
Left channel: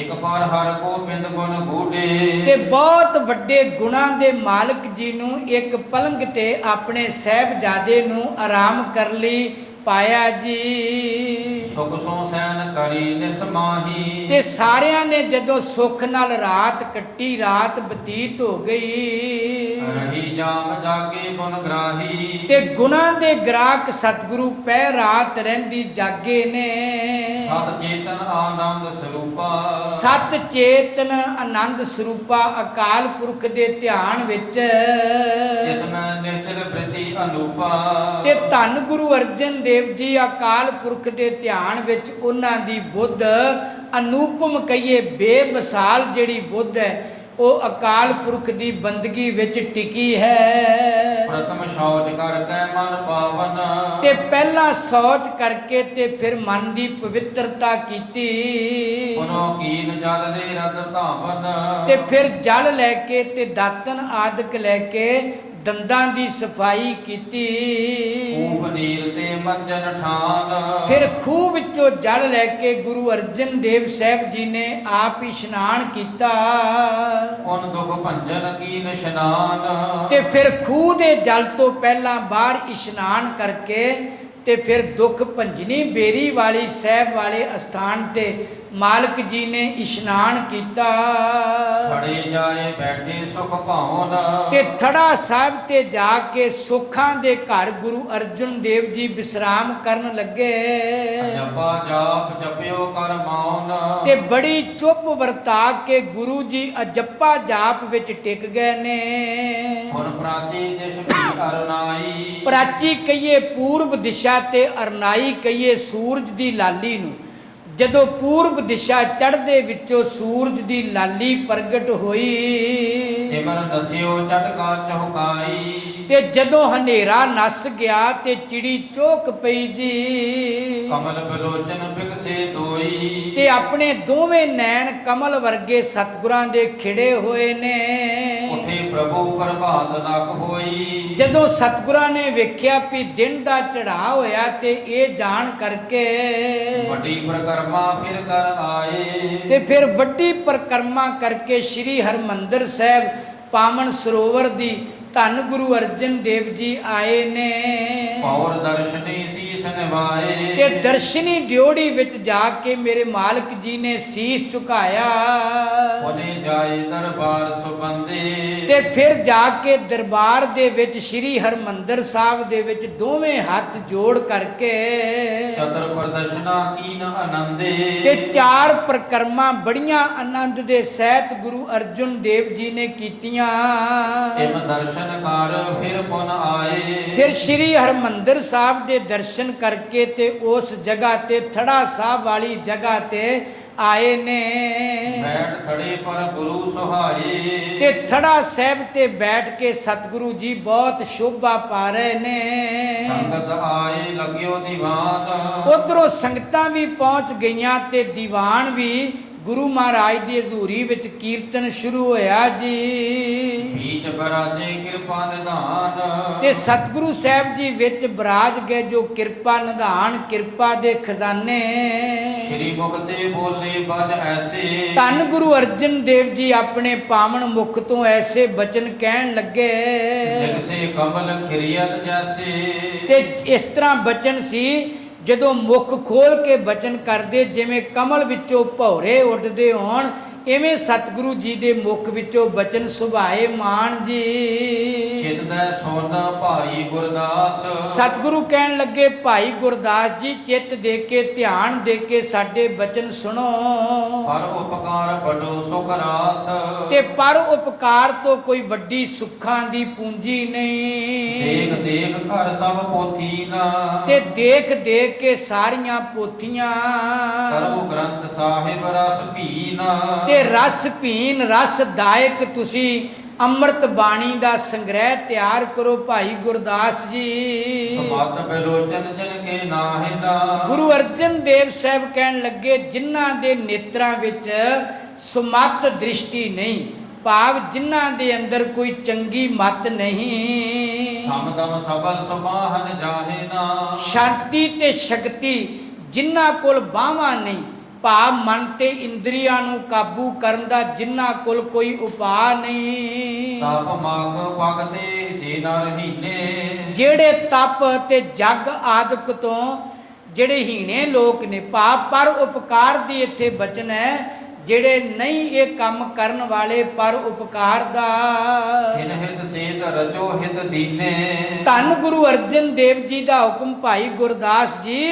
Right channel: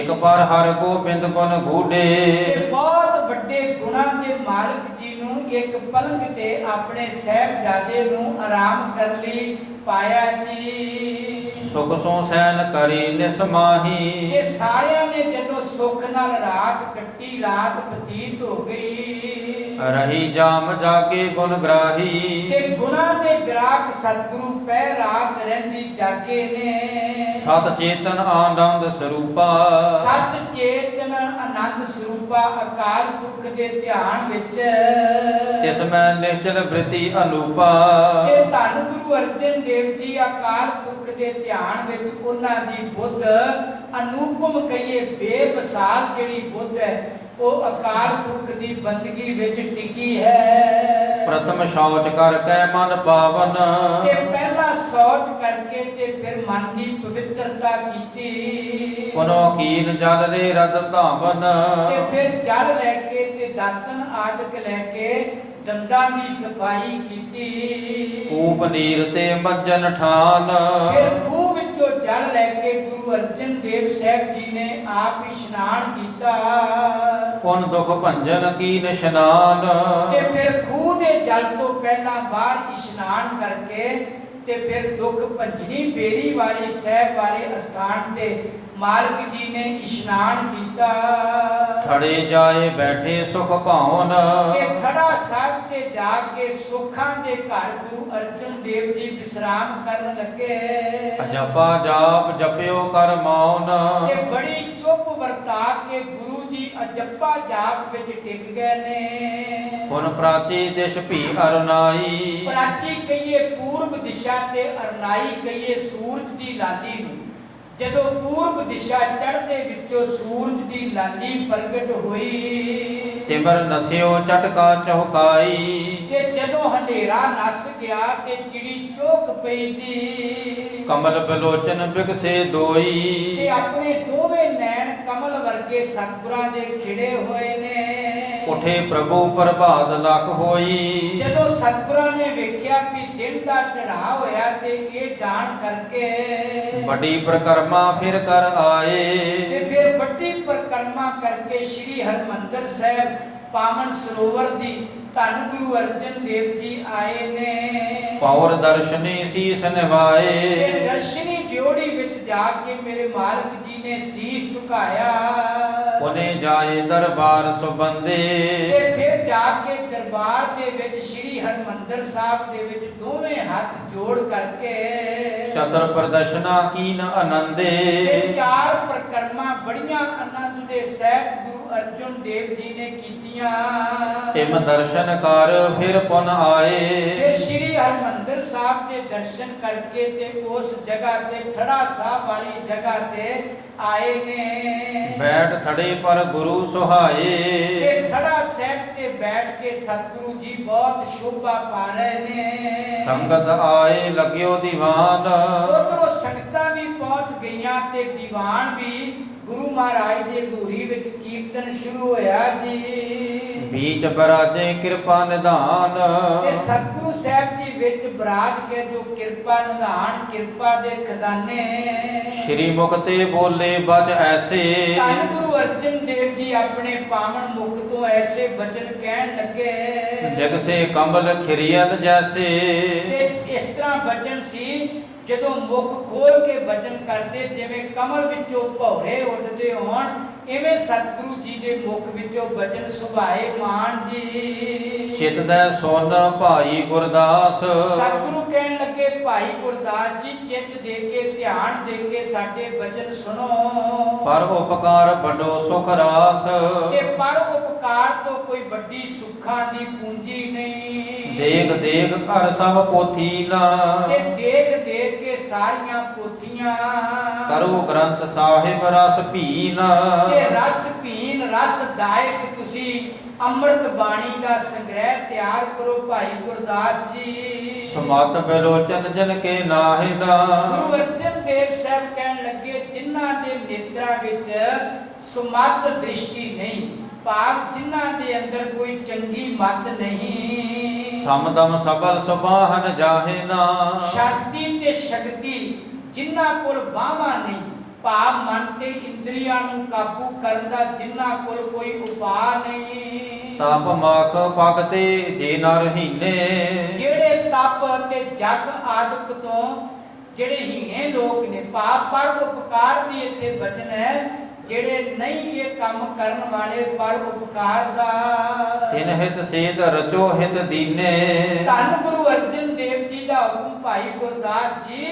ਇਕ ਪਰ ਹਰ ਗੋਬਿੰਦ ਗੁਣ ਤੇ ਗੂੜੇ, ਬਹੁਤ ਵੱਡੇ ਗੁਣਾਂ ਦੇ ਮਾਲਕ ਜੀ ਨੂੰ ਇੱਕ ਪਲੰਗ ਤੇ ਆਪਣੇ ਸਾਹਿਬਜ਼ਾਦੇ ਨੂੰ ਆਰਾਮ ਕਰ ਲਈ ਪਾਇਆ ਜੀ। ਸੁਖ ਸੋ ਸੈਨ ਕਰੀ ਨਿਸਮਾਹੀ, ਤੇ ਸਾਰਿਆਂ ਨੇ ਜਦੋਂ ਸੁੱਖ ਨਾਲ ਰਾਤ ਕੱਟੀ, ਰਾਤ ਬਤੀਤ ਹੋ ਗਈ, ਰਹੀ ਜਾਮ ਜਾਗੇ ਗੁਣ ਗ੍ਰਾਹੀ। ਤੇ ਗੁਣਾਂ ਦੇ ਗ੍ਰਾਹਕ ਸਤਿਗੁਰੂ ਪੈ ਰਾਤ ਰਹਿੰਦੀ ਜਾਗੇ ਨੇ। ਸਤ ਚੇਤਨ ਆਨੰਦ ਸਰੂਪਾ, ਸਤ ਚੇਤਨ ਆਨੰਦ ਸਰੂਪਾ ਅਕਾਲ ਪੁਰਖ ਦੇ ਧਿਆਨ ਵਿੱਚ ਇਸ ਮੈਂ ਨਿਸ਼ਚਲ ਬ੍ਰਿਤੀ ਅਨੂਪਾ। ਤੇ ਧੰਨ ਗੁਰੂ ਅਰਜਨ ਦੇਵ ਜੀ ਅਕਾਲ ਪੁਰਖ ਦੇ ਧਿਆਨ ਵਿੱਚ ਉਹਨਾਂ ਦੀ ਬੁੱਧ ਅਨੂਪਮ ਕਹੀਏ ਬੇਮਿਸਾਲ ਜਿਹੜੀ ਬੁੱਧ ਹੈ ਉਹ ਅਕਾਲ ਪੁਰਖ ਦੀ ਬੰਦਗੀ ਵਿੱਚ ਟਿਕੀ ਹੈ। ਪ੍ਰਥਮ ਸ਼ੌਚ ਕਰਕੇ ਮਨ ਪਾਵਨ, ਤੇ ਪਹਿਲਾਂ ਸੌਚ ਕਰਕੇ ਤੇ ਫਿਰ ਮਨ ਦੀ ਪਵਿੱਤਰਤਾ ਕੀਤੀ। ਪੁਨੋ ਕੀਨ ਜਲ ਦੇ ਰਤ ਧਾਵਨ, ਤੇ ਫਿਰ ਜਲ ਲੈ ਕੇ ਤੇ ਦਾਤਨ ਆਦਿਕ ਲੈ ਕੇ ਦੰਦਾਂ ਦੀ ਸਫਾਈ ਕੀਤੀ। ਊਪ ਨੀਰ ਤੇ ਮੱਜਨ ਠਾਨ, ਫਿਰ ਖੂਹ ਵਿੱਚੋਂ ਜਲ ਲੈ ਕੇ ਗੁਰੂ ਅਰਜਨ ਦੇਵ ਸਾਹਿਬ ਜੀ ਨੇ ਆਪ ਇਸ਼ਨਾਨ ਕੀਤਾ। ਪੁਨ ਦੁਖ ਭੰਜਨ ਕੀਨ ਇਸ਼ਨਾਨ, ਤੇ ਫਿਰ ਖੂਹ ਦੇ ਜਲ ਤੋਂ ਪਹਿਲਾਂ ਬਾਹਰ ਇਸ਼ਨਾਨ ਕਰਕੇ ਤੇ ਫਿਰ ਦੁੱਖ ਭੰਜਨੀ ਬੇਰੀ ਵਾਲੀ ਸਾਹਿਬ ਵਾਲੇ ਅਸਥਾਨ ਤੇ ਮਾਲਕ ਜੀ ਨੇ ਇਸ਼ਨਾਨ ਕੀਤਾ। ਥੜੇ ਜਾਏ ਬੈਠੇ ਸੁਖ ਭਾਵਨ, ਤੇ ਥੜਾ ਸਾਹਿਬ ਤੇ ਜਾ ਕੇ ਸੁੱਖਾਂ ਦੇ ਘਰ ਗੁਰੂ ਅਰਜਨ ਦੇਵ ਜੀ ਵਿਸਰਾਮ ਕਰਨ ਲੱਗੇ। ਜਪਾ ਜਾਪ ਜਪਿਓ ਕਰ ਮੌਨ, ਤੇ ਬੜੀ ਚੁੱਪ ਵਰਤਾ ਕੇ ਗੁਰੂ ਜੀ ਅਜੱਪਾ ਜਾਪ ਵਿੱਚ ਟਿਕ ਗਏ ਨੇ। ਪੁਨ ਪ੍ਰਾਚੀ ਦਿਸ਼ ਭੀ ਅਰਨਾਈ, ਪ੍ਰਾਚੀ ਕਹੀਏ ਪੂਰਬ ਦਿਸ਼ਾ ਤੇ ਅਰਨਾਈ ਕਹੀਏ ਸੂਰਜ ਦੀ ਲਾਲੀ ਨੂੰ। ਜਦੋਂ ਪੂਰਬ ਦਿਸ਼ਾ ਚੜ੍ਹਦੇ ਵਿੱਚੋਂ ਸੂਰਜ ਦੀ ਲਾਲੀ ਪ੍ਰਗਟ ਹੋਈ, ਤਿਮਰ ਨਸਿਓ ਚਟਕਾ ਚੌਕਾਈ। ਤੇ ਜਦੋਂ ਹਨੇਰਾ ਨਸ ਗਿਆ ਤੇ ਚਿੜੀ ਚੋਕ ਪਈ ਜੀ। ਕਮਲ ਬਿਲੋਚਨ ਬਿਗਸੇ ਦੋਈ, ਤੇ ਆਪਣੇ ਦੋਵੇਂ ਨੈਣ ਕਮਲ ਵਰਗੇ ਸਤਿਗੁਰਾਂ ਦੇ ਖਿੜੇ ਹੋਏ ਨੇ। ਉਠੇ ਪ੍ਰਭੂ ਪ੍ਰਭਾਤ ਲਖ ਹੋਈ। ਜਦੋਂ ਸਤਿਗੁਰਾਂ ਨੇ ਵੇਖਿਆ ਵੀ ਦਿਨ ਦਾ ਚੜ੍ਹਾਅ ਹੋਇਆ ਤੇ ਇਹ ਜਾਣ ਕਰਕੇ ਵੱਡੀ ਪ੍ਰਕਰਮਾ ਫਿਰ ਕਰ ਆਏ। ਤੇ ਫਿਰ ਵੱਡੀ ਪਰਿਕਰਮਾ ਕਰਕੇ ਸ੍ਰੀ ਹਰਿਮੰਦਰ ਸਾਹਿਬ ਪਾਵਨ ਸਰੋਵਰ ਦੀ ਧੰਨ ਗੁਰੂ ਅਰਜਨ ਦੇਵ ਜੀ ਆਏ ਨੇ। ਪੌਰ ਦਰਸ਼ਨੀ ਸੀਸ ਨਿਵਾਏ, ਤੇ ਦਰਸ਼ਨੀ ਡਿਓੜੀ ਵਿੱਚ ਜਾ ਕੇ ਮੇਰੇ ਮਾਲਕ ਜੀ ਨੇ ਸੀਸ ਝੁਕਾਇਆ। ਉਹਨੇ ਜਾਏ ਦਰਬਾਰ ਸੁਬੰਦੇ, ਤੇ ਫਿਰ ਜਾ ਕੇ ਦਰਬਾਰ ਦੇ ਵਿੱਚ ਸ੍ਰੀ ਹਰਿਮੰਦਰ ਸਾਹਿਬ ਦੇ ਵਿੱਚ ਦੋਵੇਂ ਹੱਥ ਜੋੜ ਕਰਕੇ ਸ਼ਤਰ ਪ੍ਰਦਰਸ਼ਨਾ ਕੀਨ ਆਨੰਦੇ। ਤੇ ਚਾਰ ਪ੍ਰਕਰਮਾਂ ਬੜੀਆਂ ਆਨੰਦ ਦੇ ਸਹਿਤ ਗੁਰੂ ਅਰਜਨ ਦੇਵ ਜੀ ਨੇ ਕੀਤੀਆਂ। ਇਮ ਦਰਸ਼ਨ ਕਰ ਫਿਰ ਪੁਨ ਆਏ। ਫਿਰ ਸ੍ਰੀ ਹਰਿਮੰਦਰ ਸਾਹਿਬ ਦੇ ਦਰਸ਼ਨ ਕਰਕੇ ਤੇ ਉਸ ਜਗ੍ਹਾ ਤੇ ਥੜਾ ਸਾਹਿਬ ਵਾਲੀ ਜਗ੍ਹਾ ਤੇ ਆਏ ਨੇ। ਬੈਠ ਥੜੇ ਪਰ ਗੁਰੂ ਸੁਹਾਏ, ਤੇ ਥੜਾ ਸਾਹਿਬ ਤੇ ਬੈਠ ਕੇ ਸਤਿਗੁਰੂ ਜੀ ਬਹੁਤ ਸ਼ੋਭਾ ਪਾ ਰਹੇ ਨੇ। ਸੰਗਤ ਆਏ ਲੱਗਿਓ ਦੀਵਾਨ, ਉਧਰੋਂ ਸੰਗਤਾਂ ਵੀ ਪਹੁੰਚ ਗਈਆਂ ਤੇ ਦੀਵਾਨ ਵੀ ਗੁਰੂ ਮਹਾਰਾਜ ਦੀ ਹਜ਼ੂਰੀ ਵਿੱਚ ਕੀਰਤਨ ਸ਼ੁਰੂ ਹੋਇਆ ਜੀ। ਬੀਚ ਬਰਾਜੇ ਕਿਰਪਾ ਨਿਧਾਨ, ਤੇ ਸਤਿਗੁਰੂ ਸਾਹਿਬ ਜੀ ਵਿੱਚ ਬਰਾਜ ਗਏ ਜੋ ਕਿਰਪਾ ਨਿਧਾਨ ਕਿਰਪਾ ਦੇ ਖਜ਼ਾਨੇ। ਸ਼੍ਰੀ ਮੁਖ ਤੇ ਬੋਲੇ ਬਚ ਐਸੇ, ਧੰਨ ਗੁਰੂ ਅਰਜਨ ਦੇਵ ਜੀ ਆਪਣੇ ਪਾਵਨ ਮੁਖ ਤੋਂ ਐਸੇ ਬਚਨ ਕਹਿਣ ਲੱਗੇ ਨਿਕਸੇ ਕਮਲ ਖਿਰਿਯਨ ਜੈਸੇ। ਤੇ ਇਸ ਤਰ੍ਹਾਂ ਬਚਨ ਸੀ ਜਦੋਂ ਮੁਖ ਖੋਲ ਕੇ ਬਚਨ ਕਰਦੇ ਜਿਵੇਂ ਕਮਲ ਵਿੱਚੋਂ ਭੌਰੇ ਉੱਡਦੇ ਹੋਣ, ਇਵੇਂ ਸਤਿਗੁਰੂ ਜੀ ਦੇ ਮੁਖ ਵਿੱਚੋਂ ਬਚਨ ਸੁਭਾਏ ਮਾਨ ਜੀ। ਚਿਤਦੈ ਸੁਨ ਭਾਈ ਗੁਰਦਾਸ, ਸਤਿਗੁਰੂ ਕਹਿਣ ਲੱਗੇ ਭਾਈ ਗੁਰਦਾਸ ਜੀ ਚਿੱਤ ਦੇ ਕੇ ਧਿਆਨ ਦੇ ਕੇ ਸਾਡੇ ਬਚਨ ਸੁਣੋ। ਪਰ ਉਪਕਾਰ ਵੱਡੋ ਸੁਖ ਰਾਸ, ਤੇ ਪਰ ਉਪਕਾਰ ਤੋਂ ਕੋਈ ਵੱਡੀ ਸੁੱਖਾਂ ਦੀ ਪੂੰਜੀ ਨਹੀਂ। ਦੇਖ ਦੇਖ ਘਰ ਸਭ ਪੋਥੀ ਨਾ, ਤੇ ਦੇਖ ਦੇਖ ਕੇ ਸਾਰੀਆਂ ਪੋਥੀਆਂ ਕਰੋ ਗ੍ਰੰਥ ਸਾਹਿਬ ਰਸ ਭੀਨਾ। ਤੇ ਰਸ ਭੀਨ ਰਸ ਦਾਇਕ ਤੁਸੀਂ ਅੰਮ੍ਰਿਤ ਬਾਣੀ ਦਾ ਸੰਗ੍ਰਹਿ ਤਿਆਰ ਕਰੋ ਭਾਈ ਗੁਰਦਾਸ ਜੀ। ਸੁਮਤ ਬਿਲੋਚਨ ਜਨ ਕੇ ਨਾਹਿ ਨਾ, ਗੁਰੂ ਅਰਜਨ ਦੇਵ ਸਾਹਿਬ ਕਹਿਣ ਲੱਗੇ ਜਿਨ੍ਹਾਂ ਦੇ ਨੇਤਰਾਂ ਵਿੱਚ ਸੁਮਤ ਦ੍ਰਿਸ਼ਟੀ ਨਹੀਂ, ਭਾਵ ਜਿਨ੍ਹਾਂ ਦੇ ਅੰਦਰ ਕੋਈ ਚੰਗੀ ਮਤ ਨਹੀਂ। ਸਮਦਮ ਸਬਲ ਸੁਬਾਹਨ ਜਾਹੇ ਨਾ, ਸ਼ਾਂਤੀ ਤੇ ਸ਼ਕਤੀ ਜਿਨ੍ਹਾਂ ਕੋਲ ਬਾਹਾਂ ਨਹੀਂ, ਭਾਵ ਮਨ ਤੇ ਇੰਦਰੀਆਂ ਨੂੰ ਕਾਬੂ ਕਰਨ ਦਾ ਜਿਨ੍ਹਾਂ ਕੋਲ ਕੋਈ ਉਪਾਅ ਨਹੀਂ। ਤਪ ਮਖ ਭਗਤੇ ਜੇ ਨਰ ਹੀਨੇ, ਜਿਹੜੇ ਤਪ ਤੇ ਜਗ ਆਦਿਕ ਤੋਂ ਜਿਹੜੇ ਹੀਣੇ ਲੋਕ ਨੇ, ਭਾਵ ਪਰ ਉਪਕਾਰ ਦੀ ਇੱਥੇ ਬਚਨ ਹੈ, ਜਿਹੜੇ ਨਹੀਂ ਇਹ ਕੰਮ ਕਰਨ ਵਾਲੇ ਪਰ ਉਪਕਾਰ ਦਾ। ਤਿਨ ਹਿਤ ਸੇਤ ਰਚੋ ਹਿਤ ਦੀਨੇ, ਧੰਨ ਗੁਰੂ ਅਰਜਨ ਦੇਵ ਜੀ ਦਾ ਹੁਕਮ ਭਾਈ ਗੁਰਦਾਸ ਜੀ,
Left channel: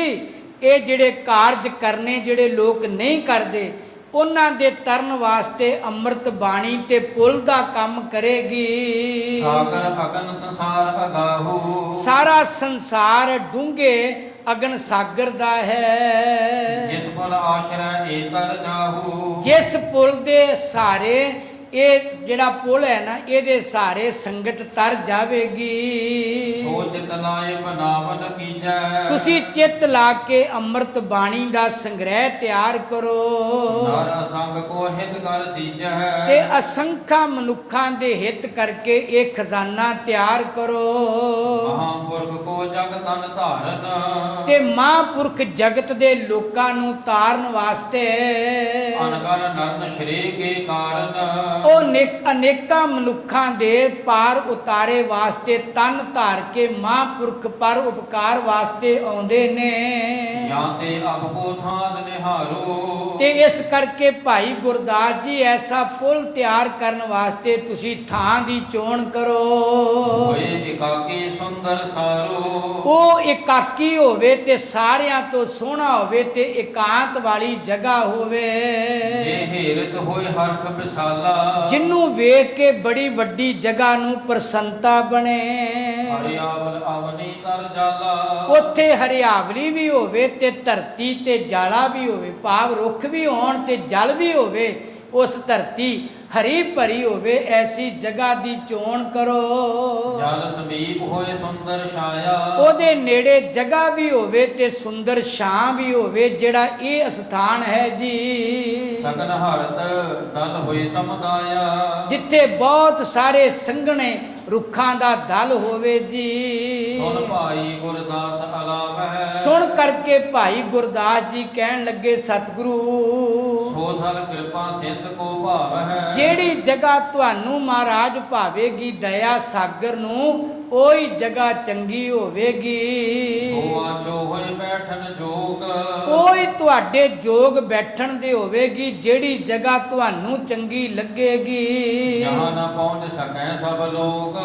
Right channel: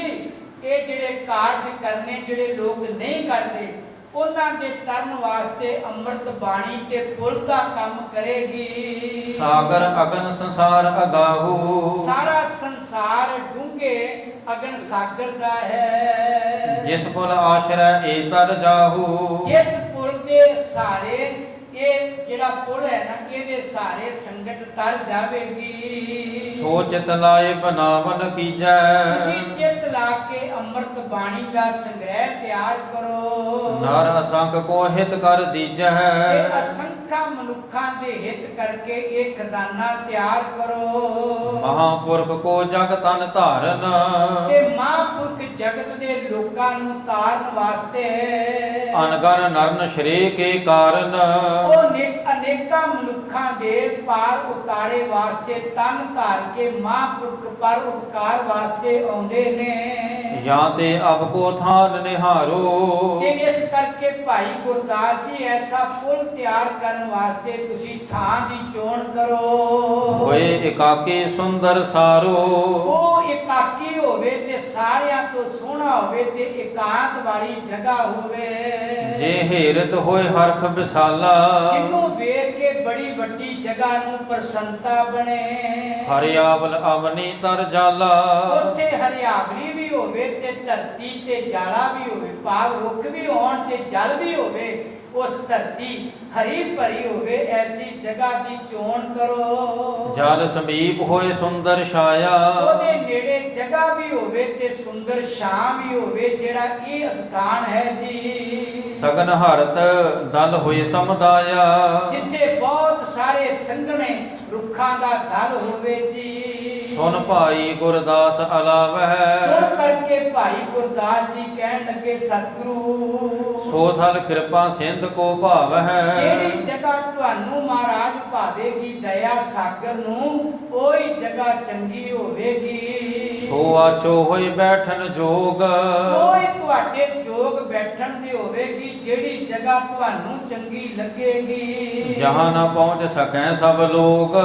ਇਹ ਜਿਹੜੇ ਕਾਰਜ ਕਰਨੇ ਜਿਹੜੇ ਲੋਕ ਨਹੀਂ ਕਰਦੇ, ਉਹਨਾਂ ਦੇ ਤਰਨ ਵਾਸਤੇ ਅੰਮ੍ਰਿਤ ਬਾਣੀ ਤੇ ਪੁੱਲ ਦਾ ਕੰਮ ਕਰੇਗੀ। ਸਾਗਰ ਅਗਨ ਸੰਸਾਰ ਅਗਾਹੂ, ਸਾਰਾ ਸੰਸਾਰ ਡੂੰਘੇ ਅਗਨ ਸਾਗਰ ਦਾ ਹੈ। ਜਿਸ ਪੁਲ ਆਸ਼ਰੈ ਏ ਤਰ ਜਾਹੂ, ਜਿਸ ਪੁੱਲ ਦੇ ਸਹਾਰੇ, ਇਹ ਜਿਹੜਾ ਪੁੱਲ ਹੈ ਨਾ, ਇਹਦੇ ਸਹਾਰੇ ਸੰਗਤ ਤਰ ਜਾਵੇਗੀ। ਸੋ ਚਿਤ ਲਾਏ ਬਨਾਵਨ ਕੀਜੈ, ਤੁਸੀਂ ਚਿੱਤ ਲਾ ਕੇ ਅੰਮ੍ਰਿਤ ਬਾਣੀ ਦਾ ਸੰਗ੍ਰਹਿ ਤਿਆਰ ਕਰੋ। ਨਰ ਅਸੰਖ ਕੋ ਹਿਤ ਕਰ ਦੀਜੈ, ਤੇ ਅਸੰਖਾਂ ਮਨੁੱਖਾਂ ਦੇ ਹਿੱਤ ਕਰਕੇ ਇਹ ਖਜ਼ਾਨਾ ਤਿਆਰ ਕਰੋ। ਮਹਾਪੁਰਖ ਕੋ ਜਗ ਤਨ ਧਾਰਨ, ਤੇ ਮਹਾਂਪੁਰਖ ਜਗਤ ਦੇ ਲੋਕਾਂ ਨੂੰ ਤਾਰਨ ਵਾਸਤੇ ਅਨਗਨ ਨਰਨ ਸ਼੍ਰੀ ਕੇ ਕਾਰਨ, ਉਹ ਅਨੇਕਾਂ ਮਨੁੱਖਾਂ ਦੇ ਪਾਰ ਉਤਾਰੇ ਵਾਸਤੇ ਤਨ ਧਾਰ ਕੇ ਮਹਾਂਪੁਰਖ ਪਰ ਉਪਕਾਰ ਵਾਸਤੇ ਆਉਂਦੇ ਨੇ। ਜਾਂ ਤੇ ਅਬ ਕੋ ਥਾਨ ਨਿਹਾਰੋ, ਤੇ ਇਸ ਕਰਕੇ ਭਾਈ ਗੁਰਦਾਸ ਜੀ ਐਸਾ ਪੁੱਲ ਤਿਆਰ ਕਰਨ ਵਾਸਤੇ ਤੁਸੀਂ ਥਾਂ ਦੀ ਚੋਣ ਕਰੋ। ਹੋਏ ਇਕਾਕੀ ਸੁੰਦਰ ਸਾਰੋ, ਉਹ ਇਕਾਕੀ ਹੋਵੇ ਤੇ ਸਾਰਿਆਂ ਤੋਂ ਸੋਹਣਾ ਹੋਵੇ ਤੇ ਇਕਾਂਤ ਵਾਲੀ ਜਗ੍ਹਾ ਹੋਵੇ। ਜੇ ਹੇਰਤ ਹੋਏ ਹਰਖ ਵਿਸਾਲਾ, ਜਿਹਨੂੰ ਵੇਖ ਕੇ ਬੜੀ ਵੱਡੀ ਜਗ੍ਹਾ ਨੂੰ ਪ੍ਰਸੰਨਤਾ ਬਣੇ। ਹਰਿਆਵਲ ਅਵਨੀ ਤਰ ਜਾਲਾ, ਉੱਥੇ ਹਰਿਆਵਲੀ ਵੀ ਹੋਵੇ ਤੇ ਧਰਤੀ ਤੇ ਜਾਲਾ ਵੀ ਹੋਵੇ, ਭਾਵ ਰੁੱਖ ਵੀ ਹੋਣ ਤੇ ਜਲ ਵੀ ਹੋਵੇ, ਉਸ ਧਰਤੀ ਹਰੀ ਭਰੀ ਹੋਵੇ, ਐਸੀ ਜਗ੍ਹਾ ਦੀ ਚੋਣ ਕਰੋ। ਜਲ ਸਮੀਪ ਹੋਏ ਸੁੰਦਰ ਛਾਇਆ, ਉਹਦੇ ਨੇੜੇ ਜਗ੍ਹਾ ਵੀ ਹੋਵੇ ਤੇ ਸੁੰਦਰ ਛਾਂ ਵੀ ਹੋਵੇ, ਜਿਹੜਾ ਇਹ ਸਥਾਨ ਹੈ ਜੀ। ਸਗਨ ਹਰਤ ਦਲ ਹੋਏ ਸਮੁਦਾਇਆ, ਜਿੱਥੇ ਬਹੁਤ ਸਾਰੇ ਸੰਘਣੇ ਰੁੱਖਾਂ ਦਾ ਦਲ ਹੋਵੇ ਜੀ। ਸੁਨ ਭਾਈ ਗੁਰਦਾਸ ਅਲਾਵਹਿ, ਸੁਣ ਕਰਕੇ ਭਾਈ ਗੁਰਦਾਸ ਜੀ ਕਹਿਣ ਲੱਗੇ, ਸਤਿਗੁਰੂ ਸੋ ਥਲ ਕਿਰਪਾ ਸਿੰਧ ਕੋ ਭਾਵ ਹੈ, ਜਿਹੜੀ ਜਗ੍ਹਾ ਤੁਹਾਨੂੰ ਮਹਾਰਾਜ ਭਾਵੇਗੀ ਦਇਆ ਸਾਗਰ ਨੂੰ, ਉਹੀ ਜਗ੍ਹਾ ਚੰਗੀ ਹੋਵੇਗੀ। ਸੋ ਆਛੋ ਹੋਏ ਬੈਠਨ ਜੋਗ, ਉਹੀ ਤੁਹਾਡੇ ਜੋਗ ਬੈਠਣ ਦੇ ਹੋਵੇਗੀ, ਜਿਹੜੀ ਜਗ੍ਹਾ ਤੁਹਾਨੂੰ ਚੰਗੀ ਲੱਗੇਗੀ। ਜਹਾਂ ਨਾ ਪਹੁੰਚ ਸਕੈ ਸਭ ਲੋਕ,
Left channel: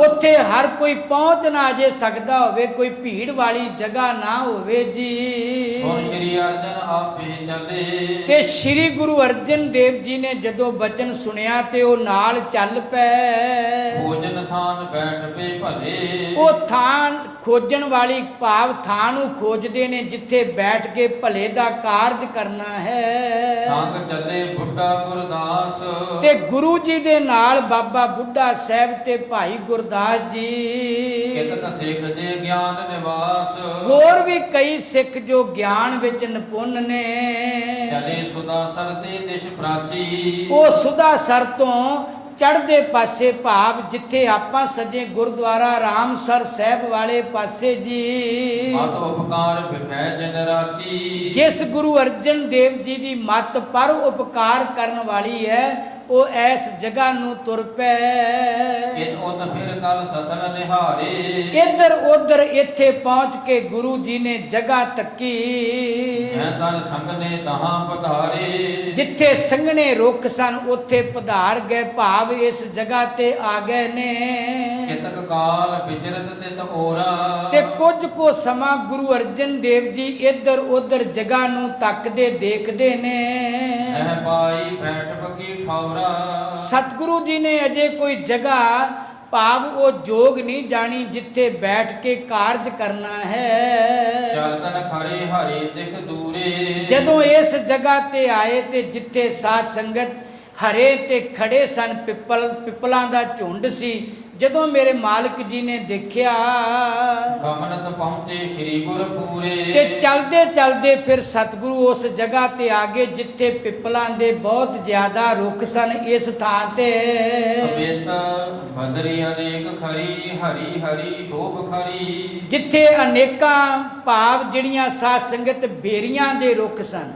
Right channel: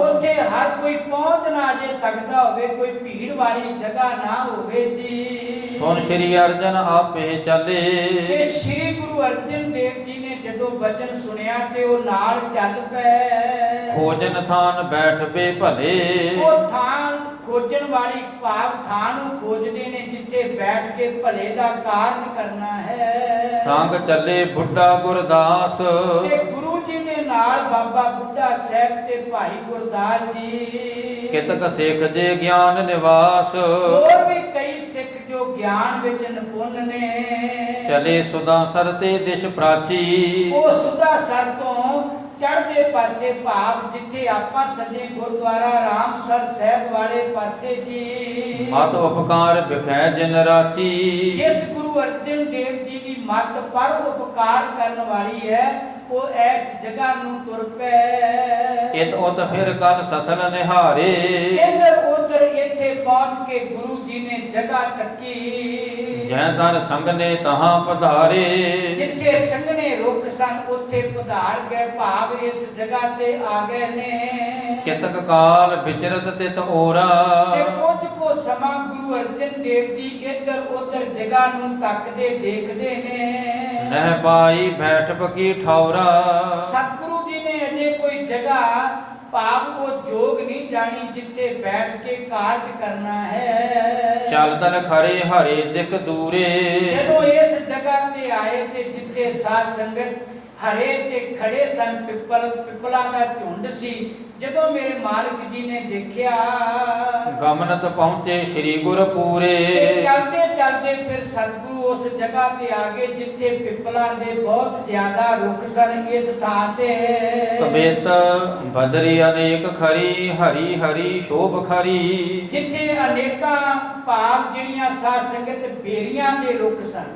ਉੱਥੇ ਹਰ ਕੋਈ ਪਹੁੰਚ ਨਾ ਜੇ ਸਕਦਾ ਹੋਵੇ, ਕੋਈ ਭੀੜ ਵਾਲੀ ਜਗ੍ਹਾ ਨਾ ਹੋਵੇ ਜੀ। ਸੁਨ ਸ਼੍ਰੀ ਅਰਜਨ ਆਪੇ ਚੱਲੇ, ਇਹ ਸ਼੍ਰੀ ਗੁਰੂ ਅਰਜਨ ਦੇਵ ਜੀ ਨੇ ਜਦੋਂ ਬਚਨ ਸੁਣਿਆ ਤੇ ਉਹ ਨਾਲ ਚੱਲ ਪਏ। ਭੋਜਨ ਥਾਨ ਬੈਠ ਬੇ ਭਲੇ, ਉਹ ਥਾਂ ਖੋਜਣ ਵਾਲੀ ਭਾਵ ਥਾਂ ਨੂੰ ਖੋਜਦੇ ਨੇ ਜਿੱਥੇ ਬੈਠ ਕੇ ਭਲੇ ਦਾ ਕਾਰਜ ਕਰਨਾ ਹੈ। ਸੰਗ ਚੱਲੇ ਬੁੱਢਾ ਗੁਰਦਾਸ, ਤੇ ਗੁਰੂ ਜੀ ਦੇ ਨਾਲ ਬਾਬਾ ਬੁੱਢਾ ਸਾਹਿਬ ਤੇ ਭਾਈ ਗੁਰਦਾਸ ਜੀ। ਕਿਤਕ ਸਿੱਖ ਜੇ ਗਿਆਨ ਨਿਵਾਸ, ਹੋਰ ਵੀ ਕਈ ਸਿੱਖ ਜੋ ਗਿਆਨ ਵਿੱਚ ਨਿਪੁੰਨ ਨੇ। ਚਲੇ ਸੁਦਾ ਸਰ ਤੇ ਦਿਸ਼ ਪ੍ਰਾਚੀ, ਉਹ ਸੁਦਾ ਸਰ ਤੋਂ ਚੜ੍ਹਦੇ ਪਾਸੇ, ਭਾਵ ਜਿੱਥੇ ਆਪਾਂ ਸਜੇ ਗੁਰਦੁਆਰਾ ਰਾਮਸਰ ਸਾਹਿਬ ਵਾਲੇ ਪਾਸੇ ਜੀ। ਮਤ ਉਪਕਾਰ ਵਿਖੈ ਜਿਨ ਰਾਚੀ, ਜਿਸ ਗੁਰੂ ਅਰਜਨ ਦੇਵ ਜੀ ਦੀ ਮੱਤ ਪਰ ਉਪਕਾਰ ਕਰਨ ਵਾਲੀ ਹੈ, ਉਹ ਐਸ ਜਗ੍ਹਾ ਨੂੰ ਤੁਰ ਪੈ। ਇਤ ਉਤ ਫਿਰ ਕਲ ਸਥਲ ਨਿਹਾਰੇ, ਇੱਧਰ ਉੱਧਰ ਇੱਥੇ ਪਹੁੰਚ ਕੇ ਗੁਰੂ ਜੀ ਨੇ ਜਗ੍ਹਾ ਤੱਕੀ। ਜੈ ਦਰ ਸੰਗ ਨੇ ਤਹਾਂ ਪਧਾਰੇ, ਜਿੱਥੇ ਸੰਘਣੇ ਰੁੱਖ ਸਨ ਉੱਥੇ ਪਧਾਰ ਗਏ, ਭਾਵ ਇਸ ਜਗ੍ਹਾ ਤੇ ਆ ਗਏ ਨੇ। ਕਿਤਕ ਕਾਲ ਵਿਚਰਤ ਤਿਤ ਓਰਾ, ਤੇ ਕੁਝ ਕੋ ਸਮਾਂ ਗੁਰੂ ਅਰਜਨ ਦੇਵ ਜੀ ਇੱਧਰ ਉੱਧਰ ਜਗ੍ਹਾ ਨੂੰ ਤੱਕਦੇ ਦੇਖਦੇ ਨੇ। ਨਹਿ ਪਾਈ ਬੈਠ ਬਕੀ ਠੌਰਾ, ਸਤਿਗੁਰੂ ਜੀ ਨੇ ਅਜੇ ਕੋਈ ਜਗ੍ਹਾ, ਭਾਵ ਉਹ ਜੋਗ ਨਹੀਂ ਜਾਣੀ ਜਿੱਥੇ ਬੈਠ ਕੇ ਕਾਰਜ ਕਰਨਾ ਹੈ। ਚਲ ਤਨ ਖਰੇ ਹਰੇ ਦਿਕ ਦੂਰੇ, ਜਦੋਂ ਇਸ ਜਗ੍ਹਾ ਤੇ ਆਏ ਤੇ ਜਿੱਥੇ ਸਾਧ ਸੰਗਤ ਹਰੇ ਤੇ ਖੜੇ ਸਨ, ਪਿੱਪਲਾਂ ਦਾ ਝੁੰਡ ਸੀ, ਜਦੋਂ ਮੇਰੇ ਮਾਲਕ ਜੀ ਨੇ ਦੇਖਿਆ ਗਮਨਤ ਪਹੁੰਚੇ ਸ੍ਰੀ ਗੁਰਪੂਰੇ। ਤੇ ਚਲਦੇ ਚਲਦੇ ਫਿਰ ਸਤਿਗੁਰੂ ਉਸ ਜਗ੍ਹਾ ਤੇ ਆ ਗਏ ਜਿੱਥੇ ਪਿੱਪਲਾਂ ਦੇ ਬਹੁਤ ਜ਼ਿਆਦਾ ਰੁੱਖ ਸਨ। ਇਸ ਥਾਂ ਤੇ ਕਬਿਤ ਬਦਰੀ ਅਨੇਕ ਖਰੀ ਹਰੀ ਹਰੀ ਸ਼ੋਭ ਖਰੀ। ਜਿੱਥੇ ਅਨੇਕਾਂ ਭਾਵ ਜਿਹੜੀਆਂ ਸਾਧ ਸੰਗਤ ਬੇਰੀਆਂ ਦੇ ਰੁੱਖ ਸਨ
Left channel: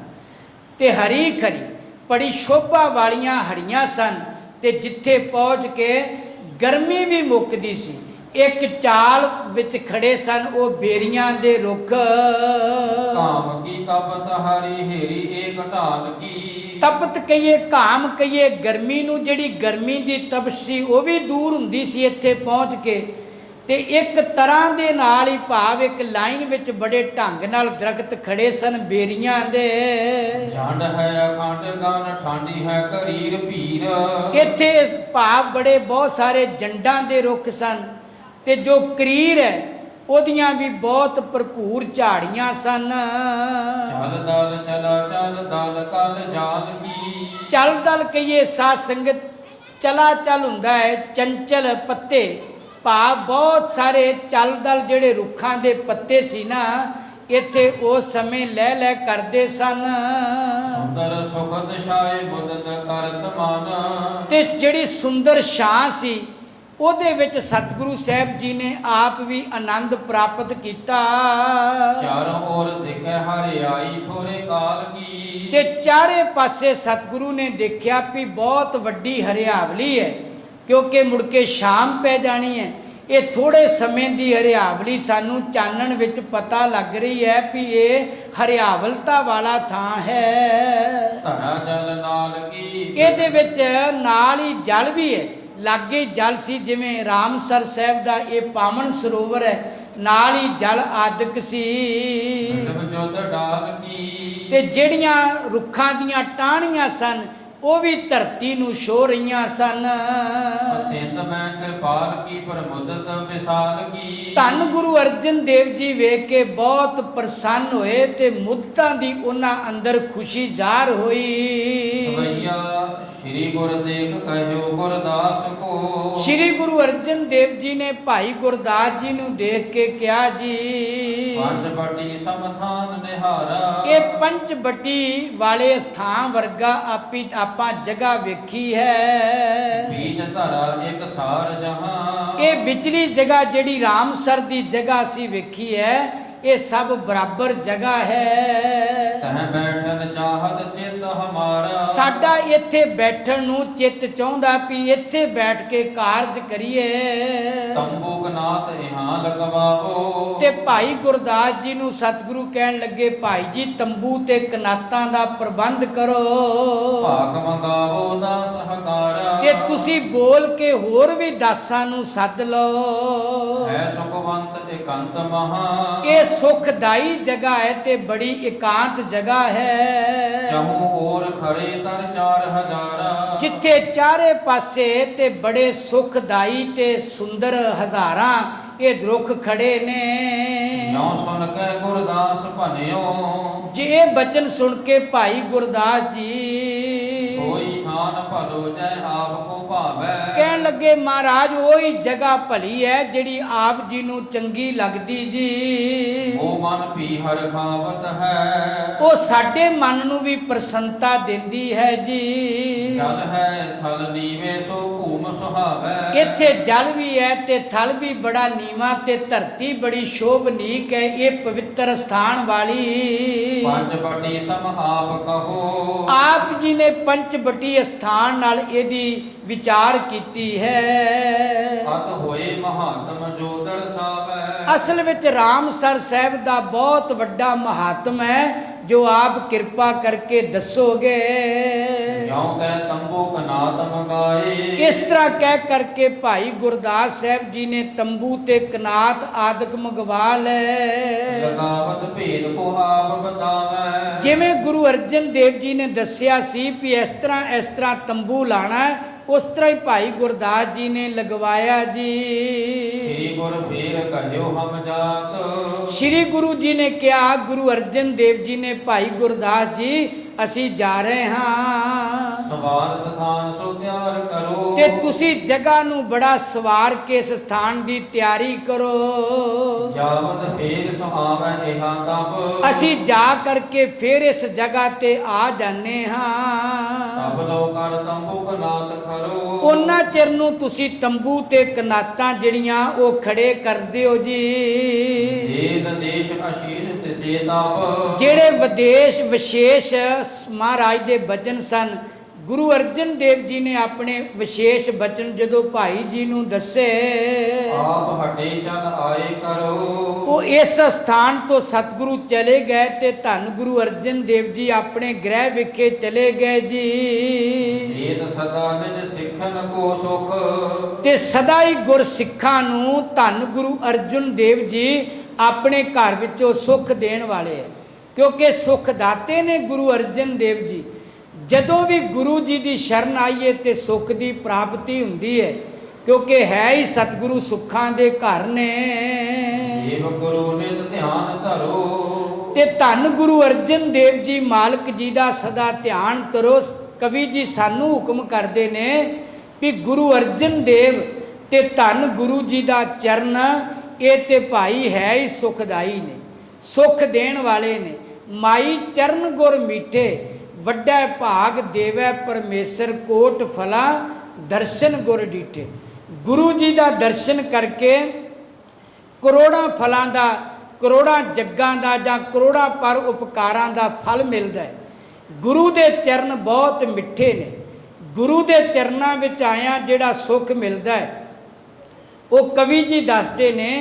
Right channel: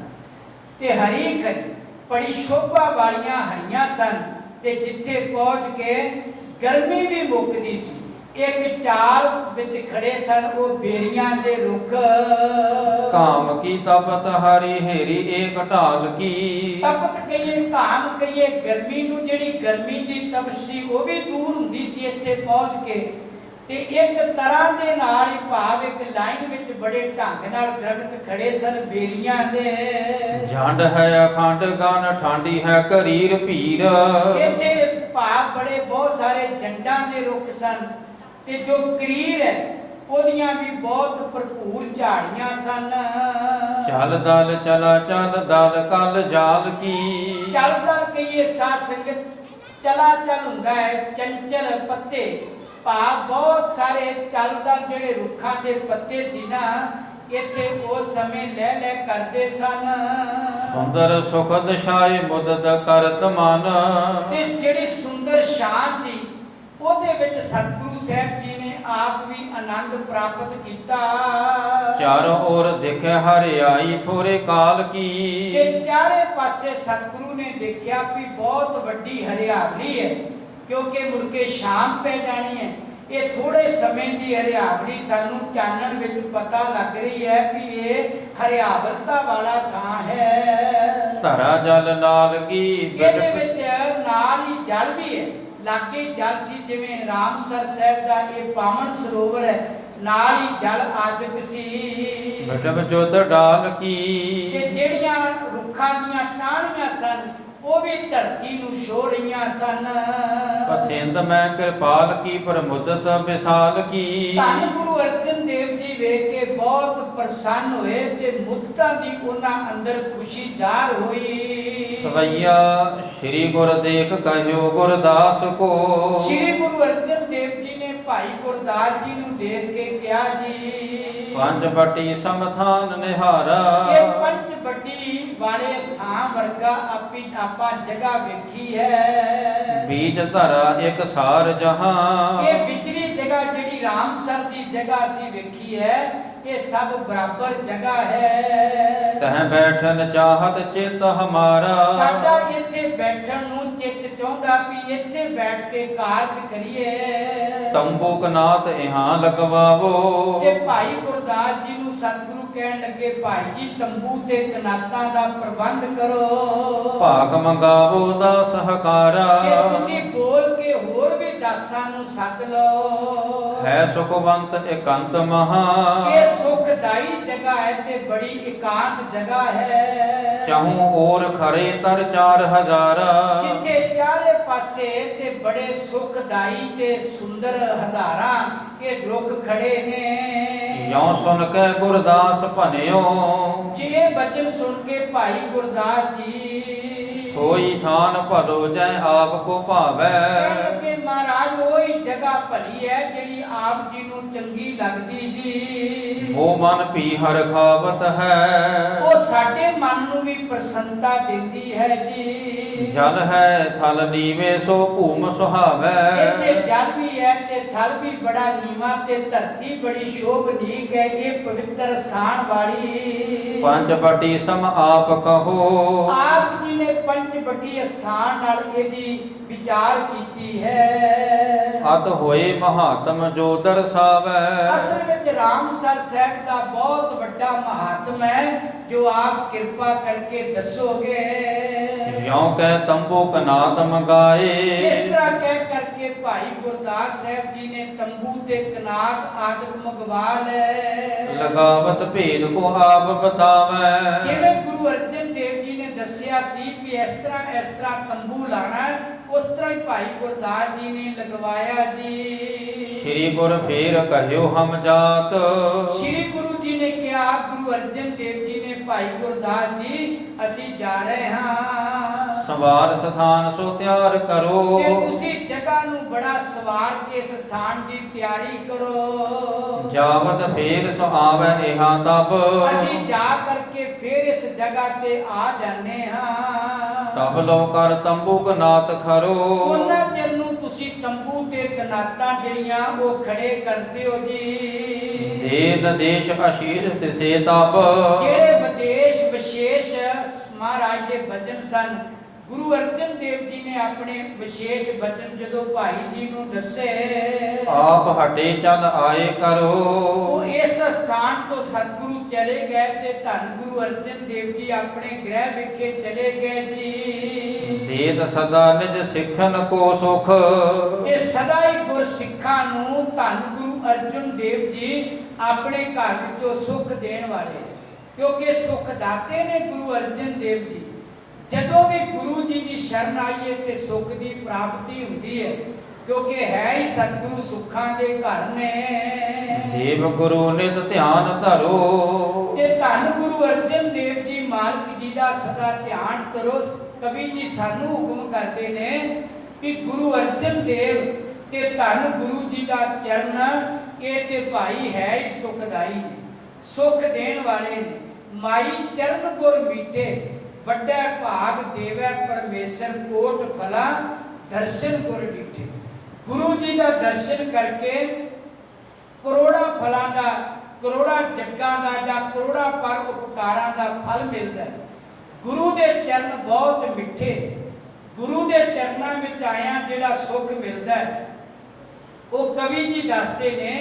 ਤੇ ਹਰੀ ਖਰੀ ਬੜੀ ਸ਼ੋਭਾ ਵਾਲੀਆਂ ਹਰੀਆਂ ਸਨ। ਤੇ ਜਿੱਥੇ ਪਹੁੰਚ ਕੇ ਗਰਮੀ ਵੀ ਮੁੱਕਦੀ ਸੀ। ਇੱਕ ਚਾਲ ਵਿੱਚ ਖੜੇ ਸਨ ਉਹ ਬੇਰੀਆਂ ਦੇ ਰੁੱਖ। ਕਾਮ ਕੀ ਤਪਤ ਹਰੀ ਹੇਰੀ ਏਕ ਢਾਲ ਕੀ। ਤਪਤ ਕਹੀਏ ਕਾਮ ਕਹੀਏ ਗਰਮੀ ਨੂੰ, ਜਿਹੜੀ ਗਰਮੀ ਦੀ ਤਪਸ਼ ਸੀ ਉਹ ਵੀ ਦੂਰ ਹੁੰਦੀ ਸੀ ਇੱਥੇ ਪਹੁੰਚ ਕੇ। ਤੇ ਇੱਕ ਤਰ੍ਹਾਂ ਦੇ ਨਾਲ ਹੀ ਭਾਵ ਇੱਕ ਲਾਈਨ ਵਿੱਚ ਬੜੇ ਢੰਗ ਨਾਲ ਦਰਖਤ ਖੜੇ ਸਨ ਬੇਰੀਆਂ ਦੇ। ਝੰਡ ਹੈ ਅਖੰਡ ਗਨ ਠਾਂਡੀ ਹੈ ਕਰੀਰ ਭੀਰ। ਇੱਥੇ ਭਾਵ ਬੜੇ ਬਹੁਤ ਸਾਰੇ ਜੰਡਾਂ ਦੇ ਰੁੱਖ ਸਨ ਤੇ ਜੋ ਕਰੀਰ ਹੈ ਉਹਦੀਆਂ ਵੀ ਬਹੁਤ ਭਰਪੂਰ ਝਾੜੀਆਂ ਸਨ। ਚੱਲ ਦਲ ਚਲਾ ਚੱਲ ਦਲ ਕਲ ਜਾਲ ਕੀ। ਚੱਲ ਦਲ ਕਹੀਏ ਸਾਧ ਸੰਗਤ ਚਲਾ ਚੱਲ ਹੁੰਦਾ ਹੈ ਚੰਚਲ ਪੱਤੇ ਭਾਵ ਬਹੁਤ ਸਾਰੇ ਚੱਲ ਦਲ ਜਿਹੜੇ ਰੁੱਖਾਂ ਦੇ ਪੱਤੇ ਸੀ ਨਾ ਇੱਥੇ ਉਸ ਸਮੇਂ ਲੈ ਲੈ ਕਰਦੇ ਸਨ। ਸੁੰਦਰ ਸੁਖਦ ਛਾਏ ਮੁਦਤ ਕਰਤ ਮਨ। ਤੇ ਜਿਹੜੀ ਸੁੰਦਰ ਛਾਂ ਸੀ ਉਹਦੇ ਵਿੱਚ ਸਤਿਗੁਰੂ ਸਾਹਿਬ ਜੀ ਨੇ ਆਪ ਵੀ ਆਨੰਦ ਪ੍ਰਾਪਤ ਕੀਤਾ। ਚਾਰੋਂ ओर ਦੇਖੇ ਹਰਿਆਈ ਥੋੜੇ ਕਾਲ ਕੀ। ਤੇ ਚਾਰੇ ਪਾਸੇ ਸਤਿਗੁਰੂ ਨੇ ਦੇਖਿਆ ਵੀ ਬਹੁਤ ਵੱਡੀ ਹਰਿਆਵਲੀ ਹੈ ਕਿਉਂਕਿ ਮੁੜ ਕੇ ਸ਼ਾਮ ਪੈ ਜਾਣੀ ਹੈ। ਇਹ ਥੋੜੇ ਸਮੇਂ ਦੀ ਹਰਿਆਵਲੀ ਸਾਨੂੰ ਚਾਨਣ ਵਿੱਚ ਪਤਾ ਲੱਗ ਰਹੀ ਹੈ ਵੀ ਇਹ ਹਰਿਆਵਲਤਾ ਵਾਲਾ ਥਾਂ ਹੈ। ਧਰਾ ਜਲ ਨਾਲ ਕੀ। ਇਹਦੇ ਵਿੱਚ ਨਾਲ ਹੀ ਜਲ ਵੀ ਹੈ, ਲਾਗੇ ਜਲ ਸੀ ਜਿਵੇਂ ਰਾਮਸਰ ਸਾਹਿਬ ਦਾ ਇਹ ਪਾਵਨ ਸਰੋਵਰ ਹੈ ਨਾਲ ਹੀ ਜਲ ਆਦਿਕ ਸੀ। ਮਤਲਬ ਜੋਤ ਡਾਲ ਕੀ। ਤੇ ਜਿਹੜੀਆਂ ਰੁੱਖਾਂ ਦੀਆਂ ਟਾਹਣੀਆਂ ਸਨ ਉਹ ਵੀ ਧਰਤੀ ਨੂੰ ਛੋ ਰਹੀਆਂ ਸਨ। ਪਸਿੰਦ ਮੈਂ ਕਿਰਪਾਲ ਕੀ ਪ੍ਰਮੁਦਤ ਵਿਸਾਲ ਕੀ। ਧੰਨ ਗੁਰੂ ਅਰਜਨ ਦੇਵ ਜੀ ਵੇਖ ਕੇ ਬਹੁਤ ਪ੍ਰਸੰਨ ਹੋਏ ਤੇ ਮੁਦਤਾਂ ਦੀ ਉਹਨਾਂ ਅੰਦਰ ਖੁਸ਼ੀ ਜ਼ਾਹਰ ਹੋਈ। ਸਵਈਆ ਸ੍ਰੀ ਗੁਰ ਦੇਖ ਕਹਿਓ ਗੁਰਦਾਸ ਕੋ। ਸ੍ਰੀ ਗੁਰੂ ਅਰਜਨ ਦੇਵ ਜੀ ਨੇ ਭਾਈ ਗੁਰਦਾਸ ਜੀ ਨੂੰ ਦੇਖ ਕੇ ਕਿਹਾ ਜੀ ਪੰਜ ਬਟੀ ਸਮਥਾਨ ਨਿਹਾਰਾ। ਇਹ ਪੰਜ ਬੱਟੀ ਵਾਲੇ ਸਥਾਨ ਵਰਗਾ ਆਪਾਂ ਜਗ੍ਹਾ ਵੇਖੀ ਹੈ। ਬੀਜ ਧਰਾ ਇੱਕ ਸਾਰ ਜਹਾਂ। ਇਹ ਵਿਚਲੀ ਜਗ੍ਹਾ ਜਿਹੜੀ ਰਾਮਸਰ ਦੀ ਜਗ੍ਹਾ ਅਸੀਂ ਵੇਖੀ ਹੈ ਇਹ ਸਭ ਬਰਾਬਰ ਜਗ੍ਹਾ ਹੈ। ਤਹ ਬੈਠਨ ਚਾਹਤ ਚਿਤ ਹਮਾਰਾ। ਸਾਡਾ ਇੱਥੇ ਬੈਠਣ ਨੂੰ ਚਿੱਤ ਚਾਹੁੰਦਾ ਵੀ ਇੱਥੇ ਬੈਠ ਕੇ ਕਾਰਜ ਕਰੀਏ। ਤੰਬੂ ਕਨਾਤ ਇਹਾਂ ਲਗਵਾਵੋ। ਤੇ ਭਾਈ ਗੁਰਦਾਸ ਜੀ ਨੂੰ ਸਤਿਗੁਰੂ ਕਹਿਣ ਲੱਗੇ ਭਾਈ ਜੀ ਤੰਬੂ ਤੇ ਕਨਾਤਾਂ ਦਾ ਪ੍ਰਬੰਧ ਕਰੋ। ਭਾਗ ਮੰਗਾਵੋ ਦਾਸ ਹਕਾਰਾ। ਤੇ ਤੁਸੀਂ ਬੋਲ ਕੇ ਹੋਰ ਵੀ ਦਾਸਾਂ ਨੂੰ ਸੱਦ ਲਓ। ਹੈ ਸੁਖਵੰਤ ਇਕੰਤ ਮਹਾ। ਇਹ ਸੁਖਦਾਈ ਜਗ੍ਹਾ ਹੈ ਤੇ ਬੜੀ ਇਕਾਂਤ ਜਗ੍ਹਾ ਹੈ। ਚਾਹੂ ਔਰ ਖਰੇ ਤਰ 4000। ਜਿੱਥੇ ਚਾਰੇ ਪਾਸੇ ਤੇ ਬੜੇ ਸੁਖਦਾਈ ਤੇ ਸੁੰਦਰ ਹਜ਼ਾਰਾਂ ਇਹ ਰੁੱਖ ਖੜੇ ਨੇ। ਜਿਉ ਸੁਣ ਕੇ ਗੁਰਦਾਸ ਭਨਿਓ। ਜੇ ਇਹ ਬਚਨ ਸੁਣ ਕੇ ਭਾਈ ਗੁਰਦਾਸ ਜੀ ਸੋਈ ਥਾਨ ਭਲੋ ਜੈ ਆਪ ਕੋ ਭਾਵੈ। ਕਹਿਣ ਲੱਗੇ ਮਹਾਰਾਜ ਉਹੀ ਜਗ੍ਹਾ ਭਲੀ ਹੈ ਜਿਹੜੀ ਆਪ ਜੀ ਨੂੰ ਚੰਗੀ ਲੱਗਦੀ ਜੀ। ਉਹ ਮਨ ਭੀ ਹਰ ਖਾਵਤ ਹੈ। ਉਹ ਸਾਡੇ ਮਨ ਨੂੰ ਵੀ ਪ੍ਰਸੰਨਤਾ ਦਿੰਦੀ ਹੈ ਜੀ। ਜਲ ਹੈ ਥਲ ਨੀਵੇਂ ਸੋ ਭੂਮ ਸੁਹਾਵੈ। ਇੱਥੇ ਜਲ ਵੀ ਹੈ ਤੇ ਥਲ ਵੀ ਬੜਾ ਨੀਵਾਂ ਤੇ ਧਰਤੀ ਬੜੀ ਸ਼ੋਭਨੀਕ ਹੈ। ਇਹ ਪਵਿੱਤਰ ਸਥਾਨ ਵਾਲੀ ਪੰਜ ਬਟੀ ਸਮ ਆਪ ਕਹੋ। ਆਪ ਜੀ ਨੇ ਪੰਚਵਟੀ ਸਥਾਨ ਨਾਲ ਇਹਦੀ ਵਿਚਾਰ ਕੀਤੀ ਹੈ। ਅਤ ਹੋਏ ਮਹਾਤਮ ਜੋ ਦਰਸਾਵੈ। ਅਸਲ ਵਿੱਚ ਰਾਮਸਰ ਸਾਹਿਬ ਦਾ ਬਹੁਤ ਵੱਡਾ ਮਹਾਤਮ ਹੈ ਜੋ ਆਪ ਕਿਰਪਾ ਕਰਕੇ ਦੱਸੋਗੇ। ਜਿਉ ਕਹਿ ਤੰਬੂ ਕਨਾਤ ਮੰਗਾਏ। ਇਸ ਤਰ੍ਹਾਂ ਕਹਿ ਕਰਕੇ ਭਾਈ ਗੁਰਦਾਸ ਸਾਹਿਬ ਜੀ ਨੇ ਤੰਬੂ ਤੇ ਕਨਾਤ ਆਦਿਕ ਮੰਗਵਾ ਲਏ। ਲਗਾਵਤ ਭੇਦ ਕੋ ਆਪ ਬਤਾਵੈ। ਜਿਵੇਂ ਗੁਰੂ ਅਰਜਨ ਦੇਵ ਜੀ ਨੇ ਦੱਸਿਆ ਸੀ ਵੀ ਇਸ ਤਰ੍ਹਾਂ ਤੰਬੂ ਲਾਣਾ ਹੈ ਉਸ ਤਰ੍ਹਾਂ ਹੀ ਭਾਈ ਗੁਰਦਾਸ ਜੀ ਨੇ ਲਗਵਾਇਆ ਜੀ। ਸ੍ਰੀ ਗੁਰ ਫੇਰ ਕਹਿਓ ਹਮ ਜਾਤ। ਸ੍ਰੀ ਗੁਰੂ ਜੀ ਨੇ ਕਿਹਾ ਗੁਰੂ ਅਰਜਨ ਦੇਵ ਜੀ ਨੇ ਭਾਈ ਗੁਰਦਾਸ ਜੀ ਅਸੀਂ ਜਾ ਰਹੇ ਹਾਂ। ਸੰਵਾਰ ਸਥਾਨ ਸੋ ਤਿਆਰ ਕਰੋ। ਤੇ ਤੁਸੀਂ ਜਗ੍ਹਾ ਨੂੰ ਬੜਾ ਸਵਾਰ ਕੇ ਇਸ ਸਥਾਨ ਦੀ ਤਿਆਰੀ ਕਰੋ। ਜਾਵਤ ਫੇਰ ਸੋ ਆਵੈ ਇਹਾਂ ਤਬ। ਅਸੀਂ ਜਾ ਕਰਕੇ ਫਿਰ ਇਸ ਜਗ੍ਹਾ ਤੇ ਆ ਜਾਂਦੇ ਹਾਂ। ਤਬ ਲੋ ਕਰ ਤੰਬੂ ਕਨਾਤ ਖਰੋ। ਉਹਨਾਂ ਚਿਰ ਨੂੰ ਤੁਸੀਂ ਤੰਬੂ ਤੇ ਕਨਾਤਾਂ ਜਿਹੜੀਆਂ ਉਹ ਖੜੇ ਕਰਦੇ ਹੋ ਜੀ। ਦੇਨ ਦੇਸ਼ ਅਸ਼ੀਰ ਤਿਸੇ ਤਬ। ਜਿਹੜੇ ਵਿਦੇਸ਼ ਵਿਸ਼ੇਸ਼ ਮਹਾਰਾਜ ਦੇ ਬਚਨ ਸਨ, ਗੁਰੂ ਅਰਜਨ ਦੇਵ ਜੀ ਨੇ ਆਪਣੇ ਵਿਸ਼ੇਸ਼ ਬਚਨ ਜਦੋਂ ਭਾਈ ਜੀ ਨੂੰ ਦੱਸੇ, ਆਪ ਹਟੇ ਚਲ ਆਏ ਕਰੋ। ਉਹ ਇਸ ਸਥਾਨ ਤੋਂ ਸਤਿਗੁਰੂ ਚਲੇ ਗਏ ਤੇ ਧੰਨ ਗੁਰੂ ਅਰਜਨ ਦੇਵ ਜੀ ਆਪਣੇ ਗ੍ਰਹਿ ਵਿਖੇ ਚਲੇ ਗਏ ਜੀ। ਦੇਤ ਸਦਾ ਨਿਜ ਸਿੱਖਨ ਕੋ ਸੁਖ। ਤੇ ਸਦਾ ਹੀ ਗੁਰ ਸਿੱਖਾਂ ਨੂੰ ਧੰਨ ਗੁਰੂ ਅਰਜਨ ਦੇਵ ਜੀ ਆਪਣੇ ਘਰ ਵਿੱਚੋਂ ਸੁੱਖ ਦੇਣ ਵਾਲੇ ਹੈ, ਕਿਉਂਕਿ ਸੁੱਖ ਦਾਤੇ ਨੇ ਗੁਰੂ ਅਰਜਨ ਦੇਵ ਜੀ। ਜਦੋਂ ਵੀ ਗੁਰੂ ਜੀ ਦੀ ਸ਼ਰਨ ਆਈਏ ਤੇ ਸੁੱਖ ਦੀ ਪ੍ਰਾਪਤੀ ਹੁੰਦੀ ਹੈ, ਕਿਉਂਕਿ ਹੈ ਹੀ ਸਤਿਗੁਰੂ ਸੁੱਖਾਂ ਦੇ ਘਰ ਨੇ। ਦੇਵ ਗੁਰੂ ਨਿਤ ਧਿਆਨ ਧਰੋ। ਤੇ ਧੰਨ ਗੁਰੂ ਅਰਜਨ ਦੇਵ ਜੀ ਮਾਲਕ ਜੀ ਦਾ ਸਦਾ ਧਿਆਨ ਕਰੋ। ਕਵੀ ਜੀ ਸਾਨੂੰ ਹੁਕਮ ਕਰਦੇ ਨੇ ਵੀ ਗੁਰੂ ਅਰਜਨ ਦੇਵ ਤੇ ਧੰਨ ਗੁਰੂ ਜੀ ਦਾ ਚਰਨ, ਇਹ ਤੇ ਭਾਈ ਹੈ ਹੀ ਸੁਖਦਾਈ ਨੇ, ਸੁਖ ਦੇਣ ਵਾਲੇ ਨੇ। ਮਾਈ ਚਰਨ ਗੁਰ ਮੀਠੇ, ਵੱਡਾ ਭਾਗ ਦੇਵੈ ਪਰਮੇਸ਼ਰ, ਕੋਟ ਫਲਾ ਦਰਸ਼ਨ ਗੁਰ ਡੀਠੇ। ਗੁਰੂ ਜੀ ਦਾ ਦਰਸ਼ਨ ਕਰਕੇ ਕਰੋੜਾਂ ਫਲਾਂ ਦਾ, ਕਰੋੜਾਂ ਜੱਗਾਂ ਦਾ ਜਾਂ ਕਰੋੜਾਂ ਪਰ ਉਪਕਾਰਾਂ ਦਾ ਫਲ ਮਿਲਦਾ ਹੈ। ਗੁਰੂ ਦੇ ਚਰਨ ਬਹੁਤ ਮਿੱਠੇ ਨੇ। ਗੁਰੂ ਦੇ ਚਰਨਾਂ ਵਿੱਚ ਆਇਆ ਜਿਹੜਾ ਸੁੱਖ ਮਿਲਦਾ ਹੈ, ਉਹ ਕਵੀ ਜੀ ਦੱਸਦੇ ਨੇ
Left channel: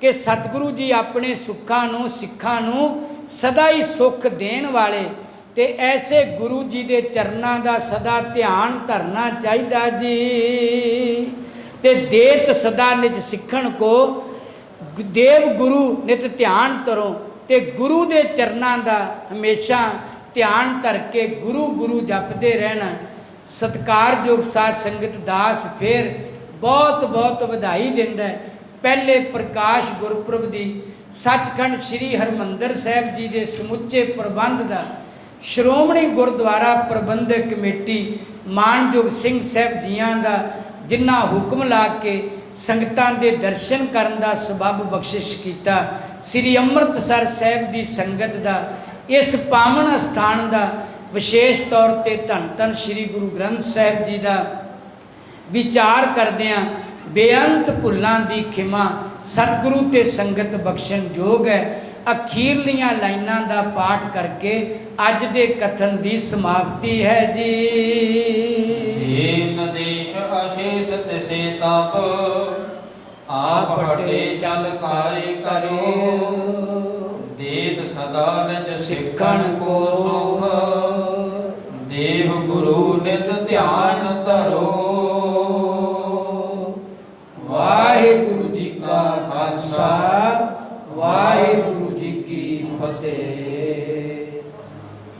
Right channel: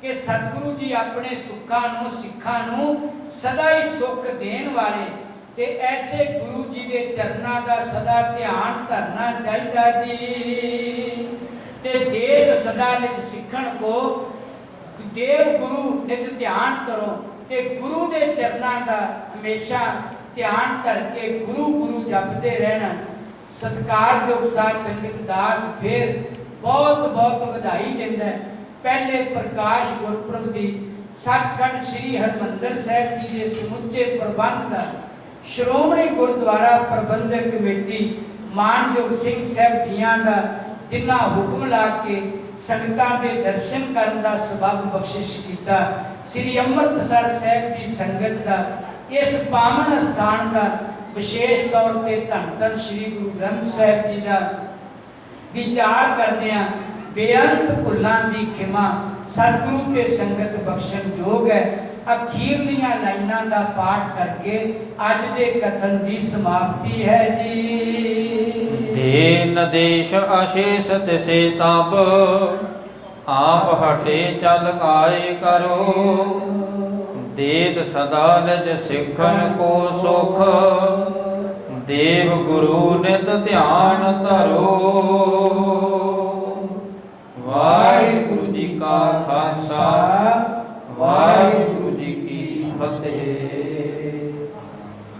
ਕਿ ਸਤਿਗੁਰੂ ਜੀ ਆਪਣੇ ਸੁੱਖਾਂ ਨੂੰ, ਸਿੱਖਾਂ ਨੂੰ ਸਦਾ ਹੀ ਸੁੱਖ ਦੇਣ ਵਾਲੇ, ਤੇ ਐਸੇ ਗੁਰੂ ਜੀ ਦੇ ਚਰਨਾਂ ਦਾ ਸਦਾ ਧਿਆਨ ਧਰਨਾ ਚਾਹੀਦਾ ਜੀ। ਤੇ ਦੇਤ ਸਦਾ ਨਿਜ ਸਿੱਖਣ ਕੋ, ਦੇਵ ਗੁਰੂ ਨਿਤ ਧਿਆਨ ਧਰੋ। ਤੇ ਗੁਰੂ ਦੇ ਚਰਨਾਂ ਦਾ ਹਮੇਸ਼ਾ ਧਿਆਨ ਧਰ ਕੇ ਗੁਰੂ ਗੁਰੂ ਜਪਦੇ ਰਹਿਣਾ। ਸਤਿਕਾਰਯੋਗ ਸਾਧ ਸੰਗਤ ਦਾਸ ਫਿਰ ਬਹੁਤ ਬਹੁਤ ਵਧਾਈ ਦਿੰਦਾ ਹੈ ਪਹਿਲੇ ਪ੍ਰਕਾਸ਼ ਗੁਰਪੁਰਬ ਦੀ। ਸੱਚਖੰਡ ਸ੍ਰੀ ਹਰਿਮੰਦਰ ਸਾਹਿਬ ਜੀ ਦੇ ਸਮੁੱਚੇ ਪ੍ਰਬੰਧ ਦਾ ਸ਼੍ਰੋਮਣੀ ਗੁਰਦੁਆਰਾ ਪ੍ਰਬੰਧਕ ਕਮੇਟੀ ਮਾਨਯੋਗ ਸਿੰਘ ਸਾਹਿਬ ਜੀਆਂ ਦਾ, ਜਿਨ੍ਹਾਂ ਹੁਕਮ ਲਾ ਕੇ ਸੰਗਤਾਂ ਦੇ ਦਰਸ਼ਨ ਕਰਨ ਦਾ ਸਬਬ ਬਖਸ਼ਿਸ਼ ਕੀਤਾ। ਸ੍ਰੀ ਅੰਮ੍ਰਿਤਸਰ ਸਾਹਿਬ ਦੀ ਸੰਗਤ ਦਾ, ਇਸ ਪਾਵਨ ਸਥਾਨ ਦਾ ਵਿਸ਼ੇਸ਼ ਤੌਰ ਤੇ ਧੰਨ ਧੰਨ ਸ੍ਰੀ ਗੁਰੂ ਗ੍ਰੰਥ ਸਾਹਿਬ ਜੀ ਦਾ ਵਿਚਾਰ ਕਰਦਿਆਂ ਬੇਅੰਤ ਭੁੱਲਾਂ ਦੀ ਖਿਮਾ ਸਤਿਗੁਰੂ ਤੇ ਸੰਗਤ ਬਖਸ਼ਣ ਯੋਗ ਹੈ। ਅਖੀਰਲੀਆਂ ਲਾਈਨਾਂ ਦਾ ਪਾਠ ਕਰਕੇ ਅੱਜ ਦੇ ਕਥਨ ਦੀ ਸਮਾਪਤੀ ਹੈ ਜੀ। ਦੇਨ ਦੇਸ਼ ਅਸ਼ੇਸ਼ ਤਿਸੇ ਤਬ। ਆਪ ਹਟੇ ਚਲ ਆਏ ਕਰੋ। ਦੇਤ ਸਦਾ ਨਿਜ ਸਿੱਖਣ ਕੋ ਸੁਖ। ਦੇਵ ਗੁਰੂ ਨਿਤ ਧਿਆਨ ਧਰੋ।